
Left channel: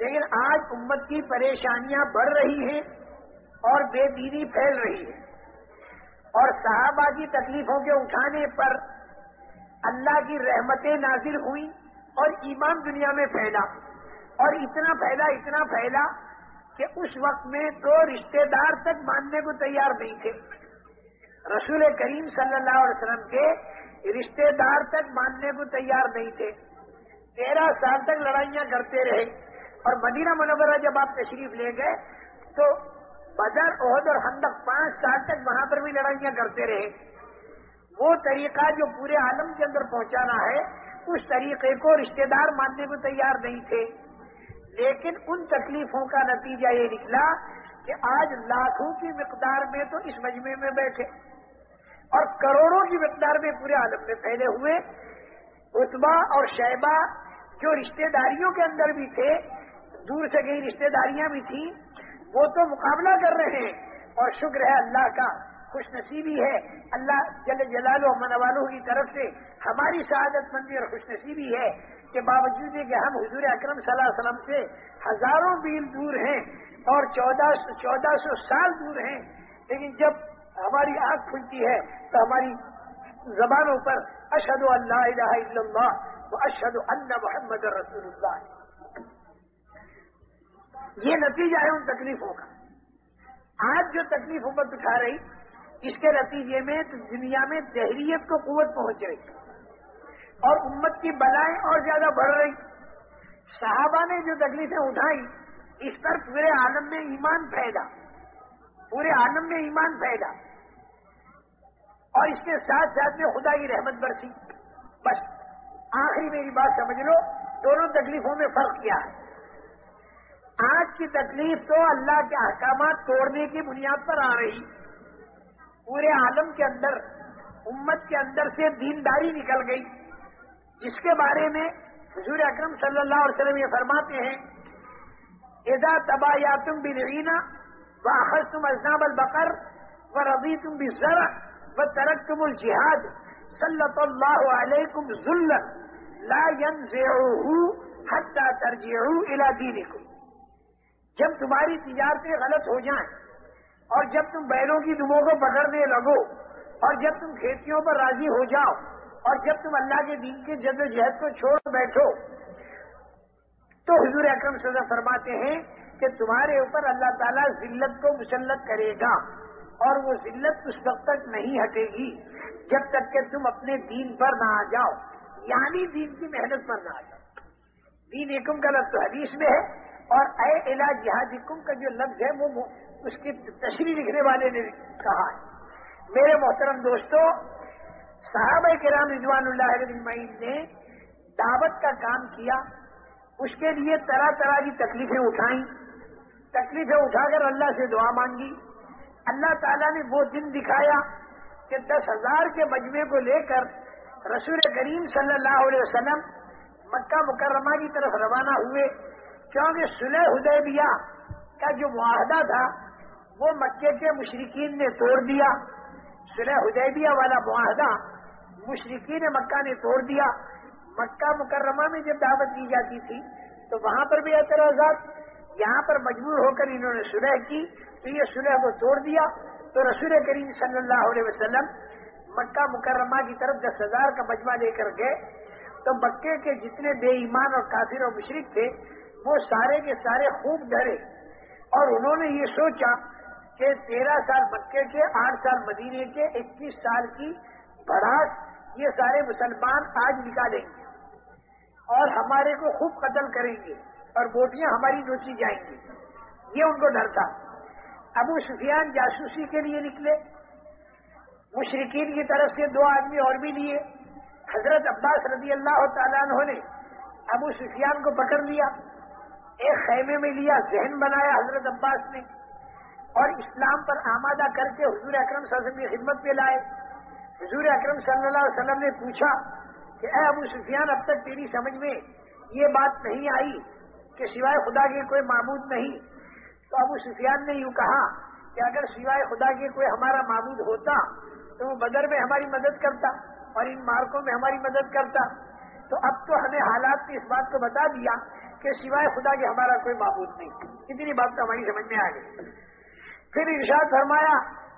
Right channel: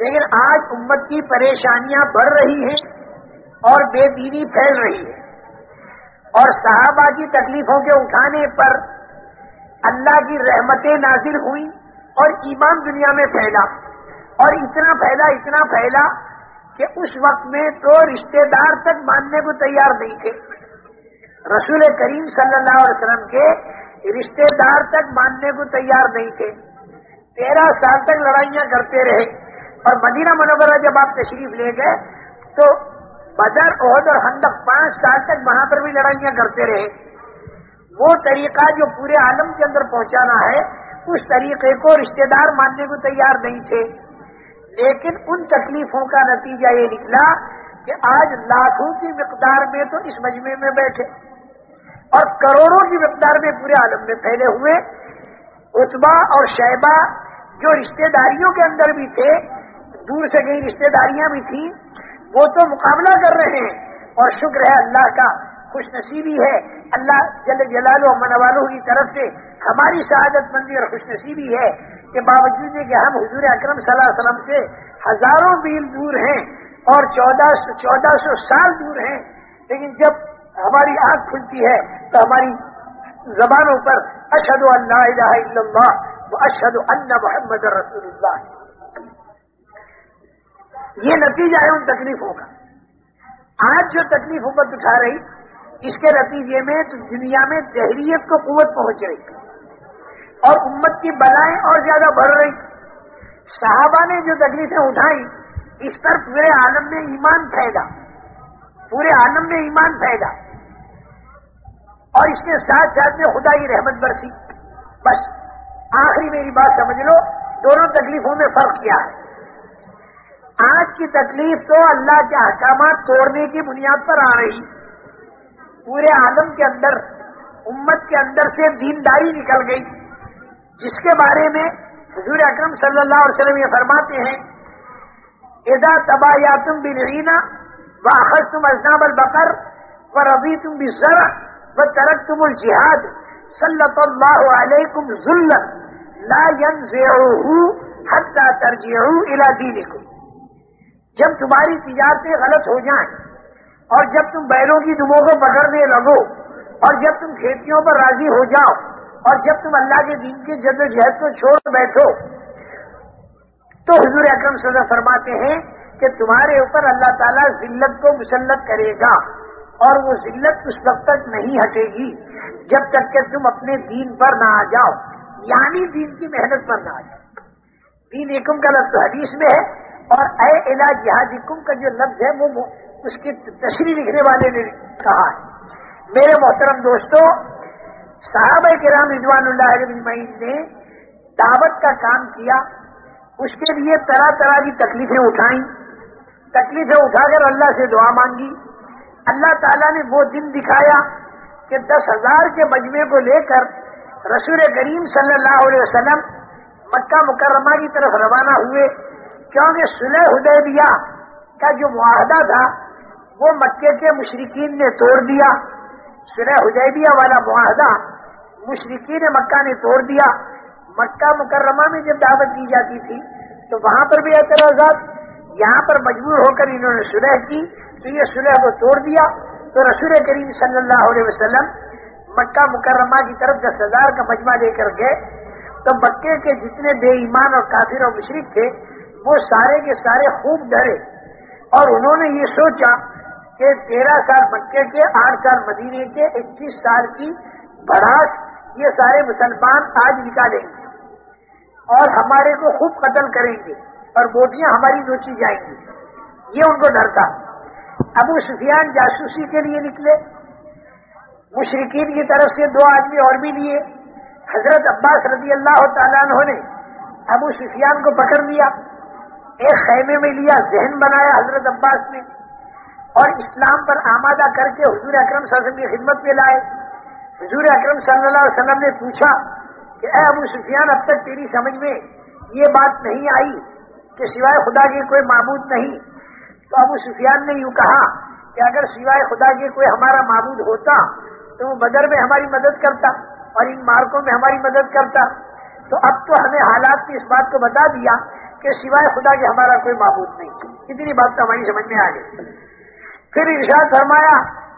لیکن آج امت کی پریشانیاں بڑھ رہی ہیں اور بے دینی پھیل رہی ہے، اور صحابہ کی تکلیفوں کے اٹھانے پر اللہ کی رحمتیں نازل ہوئیں اور ایمان دنیا میں پھیلا، اور اتنا پھیلا کہ اس وقت میں تو رشتہ دار تک ماننے کو تیار نہیں تھے، رسول کریم صلی اللہ علیہ وسلم کے رشتہ دار تک ماننے کو تیار نہیں تھے۔ 13 سال تک لڑائیاں کرتے رہے، اور مدینہ منورہ جب آپ تشریف لے گئے تو بدر، احد اور خندق 5 سال تک وہاں پر بھی لڑائیاں کرتے رہے۔ وہ طریقہ جو پورے عالم کے اندر پہنچانا ہے، اس طریقے کو رشتہ دار ماننے کو تیار نہیں تھے، لیکن ان تکلیفوں کا نتیجہ یہ نکلا کہ آج لاکھوں کی مقدار میں تو اس مجمع میں بیٹھے، اور کروڑوں کی مقدار میں پورے عالم میں پھیلے ہوئے عتبہ اور شیبہ جو رشتہ داریوں کے اندر بھی تھے، دور سے کئی رشتہ داریاں بھی تھیں، وہ تو مقابلہ کر رہے ہیں، اور شکر ہے اللہ کا، خوش نصیبی ہے اللہ جل جلالہ و من والہ کی طرف سے ہماری سعادت مندی اور خوش نصیبی ہے کہ باوجود کہ ہم حضور اکرم صلی اللہ علیہ وسلم سے ہزاروں میل دور ہیں اور 1400 سال دور ہیں، لیکن جب ہماری آنکھ کھلتی ہے تو ہماری زبانوں پر اشہد ان لا الہ الا اللہ و اشہد ان محمد رسول اللہ، یہ نتیجہ ہے ان تکلیفوں کا۔ آج جو تکلیف امت اٹھا رہی، اس کے نتیجے میں تو دنیا میں دہریت کو قوت پہنچ رہی، اور امت کی بلائیں اور زیادہ بڑھ رہی۔ صحابہ نے جو تکلیفیں اٹھائیں، اس پر پورے عالم میں ایمان پھیلا، پورے عالم میں ایمان پھیلا، اور اس کے ساتھ ساتھ میں خدا کی رحمت برسی۔ بس آخری میری بات سمجھ لو، دونوں تکلیفوں میں فرق کیا ہے۔ آج کی تکلیف تو اللہ کے احکامات توڑنے کی بنیاد پر آ رہی، پورے عالم کے اندر امت کے اندر سے دینداری نکل گئی، جس کے بارے میں حضور اکرم صلی اللہ علیہ وسلم یہ فرماتے ہیں، اذا تبایعتم بالعینہ واخذتم اذناب البقر ورضیتم بالزرع وترکتم الجہاد سلط اللہ علیکم ذلا لا ينزعه حتى ترجعوا الى دینکم۔ جب تمہاری تجارتیں غلط ہو جائیں، اور جب تم بیلوں کی دموں کو پکڑنے لگو، اور جب تم کھیتیوں پر راضی ہو جاؤ، اور جب تم اللہ کے دین کی جد و جہد کو چھوڑ بیٹھو، تو حضور اکرم صلی اللہ علیہ وسلم فرماتے ہیں کہ تمہارے اوپر اللہ تعالیٰ ذلت کو مسلط کرے گا، اور وہ ذلت اس وقت تک نہیں ہٹے گی جب تک کہ تم اپنے دین پر نہ آ جاؤ، یعنی دین کی محنت پر نہ آ جاؤ۔ دین ایکم کا لفظ حدیث میں ہے، اور اے الی جہادکم کا جو لفظ ہے وہ اس کی تشریح لکھنے والے نے کہا ہے۔ میرے محترم دوستو، صحابہ کرام رضوان اللہ علیہم اجمعین نے دعوت کا کام کیا، اس کے لیے طرح طرح کی تکلیفیں اٹھائیں، تکلیفیں اٹھا کر اللہ سے دعا مانگی۔ اللہ تعالیٰ نے وہ دن دکھایا کہ 10,000 کے مجمع کو لے کر رسول کریم صلی اللہ علیہ وسلم مکہ مکرمہ کی طرف روانہ ہوئے، کیونکہ صلح حدیبیہ کا جو معاہدہ تھا وہ مکے کے مشرکین نے توڑ دیا۔ صلح حدیبیہ والا معاہدہ مشرکین مکہ نے توڑ دیا. مکہ مکرمہ میں جب دعوت دی جاتی تھی تو وہاں پر بھی اعتراضات، یہاں پر مجبور ہو کر انہوں نے صلح کی تو یہ صلح کو توڑ دیا. تو رسول کریم صلی اللہ علیہ وسلم مکہ مکرمہ کی طرف 10,000 کا مجمع لے کر گئے. تو مکے کے جتنے بے ایمان اور کافر اور مشرک تھے وہ سارے کے سارے خوب ڈرے اور انہوں نے یہ سوچا کہ 13 سال مکے کے، 8 سال مدینے کے، 21 سال کی بڑھاس یہ سارے مسلمان آج نکالیں گے اور ہمارے کو خوب قتل کریں گے اور بوٹیاں ہماری نوچی جائیں گی. یہ ان کو ڈر تھا. ابو سفیان جاسوسی کے لیے نکلے. مشرکین کی طرف سے 2 آدمی اور بھی لیے. حضرت عباس رضی اللہ تعالیٰ عنہ نے ابو سفیان کو پکڑ لیا، ایک خیمے میں لیا، ذہن بنایا حضرت عباس نے اور اسلام پر آمادہ کر کے حضور اکرم صلی اللہ علیہ وسلم کی خدمت میں لائے. حضور اکرم صلی اللہ علیہ وسلم نے پوچھا کہ اے ابو سفیان، اب تک تیری سمجھ میں یہ بات نہیں آئی کہ سوائے خدا کے کوئی معبود نہیں؟ تو ابو سفیان نے یوں کہا کہ اگر سوائے خدا کے کوئی ہمارا معبود ہوتا تو وہ بدر میں ہماری مدد کرتا اور ان مارکوں میں ہماری مدد کرتا. تو اب تو ہمیں حالات نے اس بات کو بتا دیا کہ سوائے خدا کے ہمارا کوئی معبود نہیں. اتنی بات تو ہماری سمجھ میں آ گئی. پھر ارشاد فرمایا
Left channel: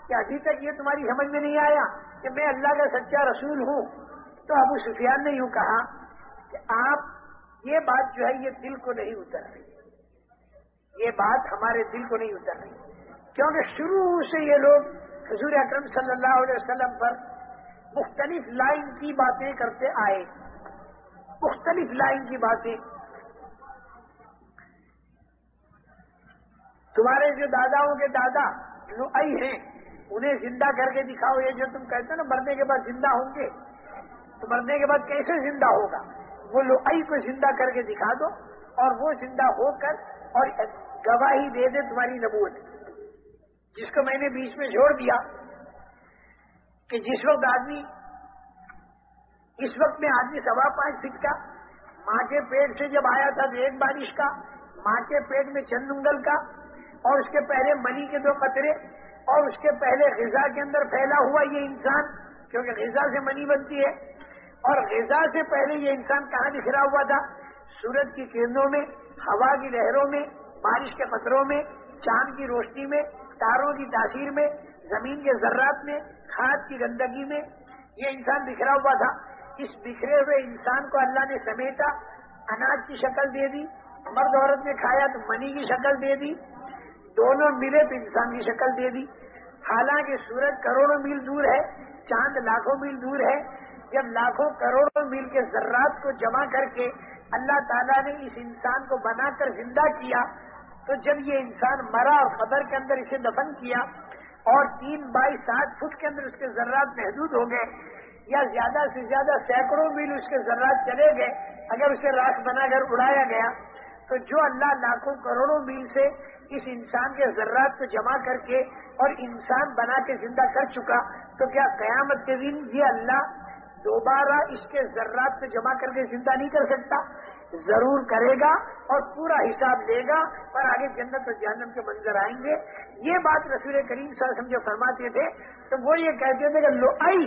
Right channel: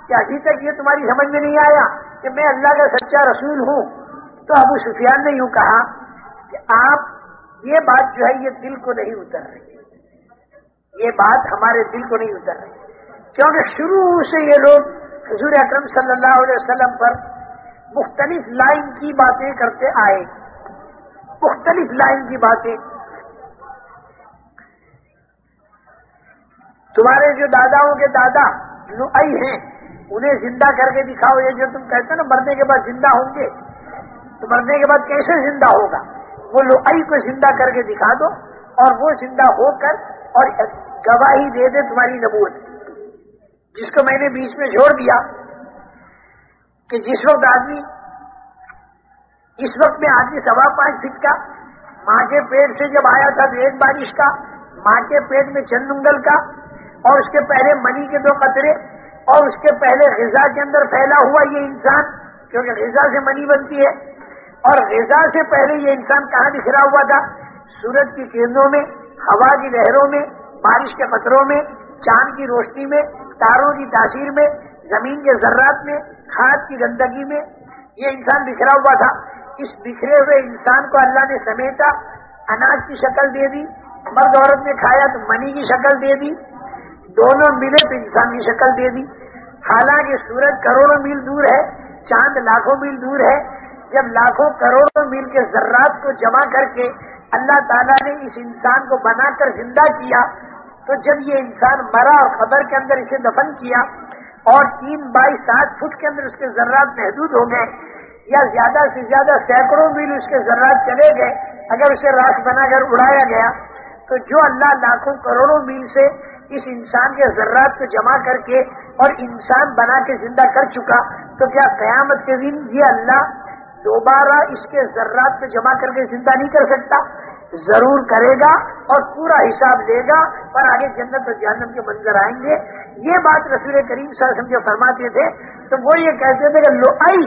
کہ ابھی تک یہ تمہاری سمجھ میں نہیں آیا کہ میں اللہ کا سچا رسول ہوں؟ تو ابو سفیان نے یوں کہا کہ آپ یہ بات جو ہے یہ دل کو نہیں اتر رہی، یہ بات ہمارے دل کو نہیں اتر رہی، کیونکہ شروع سے یہ لوگ حضور اکرم صلی اللہ علیہ وسلم پر مختلف لائن کی باتیں کرتے آئے، مختلف لائن کی باتیں. تمہارے جو داداؤں کے دادا لؤئی ہیں انہیں زندہ کر کے دکھاؤ. یہ جو تم کہتے ہیں نا مرنے کے بعد زندہ ہوں گے، تو مرنے کے بعد کیسے زندہ ہوگا؟ وہ لؤئی کو زندہ کر کے دکھا دو اور وہ زندہ ہو کر اور گواہی دے دے تمہاری نبوت. جس کو میں نے بیچ میں چھوڑ دیا کہ جس وقت آدمی، اس وقت میں آدمی 5.25 فٹ کا ماں کے پیٹ سے جب آیا تھا تو 1 بارش کا، ماں کے پیٹ میں چند انگل کا، اور اس کے پہلے منی کے 2 قطرے، اور اس کے پہلے غذا کے اندر پھیلا ہوا یہ انسان، کیونکہ غذا سے منی بنتی ہے. اور غذا سے پہلے یہ انسان کہاں بکھرا ہوا تھا؟ سورج کی کرنوں میں، ہوا کی لہروں میں، بارش کے قطروں میں، چاند کی روشنی میں، تاروں کی تاثیر میں، زمین کے ذرات میں، کھاد کی گندگی میں یہ انسان بکھرا ہوا تھا. اس بکھرے ہوئے انسان کو اللہ نے سمیٹا، اناج کی شکل دے دی، مرد عورت نے کھایا تو منی کی شکل دے دی، دونوں ملے تو انسان کی شکل دے دی. حالانکہ سورج کروڑوں میل دور ہے، چاند لاکھوں میل دور ہے. جب لاکھوں کروڑوں میل کے ذرات کو جمع کر کے اللہ تعالیٰ نے اس انسان کو بنا کر زندہ کیا، تو جب یہ انسان مرا اور قبر کے اندر اسے دفن کیا اور 3 بائی 7 فٹ کے اندر اس کے ذرات محدود ہو گئے، یا زیادہ سے زیادہ سینکڑوں میل اس کے ذرات چلے گئے، اگر اسے راکھ بنا کر اڑایا گیا، تو جو اللہ لاکھوں کروڑوں میل سے اس انسان کے ذرات کو جمع کر کے اور انسان بنا کے زندہ کر چکا، تو کیا قیامت کے دن یہ اللہ دوبارہ اس کے ذرات کو جمع کر کے زندہ نہیں کر سکتا؟ ضرور کرے گا اور پورا حساب لے گا اور آگے جنت اور جہنم کے منظر آئیں گے. یہ بات رسول کریم صلی اللہ علیہ وسلم جو فرماتے تھے تو وہ یہ کہتے تھے کہ لؤئی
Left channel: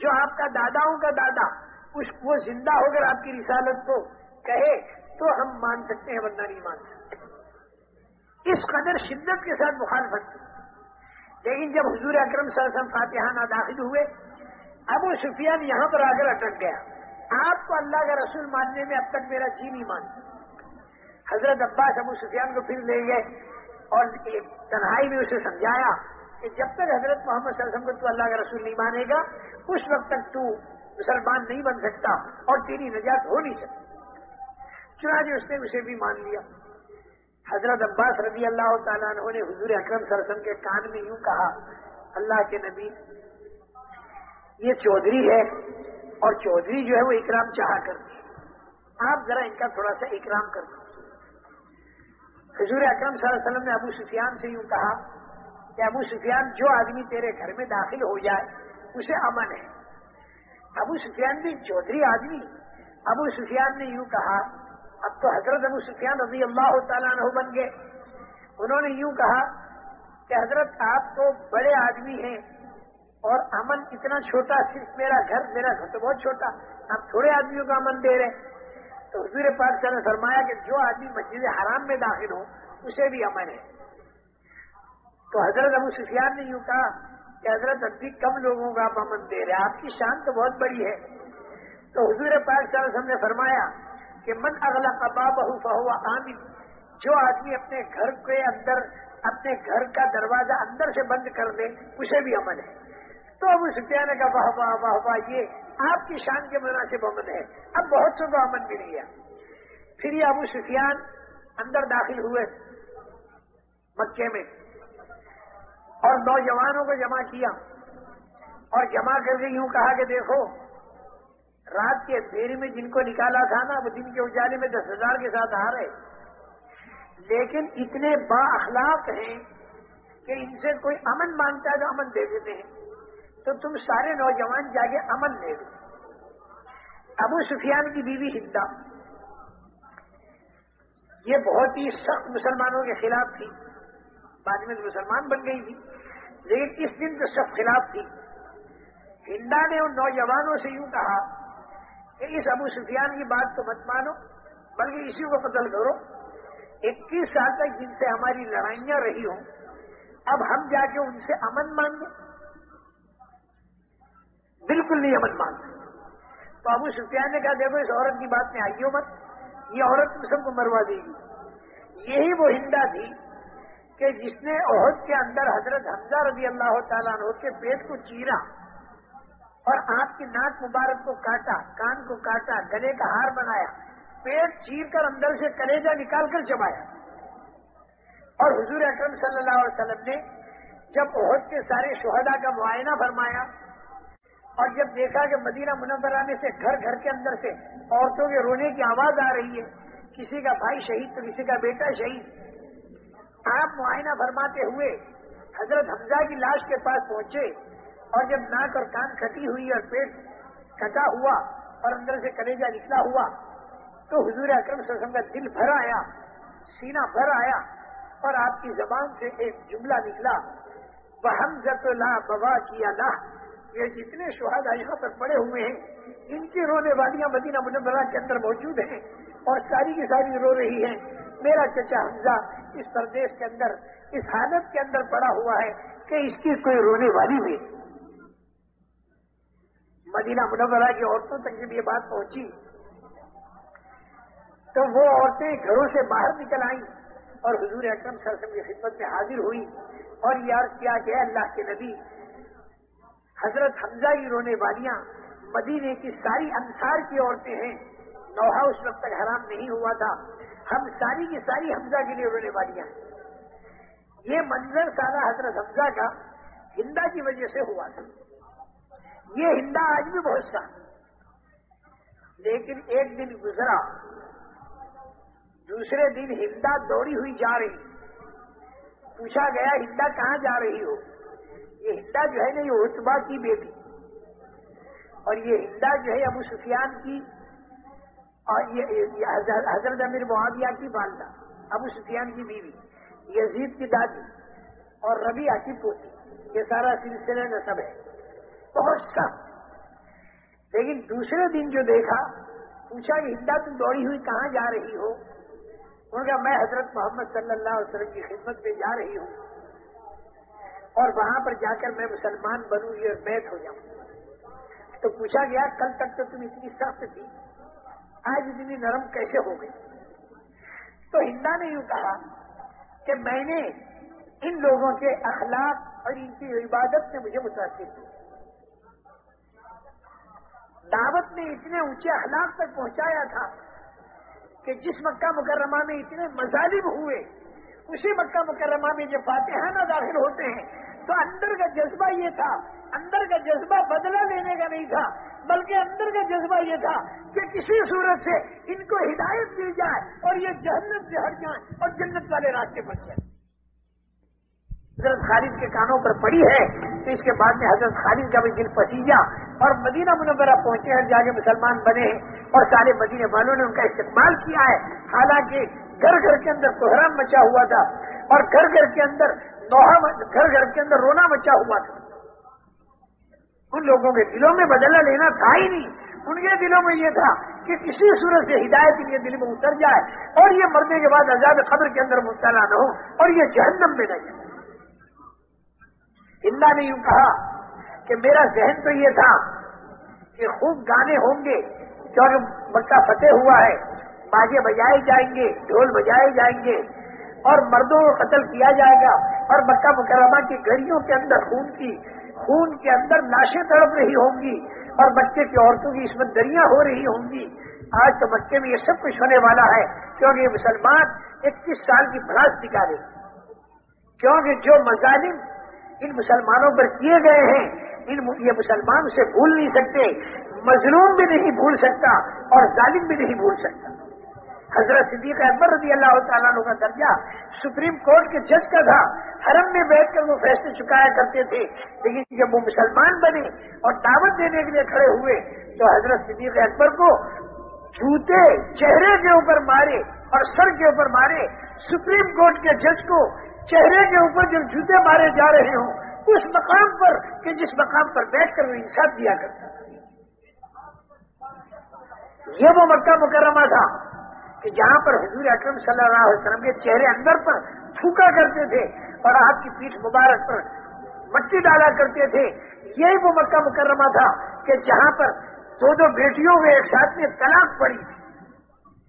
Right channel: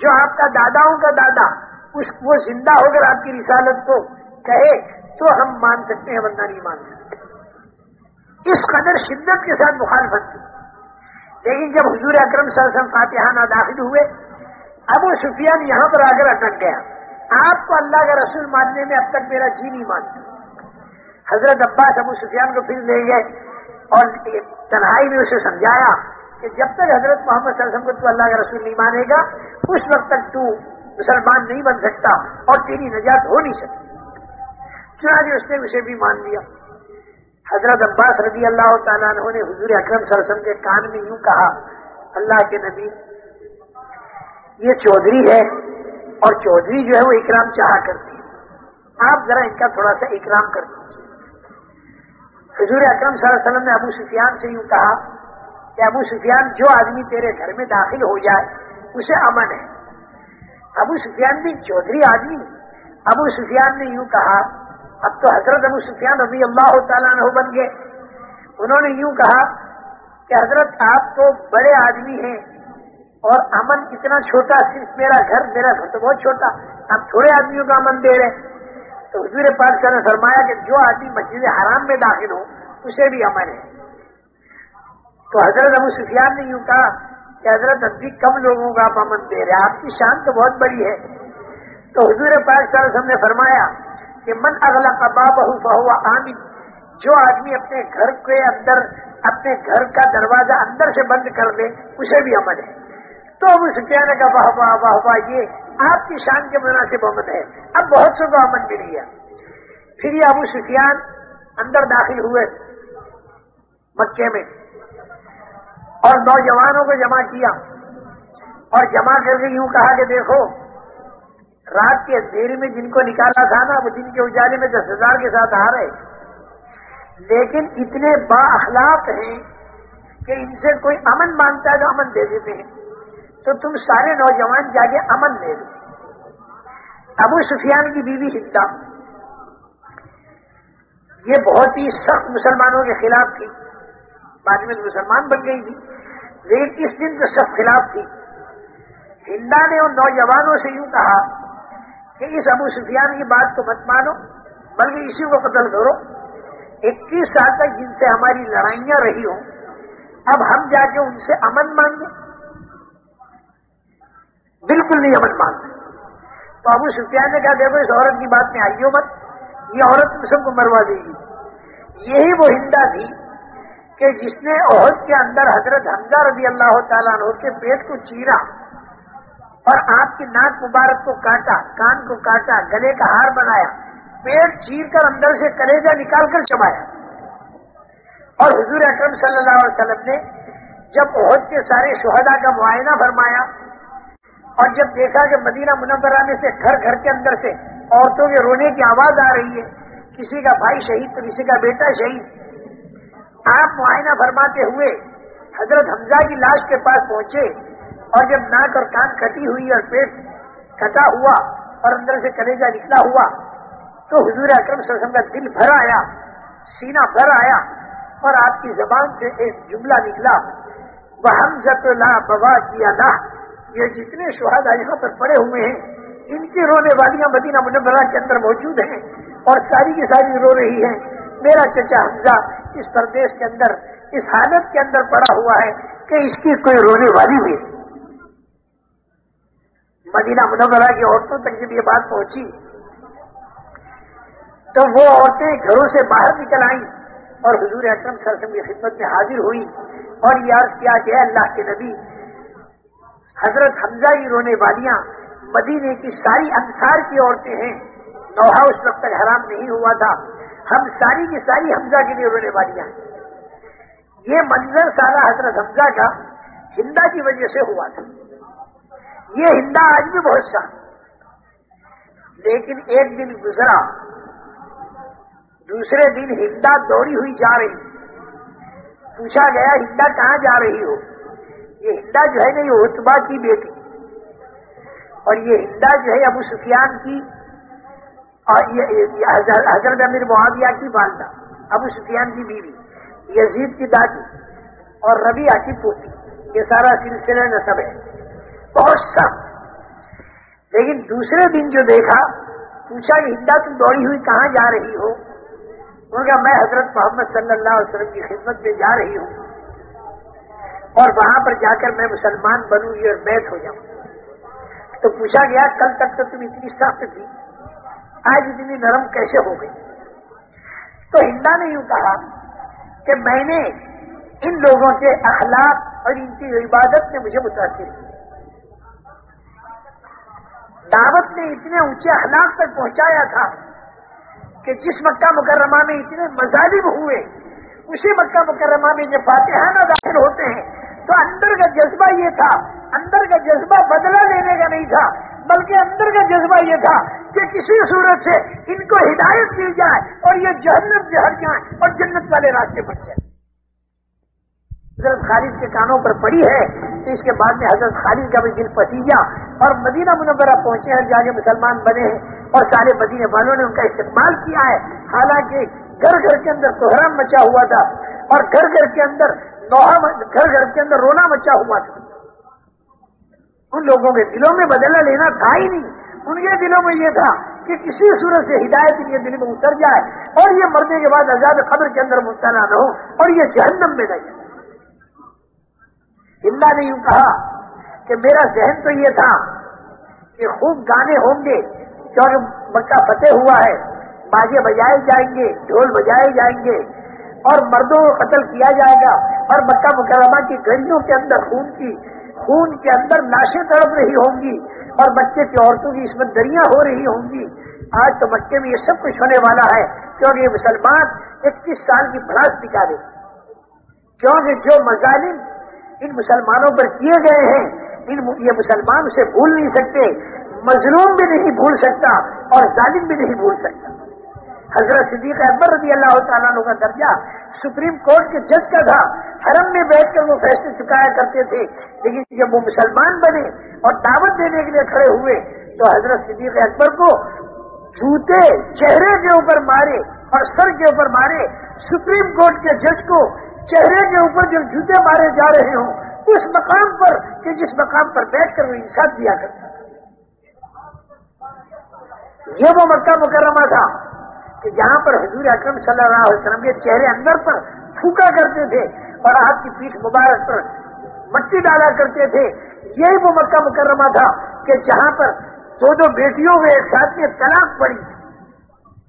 جو آپ کا داداؤں کا دادا وہ زندہ ہو کر آپ کی رسالت کو کہے تو ہم مان سکتے ہیں، ورنہ نہیں مان سکتے. اس قدر شدت کے ساتھ مخالفت تھی. لیکن جب حضور اکرم صلی اللہ علیہ وسلم فاتحانہ داخل ہوئے، ابو سفیان یہاں پر آ کر اٹک گیا. آپ کو اللہ کا رسول ماننے میں اب تک میرا جی نہیں مانتا. حضرت عباس ابو سفیان کو پھر لے گئے اور تنہائی میں اسے سمجھایا کہ جب تک حضرت محمد صلی اللہ علیہ وسلم کو تو اللہ کا رسول نہیں مانے گا اس وقت تک تو مسلمان نہیں بن سکتا اور تیری نجات ہو نہیں سکتی. چنانچہ اس نے اسے بھی مان لیا. حضرت عباس رضی اللہ تعالیٰ عنہ نے حضور اکرم صلی اللہ علیہ وسلم کے کان میں یوں کہا، اللہ کے نبی یہ چودھری ہے اور چودھری جو ہے وہ اکرام چاہا کرتی ہے، آپ ذرا ان کا تھوڑا سا اکرام کر دیجیے. حضور اکرم صلی اللہ علیہ وسلم نے ابو سفیان سے یوں کہا کہ ابو سفیان جو آدمی تیرے گھر میں داخل ہو جائے اسے امن ہے. ابو سفیان بھی چودھری آدمی. ابو سفیان نے یوں کہا، اب تو حضرت ابو سفیان رضی اللہ تعالیٰ عنہ بن گئے. انہوں نے یوں کہا کہ حضرت آپ تو بڑے آدمی ہیں اور امن اتنا چھوٹا، صرف میرا گھر تو بہت چھوٹا، ہم تھوڑے آدمیوں کا امن دے رہے. تو حضور پاک صلی اللہ علیہ وسلم نے فرمایا کہ جو آدمی مسجد حرام میں داخل ہو اسے بھی امن ہے. تو حضرت ابو سفیان نے یوں کہا کہ حضرت اب بھی کم لوگوں کا آپ امن دے رہے ہیں، آپ کی شان تو بہت بڑی ہے. تو حضور پاک صلی اللہ علیہ وسلم نے فرمایا کہ من اغلق بابہ فہو آمن، جو آدمی اپنے گھر کے اندر اپنے گھر کا دروازہ اندر سے بند کر دے اسے بھی امن ہے. تو ابو سفیان نے کہا واہ واہ واہ واہ، یہ آپ کی شان کے مناسب امن ہے. اب بہت سو کو امن مل گیا. پھر یہ ابو سفیان اندر داخل ہوئے مکے میں اور نوجوانوں کو جمع کیا اور جمع کر کے یوں کہا کہ دیکھو، رات کے اندھیرے میں جن کو نکالا تھا نا وہ دن کے اجالے میں 10,000 کے ساتھ آ رہے، لیکن اتنے با اخلاق ہیں کہ ان سے کوئی امن مانگتا ہے تو امن دے دیتے ہیں. تو تم سارے نوجوان جا کے امن لے لو. ابو سفیان کی بیوی ہندا یہ بہت ہی سخت مسلمانوں کے خلاف تھی، بعد میں مسلمان بن گئی تھی، لیکن اس دن تو سخت خلاف تھی. ہندا نے ان نوجوانوں سے یوں کہا کہ اس ابو سفیان کی بات کو مت مانو بلکہ اسی کو قتل کرو. 21 سال تک جن سے ہماری لڑائیاں رہی ہوں، اب ہم جا کے ان سے امن مانگیں؟ بالکل نہیں امن مانگتے. تو ابو سفیان نے کہا دیکھو اس عورت کی بات میں آئیو مت، یہ عورت تم سب کو مروا دے گی. یہی وہ ہندا تھی کہ جس نے احد کے اندر حضرت حمزہ رضی اللہ تعالیٰ عنہ کے پیٹ کو چیرا اور آپ کی ناک مبارک کو کاٹا، کان کو کاٹا، گلے کا ہار بنایا، پیٹ چیر کر اندر سے کلیجہ نکال کر چبایا. اور حضور اکرم صلی اللہ علیہ وسلم نے جب احد کے سارے شہداء کا معائنہ فرمایا اور جب دیکھا کہ مدینہ منورہ میں سے گھر گھر کے اندر سے عورتوں کے رونے کی آواز آ رہی ہے، کسی کا بھائی شہید تو کسی کا بیٹا شہید، آپ معائنہ فرماتے ہوئے حضرت حمزہ کی لاش کے پاس پہنچے اور جب ناک اور کان کٹی ہوئی اور پیٹ کٹا ہوا اور اندر سے کلیجہ نکلا ہوا تو حضور اکرم صلی اللہ علیہ وسلم کا دل بھر آیا، سینہ بھر آیا اور آپ کی زبان سے ایک جملہ نکلا، وَحَمْزَةُ لَا بَوَاكِيَ لَهُ. یہ جتنے شہداء یہاں پر پڑے ہوئے ہیں ان کی رونے والیاں مدینہ منورہ کے اندر موجود ہیں اور ساری کی ساری رو رہی ہیں. میرا چچا حمزہ اس پردیس کے اندر اس حالت کے اندر پڑا ہوا ہے کہ اس کی کوئی رونے والی ہوئی. مدینہ منورہ کی عورتوں تک جب یہ بات پہنچی تو وہ عورتیں گھروں سے باہر نکل آئیں اور حضور اکرم صلی اللہ علیہ وسلم کی خدمت میں حاضر ہوئی اور یہ عرض کیا کہ اے اللہ کے نبی، حضرت حمزہ کی رونے والیاں مدینے کی ساری انصار کی عورتیں ہیں، نوحہ اس وقت تک حرام نہیں ہوا تھا، ہم ساری کی ساری حمزہ کے لیے رونے والیاں ہیں. یہ منظر سارا حضرت حمزہ کا ہندا کی وجہ سے ہوا تھا. یہ ہندا آج بھی بہت سا، لیکن ایک دن گزرا، دوسرے دن ہندا دوڑی ہوئی جا رہی، پوچھا گیا ہندا کہاں جا رہی ہو؟ یہ ہندا جو ہے نا یہ عتبہ کی بیٹی اور یہ ہندا جو ہے ابو سفیان کی اور یہ حضرت امیر معاویہ کی والدہ، ابو سفیان کی بیوی، یزید کی دادی اور ربیعہ کی پوتی، یہ سارا سلسلہ نسب ہے، بہت سخت. لیکن دوسرے دن جو دیکھا، پوچھا کہ ہندا تم دوڑی ہوئی کہاں جا رہی ہو؟ انہوں نے کہا میں حضرت محمد صلی اللہ علیہ وسلم کی خدمت میں جا رہی ہوں اور وہاں پر جا کر میں مسلمان بنوں گی اور بیعت ہو جاؤں. تو پوچھا گیا کل تک تو تم اتنی سخت تھی، آج اتنی نرم کیسے ہو گئی؟ تو ہندا نے یوں کہا کہ میں نے ان لوگوں کے اخلاق اور ان کی عبادت نے مجھے متاثر کی. دعوت نے اتنے اونچے اخلاق تک پہنچایا تھا کہ جس مکہ مکرمہ میں اتنے مظالم ہوئے، اسی مکہ مکرمہ میں جب فاتحانہ داخل ہوتے ہیں تو اندر کا جذبہ یہ تھا، اندر کا جذبہ بدلہ لینے کا نہیں تھا، بلکہ اندر کا جذبہ یہ تھا کہ کسی صورت سے ان کو ہدایت مل جائے اور یہ جہنم سے ہٹ جائیں اور جنت والے راستے بن جائیں. حضرت خالد کے کانوں پر پڑی ہے تو اس کے بعد میں حضرت خالد کا بھی دل پسیجا اور مدینہ منورہ پہنچے ہیں، جا کے مسلمان بنے ہیں اور سارے مدینے والوں نے ان کا استقبال کیا ہے. حالانکہ گھر گھر کے اندر کوہرام مچا ہوا تھا اور گھر گھر کے اندر رونا مچا ہوا تھا. ان لوگوں کے دلوں میں بدلہ لینا تھا ہی نہیں. ان کے دلوں میں یہ تھا کہ کسی صورت سے ہدایت کے لیے دل میں اتر جائے اور یہ مرنے کے بعد عذاب قبر کے اندر مبتلا نہ ہو اور یہ جہنم میں نہیں. اللہ نے یوں کہا کہ میرا ذہن تو یہ تھا کہ خوب گانے ہوں گے کیونکہ مکہ فتح ہوا ہے، باجے بجائے جائیں گے، ڈھول بجائے جائیں گے اور مردوں کو قتل کیا جائے گا اور مکہ مکرمہ کی گلیوں کے اندر خون کے اندر لاشیں تڑپ رہی ہوں گی اور بچے کی عورتوں کی عصمت دریاں ہو رہی ہوں گی. آج تو مکے میں یہ سب کچھ ہونے والا ہے کیونکہ یہ مسلمان 21 سال کی بھڑاس دکھا رہے، کیونکہ جو مظالم ان مسلمانوں پر کیے گئے ہیں یہ مسلمان اسے بھول نہیں سکتے، مظلوم بھی نہیں بھول سکتا اور ظالم بھی نہیں بھول سکتا. حضرت صدیق اکبر رضی اللہ تعالیٰ عنہ کا درجہ سپریم کورٹ کے جج کا تھا، حرم میں بیٹھ کر وہ فیصلے چکایا کرتے تھے، لیکن جب وہ مسلمان بنے اور دعوت دینے کے لیے کھڑے ہوئے تو حضرت صدیق اکبر کو جوتے چہرے کے اوپر مارے اور سر کے اوپر مارے. سپریم کورٹ کے جج کو چہرے کے اوپر جب جوتے مارے جا رہے ہوں اس مقام پر کہ جس مقام پر بیٹھ کر وہ انصاف دیا کرتا. یہ وہ مکہ مکرمہ تھا کہ جہاں پر حضور اکرم صلی اللہ علیہ وسلم کے چہرے اندر پر تھوکا کرتے تھے اور آپ کی پیٹھ مبارک پر مٹی ڈالا کرتے تھے. یہی وہ مکہ مکرمہ تھا کہ جہاں پر دو بیٹیوں میں ایک ساتھ میں طلاق پڑی.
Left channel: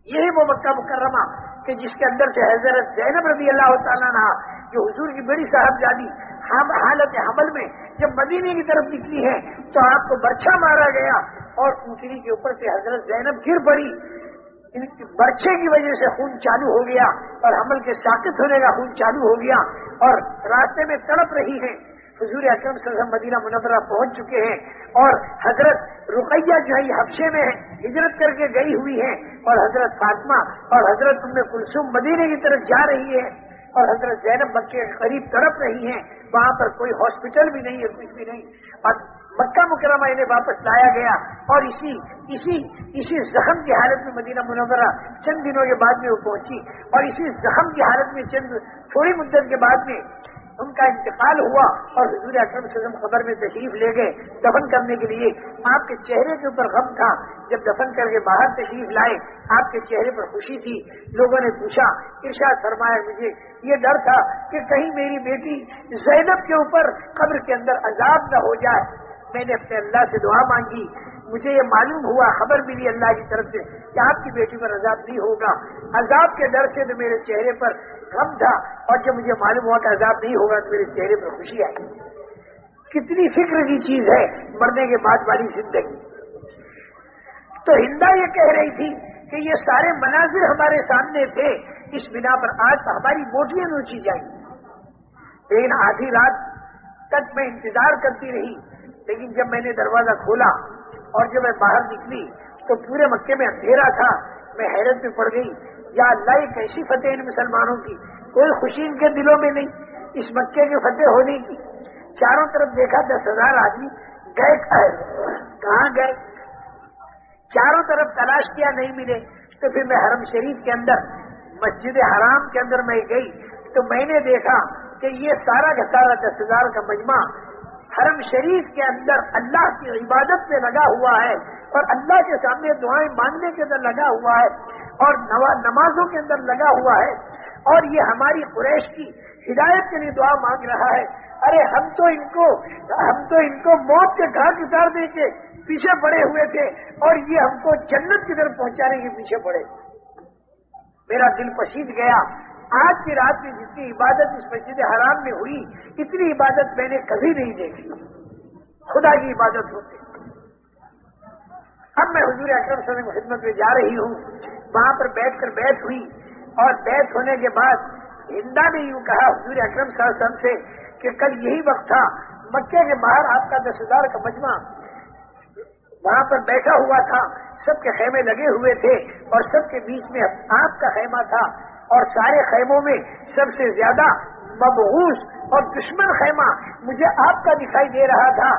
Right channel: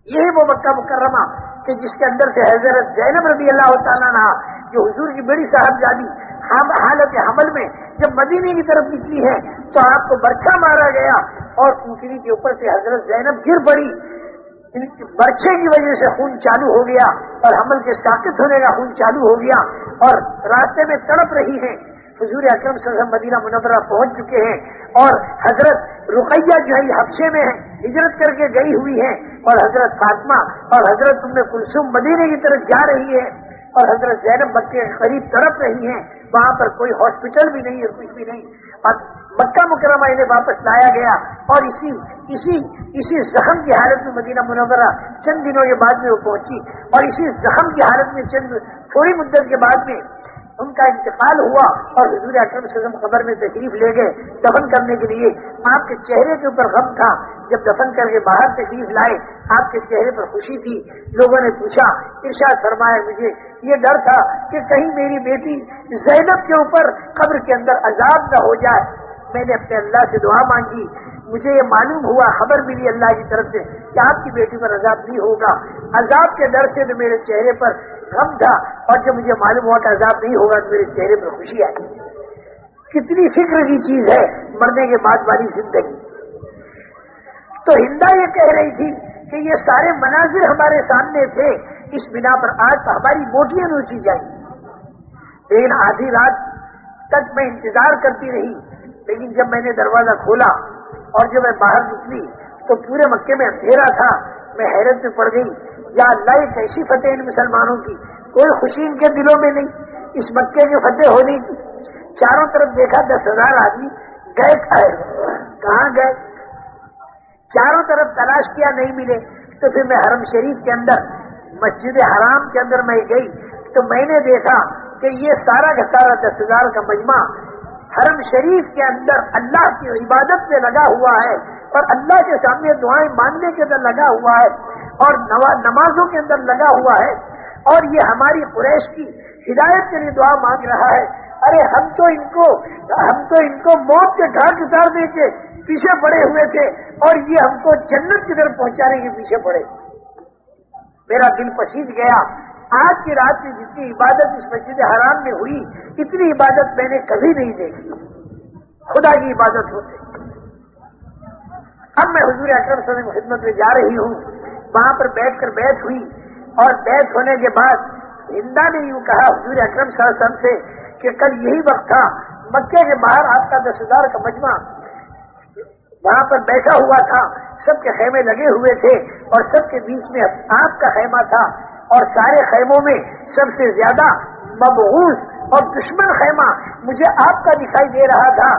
یہی وہ مکہ مکرمہ کہ جس کے اندر سے حضرت زینب رضی اللہ تعالیٰ عنہا جو حضور کی بڑی صاحبزادی حالت حمل میں جب مدینے کی طرف نکلی ہے تو آپ کو برچھا مارا گیا اور اونٹنی کے اوپر سے حضرت زینب گر پڑی. برچھے کی وجہ سے خون چالو ہو گیا اور حمل کے ساقط ہونے کا خون چالو ہو گیا اور راستے میں تڑپ رہی ہیں. حضور اکرم صلی اللہ علیہ وسلم مدینہ منورہ پہنچ چکے ہیں اور حضرت رقیہ جو ہے حبشے میں ہے، ہجرت کر کے گئی ہوئی ہے اور حضرت فاطمہ اور حضرت ام کلثوم مدینے کی طرف جا رہی ہے اور حضرت زینب بچے کے قریب تڑپ رہی ہیں. وہاں پر کوئی ہاسپٹل بھی نہیں ہے، کچھ بھی نہیں. اور مکہ مکرمہ انہیں واپس لایا گیا اور اسی زخم کی حالت میں مدینہ منورہ چند دنوں کے بعد میں وہ پہنچی اور اسی زخم کی حالت میں تھوڑی مدت کے بعد میں ان کا انتقال ہوا اور حضور اکرم صلی اللہ علیہ وسلم قبر میں تشریف لے گئے دفن کرنے کے لیے. آپ کے چہرے کے اوپر غم تھا، جب دفن کر کے باہر تشریف لائے آپ کے چہرے پر خوشی تھی. لوگوں نے پوچھا، ارشاد فرمایا مجھے یہ ڈر تھا کہ کہیں میری بیٹی زینب کے اوپر قبر کے اندر عذاب نہ ہو جائے. میں نے اپنے اللہ سے دعا مانگی، مجھے یہ معلوم ہوا، خبر ملی اللہ کی طرف سے کہ آپ کی بیٹی پر عذاب نہیں ہوگا. عذاب کے ڈر سے تو میرے چہرے پر غم تھا اور جب مجھے معلوم ہوا کہ عذاب نہیں ہوگا تو میرے چہرے پر خوشی آئی. کتنی فکر کی چیز ہے مرنے کے بعد والی زندگی. تو ہندا یہ کہہ رہی تھی کہ یہ سارے مناظر ہمارے سامنے تھے، اس بنا پر آج تو ہماری موٹیاں نوچی جائیں. لیکن آدھی رات تک میں انتظار کرتی رہی، لیکن جب میں نے دروازہ کھولا اور جب میں باہر نکلی تو پورے مکے میں اندھیرا تھا. میں حیرت میں پڑ گئی، یا اللہ یہ کیسی فتح ان مسلمانوں کی، کوئی خوشی ان کے دلوں میں نہیں اس مکے کے فتح ہونے کی. چاروں طرف دیکھا 10,000 آدمی گئے کہاں گئے، چاروں طرف تلاش کیا نہیں ملے. تو پھر میں حرم شریف کے اندر مسجد حرام کے اندر میں گئی تو میں نے دیکھا کہ یہ سارا کا سارا 10,000 کا مجمع حرم شریف کے اندر اللہ کی عبادت میں لگا ہوا ہے اور اللہ کے سامنے دعائیں مانگنے کے اندر لگا ہوا ہے اور نمازوں کے اندر لگا ہوا ہے اور یہ ہماری قریش کی ہدایت کے لیے دعا مانگ رہا ہے. ارے ہم تو ان کو موت کے گھاٹ اتارنے کے پیچھے پڑے ہوئے تھے اور یہ ہم کو جنت کی طرف پہنچانے کے پیچھے پڑے. میرا دل پسیج گیا. آج کی رات کی جتنی عبادت اس مسجد حرام میں ہوئی اتنی عبادت میں نے کبھی نہیں دیکھی. خدا کی عبادت ہوتی. اب میں حضور اکرم صلی اللہ علیہ وسلم کی خدمت میں جا رہی ہوں، وہاں پر بیٹھ ہوئی اور بیٹھ ہونے کے بعد ہندا نے یوں کہا حضور اکرم صلی اللہ علیہ وسلم سے کہ کل یہی وقت تھا، مکے کے باہر آپ کا 10,000 کا مجمع وہاں پر بیٹھا ہوا تھا، سب کے خیمے لگے ہوئے تھے اور سب کے بیچ میں آپ کا خیمہ تھا اور سارے خیموں میں سب سے زیادہ مبعوث اور دشمن خیمہ مجھے آپ کا دکھائی دے رہا تھا.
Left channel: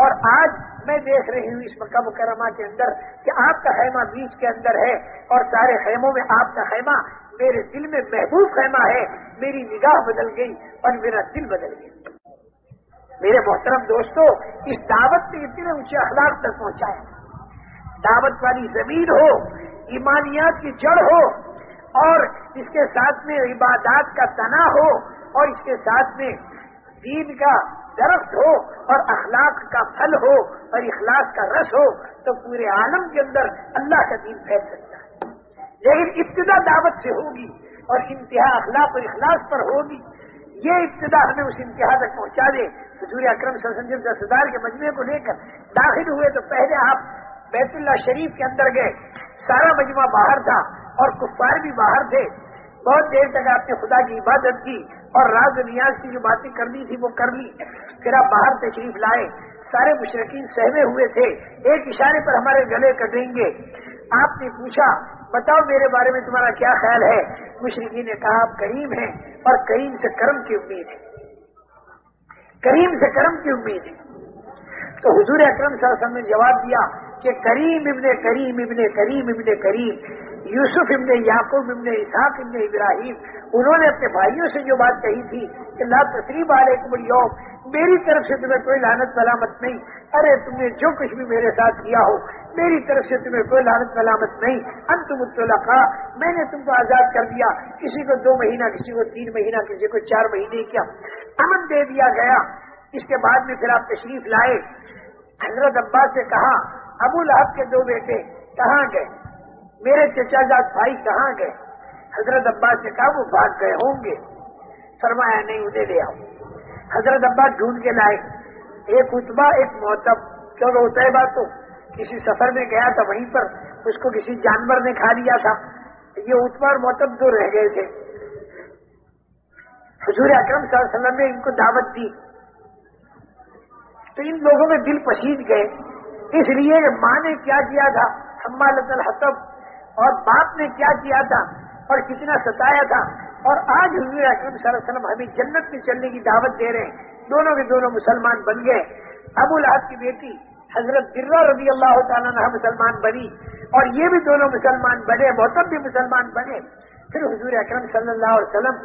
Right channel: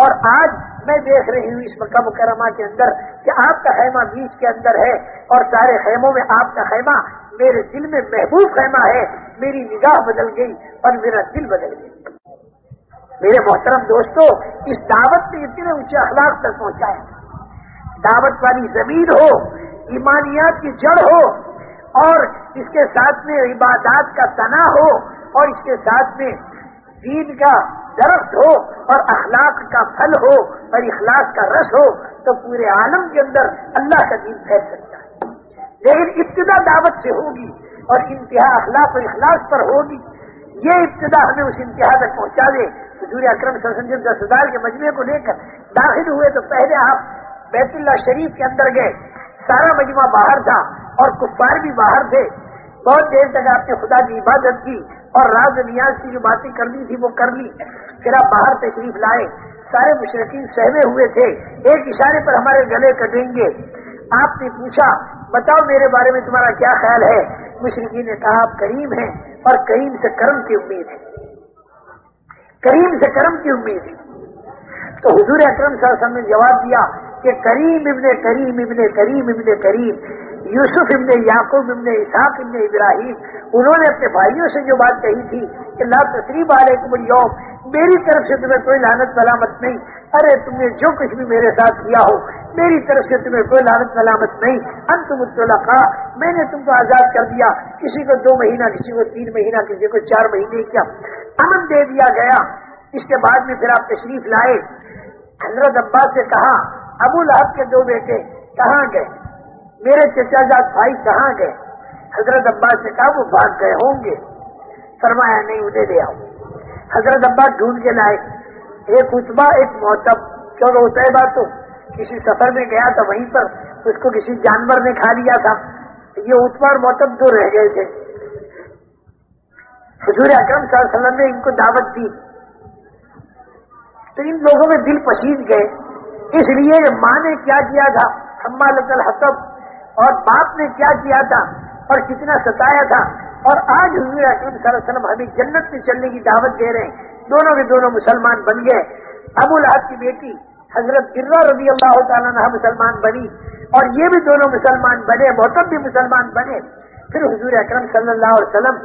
اور آج میں دیکھ رہی ہوں اس مکہ مکرمہ کے اندر کہ آپ کا خیمہ بیچ کے اندر ہے اور سارے خیموں میں آپ کا خیمہ میرے دل میں محبوب خیمہ ہے. میری نگاہ بدل گئی اور میرا دل بدل گیا. میرے محترم دوستو، اس دعوت نے اتنے اونچے اخلاق تک پہنچایا. دعوت والی زمین ہو, ایمانیات کی جڑ ہو, اور اس کے ساتھ میں عبادات کا تنا ہو, اور اس کے ساتھ میں دین کا درخت ہو, اور اخلاق کا پھل ہو, اور اخلاق کا رس ہو, تو پورے عالم کے اندر اللہ کا دین پھیل سکتا ہے. لیکن ابتدا دعوت سے ہوگی اور انتہا اخلاق اور اخلاص پر ہوگی. یہ ابتدا ہمیں اس انتہا تک پہنچا دے. حضور اکرم صلی اللہ علیہ وسلم جب 10,000 کے مجمع کو لے کر داخل ہوئے تو پہلے آپ بیت اللہ شریف کے اندر گئے. سارا مجمع باہر تھا اور کفار بھی باہر تھے. بہت دیر تک آپ نے خدا کی عبادت کی اور راز و نیاز کی جو باتیں کرنی تھی وہ کر لی. پھر آپ باہر تشریف لائے. سارے مشرکین سہمے ہوئے تھے, ایک اشارے پر ہمارے گلے کٹیں گے. آپ نے پوچھا بتاؤ میرے بارے میں تمہارا کیا خیال ہے؟ مشرکین نے کہا آپ کریم ہیں اور کریم سے کرم کی امید ہے, کریم سے کرم کی امید ہے. تو حضور اکرم صلی اللہ علیہ وسلم نے جواب دیا کہ کریم ابن کریم ابن کریم ابن کریم, یوسف ابن یعقوب ابن اسحاق ابن ابراہیم, انہوں نے اپنے بھائیوں سے جو بات کہی تھی کہ لا تثریب علیکم اليوم, میری طرف سے تمہیں کوئی لعنت ملامت نہیں. ارے تم نے جو کچھ بھی میرے ساتھ کیا ہو میری طرف سے تمہیں کوئی لعنت ملامت نہیں. انتم الطلقاء, میں نے تم کو آزاد کر دیا. کسی کو 2 مہینہ, کسی کو 3 مہینہ, کسی کو 4 مہینے کیا امن دے دیا گیا. اس کے بعد میں پھر آپ تشریف لائے. حضرت عباس سے کہا ابو لہب کے 2 بیٹے کہاں گئے, میرے چچا جاد بھائی کہاں گئے؟ حضرت عباس نے کہا وہ بھاگ گئے ہوں گے. فرمایا نہیں, انہیں لے آؤ. حضرت عباس ڈھونڈ کے لائے. ایک عتبہ ایک معتب, کیونکہ عتیبہ تو کسی سفر میں گیا تھا, وہیں پر اس کو کسی جانور نے کھا لیا تھا. یہ عتبہ اور معتب 2 رہ گئے تھے. حضور اکرم صلی اللہ علیہ وسلم نے ان کو دعوت دی تو ان لوگوں میں دل پسیج گئے, اس لیے کہ ماں نے کیا کیا تھا حمالۃ الحطب, اور باپ نے کیا کیا تھا اور کتنا ستایا تھا. اور آج حضور اکرم صلی اللہ علیہ وسلم ہمیں جنت میں چلنے کی دعوت دے رہے ہیں. دونوں کے دونوں مسلمان بن گئے. ابو لہب کی بیٹی حضرت برہ رضی اللہ تعالیٰ عنہ مسلمان بنی, اور یہ بھی دونوں مسلمان بنے, معتب بھی مسلمان بنے. پھر حضور اکرم صلی اللہ علیہ وسلم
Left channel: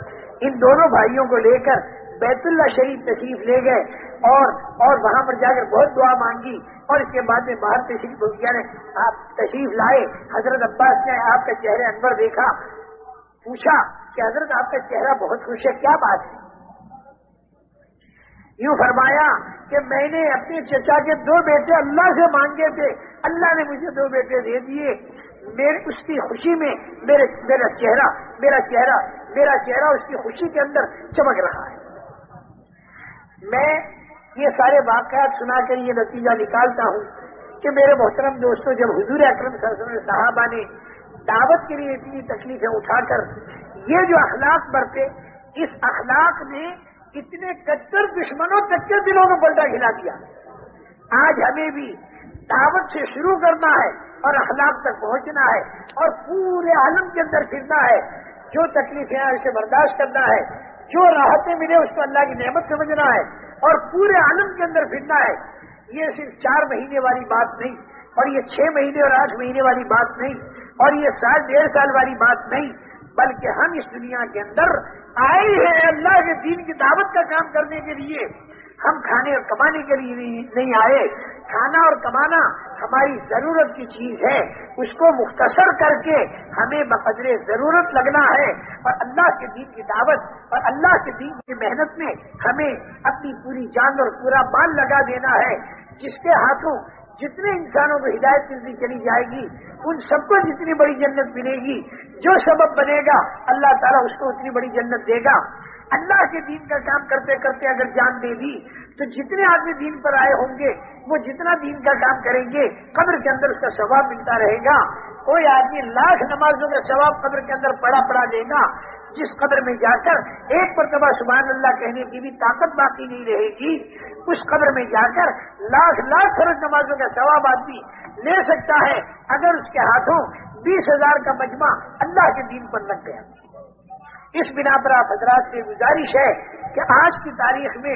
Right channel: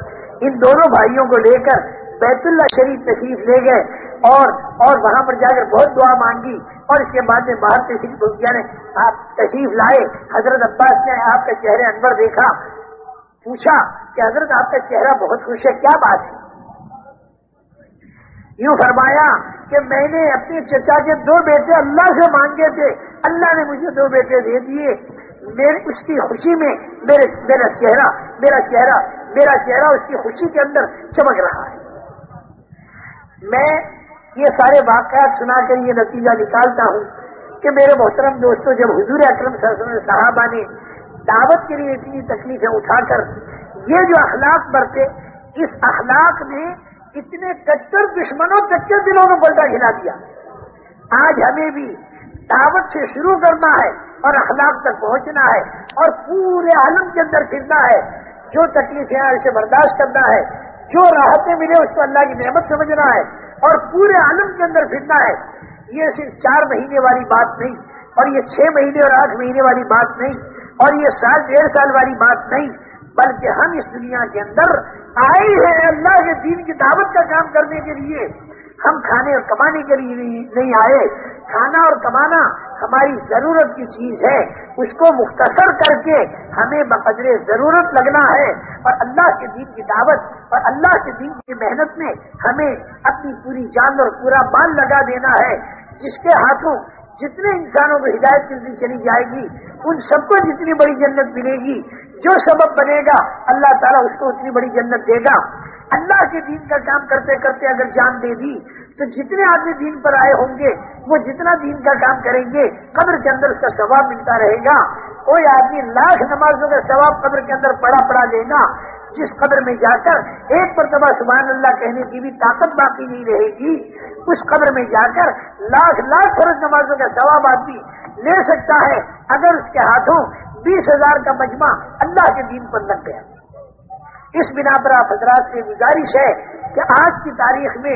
ان دونوں بھائیوں کو لے کر بیت اللہ شریف تشریف لے گئے, اور وہاں پر جا کر بہت دعا مانگی. اور اس کے بعد میں باہر تشریف یعنی آپ تشریف لائے. حضرت عباس نے آپ کا چہرے انور دیکھا, پوچھا کہ حضرت آپ کا چہرہ بہت خوش ہے, کیا بات ہے؟ یوں فرمایا کہ میں نے اپنے چچا کے 2 بیٹے اللہ سے مانگے تھے, اللہ نے مجھے 2 بیٹے دے دیے. اس کی خوشی میں میرا چہرہ اس کی خوشی کے اندر چمک رہا ہے. میں یہ سارے واقعات سنا کر یہ نتیجہ نکالتا ہوں کہ میرے محترم دوستوں, جب حضور اکرم صلی اللہ علیہ وسلم صحابہ نے دعوت کے لیے اتنی تکلیفیں اٹھا کر یہ جو اخلاق برتے, اس اخلاق نے اتنے کٹر دشمنوں تک کے دلوں کو پلٹا کھلا دیا. آج ہمیں بھی دعوت سے شروع کرنا ہے اور اخلاق تک پہنچنا ہے, اور پورے عالم کے اندر پھرنا ہے. جو تکلیفیں ہیں اسے برداشت کرنا ہے, جو راحتیں ملے اس کو اللہ کی نعمت سمجھنا ہے, اور پورے عالم کے اندر پھرنا ہے. یہ صرف 4 مہینے والی بات نہیں, اور یہ 6 مہینے اور 8 مہینے والی بات نہیں, اور یہ 1.5 سال والی بات نہیں, بلکہ ہم اس دنیا کے اندر آئے ہیں اللہ کے دین کی دعوت کا کام کرنے کے لیے. ہم کھانے اور کمانے کے لیے نہیں آئے. کھانا اور کمانا ہماری ضرورت کی چیز ہے, اس کو مختصر کر کے ہمیں بقدر ضرورت لگنا ہے, اور اللہ کے دین کی دعوت اور اللہ کے دین کی محنت میں ہمیں اپنی پوری جان اور پورا مال لگا دینا ہے. جس کے ہاتھوں جتنے انسانوں کو ہدایت ملتی چلی جائے گی, ان سب کو جتنی بڑی جنت ملے گی. جو سبب بنے گا اللہ تعالیٰ اس کو اتنی بڑی جنت دے گا. اللہ کے دین کا کام کرتے کرتے اگر جان دے دی تو جتنے آدمی دین پر آئے ہوں گے وہ جتنا دین کا کام کریں گے قبر کے اندر اس کا ثواب ملتا رہے گا. کوئی آدمی 1,00,000 نمازوں کا ثواب قبر کے اندر پڑا لے گا, جس قبر میں جا کر ایک مرتبہ سبحان اللہ کہنے کی بھی طاقت باقی نہیں رہے گی, اس قبر میں جا کر 1,00,000 فرض نمازوں کا ثواب آدمی لے سکتا ہے اگر اس کے ہاتھوں 20,000 کا مجمع اللہ کے دین پر لگ گیا. اس بنا پر آپ حضرات سے گزارش ہے کہ آج کی تاریخ میں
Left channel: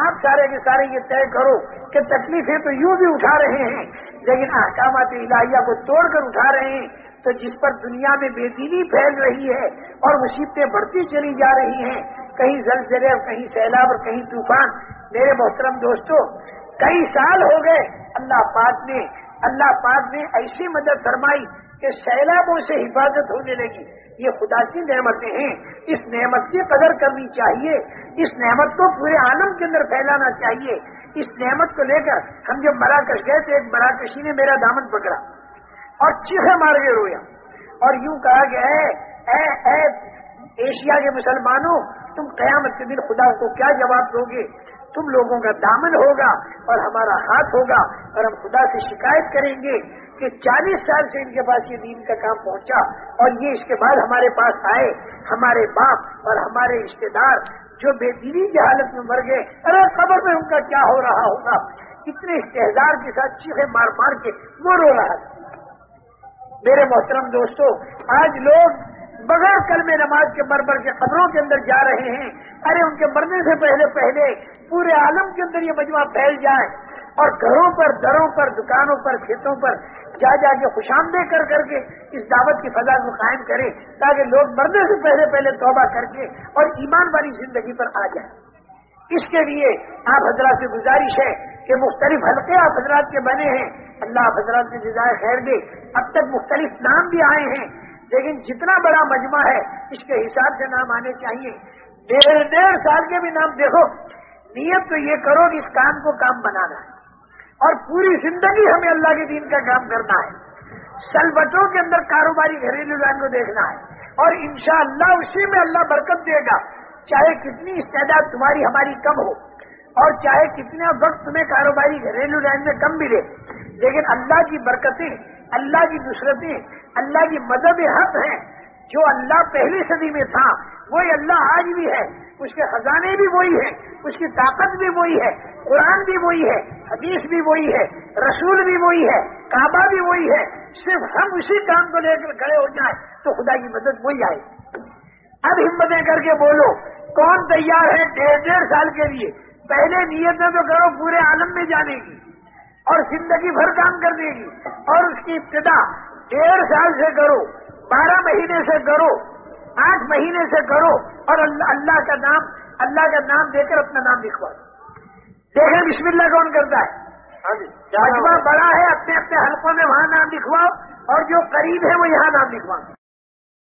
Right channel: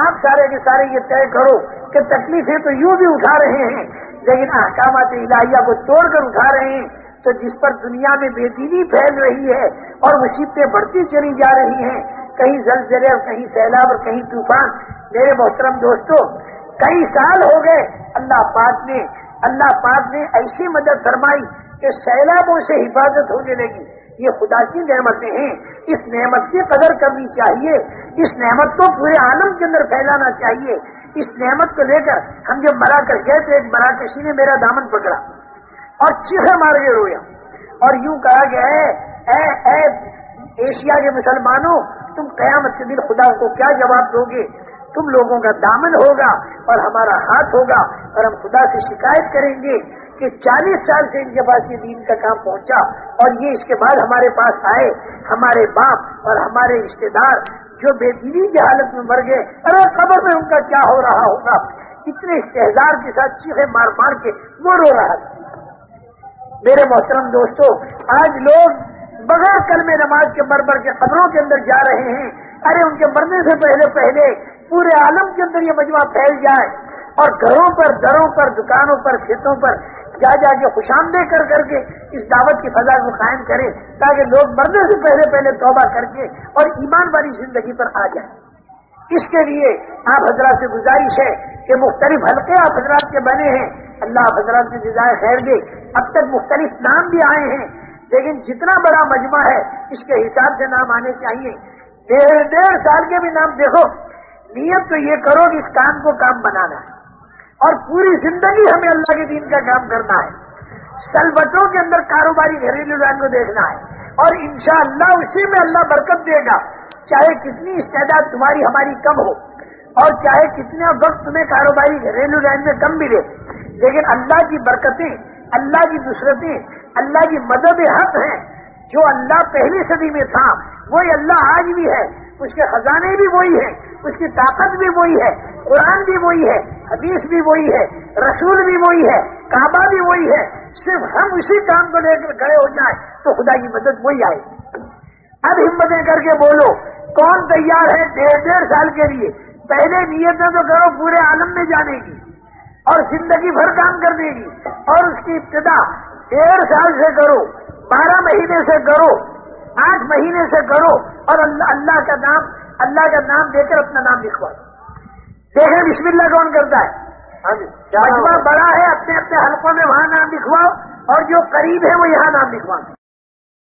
آپ سارے کے سارے یہ طے کرو کہ تکلیفیں تو یوں بھی اٹھا رہے ہیں, لیکن احکامات الہیہ کو توڑ کر اٹھا رہے ہیں. تو جس پر دنیا میں بے دینی پھیل رہی ہے اور مصیبتیں بڑھتی چلی جا رہی ہیں, کہیں زلزلے اور کہیں سیلاب اور کہیں طوفان. میرے محترم دوستو, کئی سال ہو گئے، اللہ پاک نے ایسی مدد فرمائی کہ سیلابوں سے حفاظت ہونے لگی۔ یہ خدا کی نعمتیں ہیں، اس نعمت کی قدر کرنی چاہیے، اس نعمت کو پورے عالم کے اندر پھیلانا چاہیے۔ اس نعمت کو لے کر ہم جب مراکش گئے تو ایک مراکشی نے میرا دامن پکڑا اور چیخے مار کے رویا اور یوں کہا کہ اے ایشیا کے مسلمانوں، تم قیامت کے دن خدا کو کیا جواب دو گے؟ تم لوگوں کا دامن ہوگا اور ہمارا ہاتھ ہوگا، اور ہم خدا سے شکایت کریں گے کہ 40 سال سے ان کے پاس یہ دین کا کام پہنچا اور یہ اس کے بعد ہمارے پاس آئے، ہمارے باپ اور ہمارے رشتے دار جو بے دینی کی حالت میں مر گئے، ارے قبر میں ان کا کیا ہو رہا ہوگا؟ اتنے استحزار کے ساتھ چیخے مار مار کے وہ رو رہا تھا۔ میرے محترم دوستو، آج لوگ بغیر کلمہ نماز کے مر کے قبروں کے اندر جا رہے ہیں۔ ارے ان کے مرنے سے پہلے پورے عالم کے اندر یہ مجمع پھیل جائے اور گھروں پر، دروں پر، دکانوں پر، کھیتوں پر جا کے خوش آمدید کر کے اس دعوت کی فضا کو قائم کرے تاکہ لوگ مرنے سے پہلے توبہ کر کے اور ایمان والی زندگی پر آ جائیں۔ اس کے لیے آپ حضرات سے گزارش ہے کہ مختلف حلقے آپ حضرات کے بنے ہیں، اللہ آپ حضرات کی جزائے خیر دے۔ اب تک مختلف نام بھی آئے ہیں، لیکن جتنا بڑا مجمع ہے اس کے حساب سے نام آنے چاہیے۔ 1.5 سال کے بھی نام دیکھو، نیت تو یہ کرو کہ اس کام کو کام بنانا ہے اور پوری زندگی ہمیں اللہ کے دین کا کام کرنا ہے۔ سلبتوں کے اندر کاروباری گھریلو رنگ کو دیکھنا ہے اور انشاءاللہ اسی میں اللہ برکت دے گا، چاہے کتنی استعداد تمہاری ہماری کم ہو اور چاہے کتنا وقت تمہیں کاروباری گھریلو رنگ میں کم ملے، لیکن اللہ کی برکتیں، اللہ کی نصرتیں، اللہ کی مدد حق ہیں۔ جو اللہ پہلی صدی میں تھا وہی اللہ آج بھی ہے، اس کے خزانے بھی وہی ہیں، اس کی طاقت بھی وہی ہے، قرآن بھی وہی ہے، حدیث بھی وہی ہے، رسول بھی وہی ہے، کعبہ بھی وہی ہے۔ صرف ہم اسی کام کو لے کر کھڑے ہو جائیں تو خدا کی مدد وہی آئے۔ اب ہمتیں کر کے بولو، کون تیار ہے 1.5 سال کے لیے؟ پہلے نیتیں تو کرو پورے عالم میں جانے کی اور زندگی بھر کام کرنے کی، اور اس کی ابتدا 1.5 سال سے کرو، 12 مہینے سے کرو، 8 مہینے سے کرو، اور اللہ کا نام دے کر اپنا نام لکھوا دو۔ دیکھیں بسم اللہ کون کرتا ہے؟ مجمع بڑا ہے، اپنے اپنے حلقوں میں وہاں نام لکھواؤ، اور جو قریب ہے وہ یہاں نام لکھواؤ۔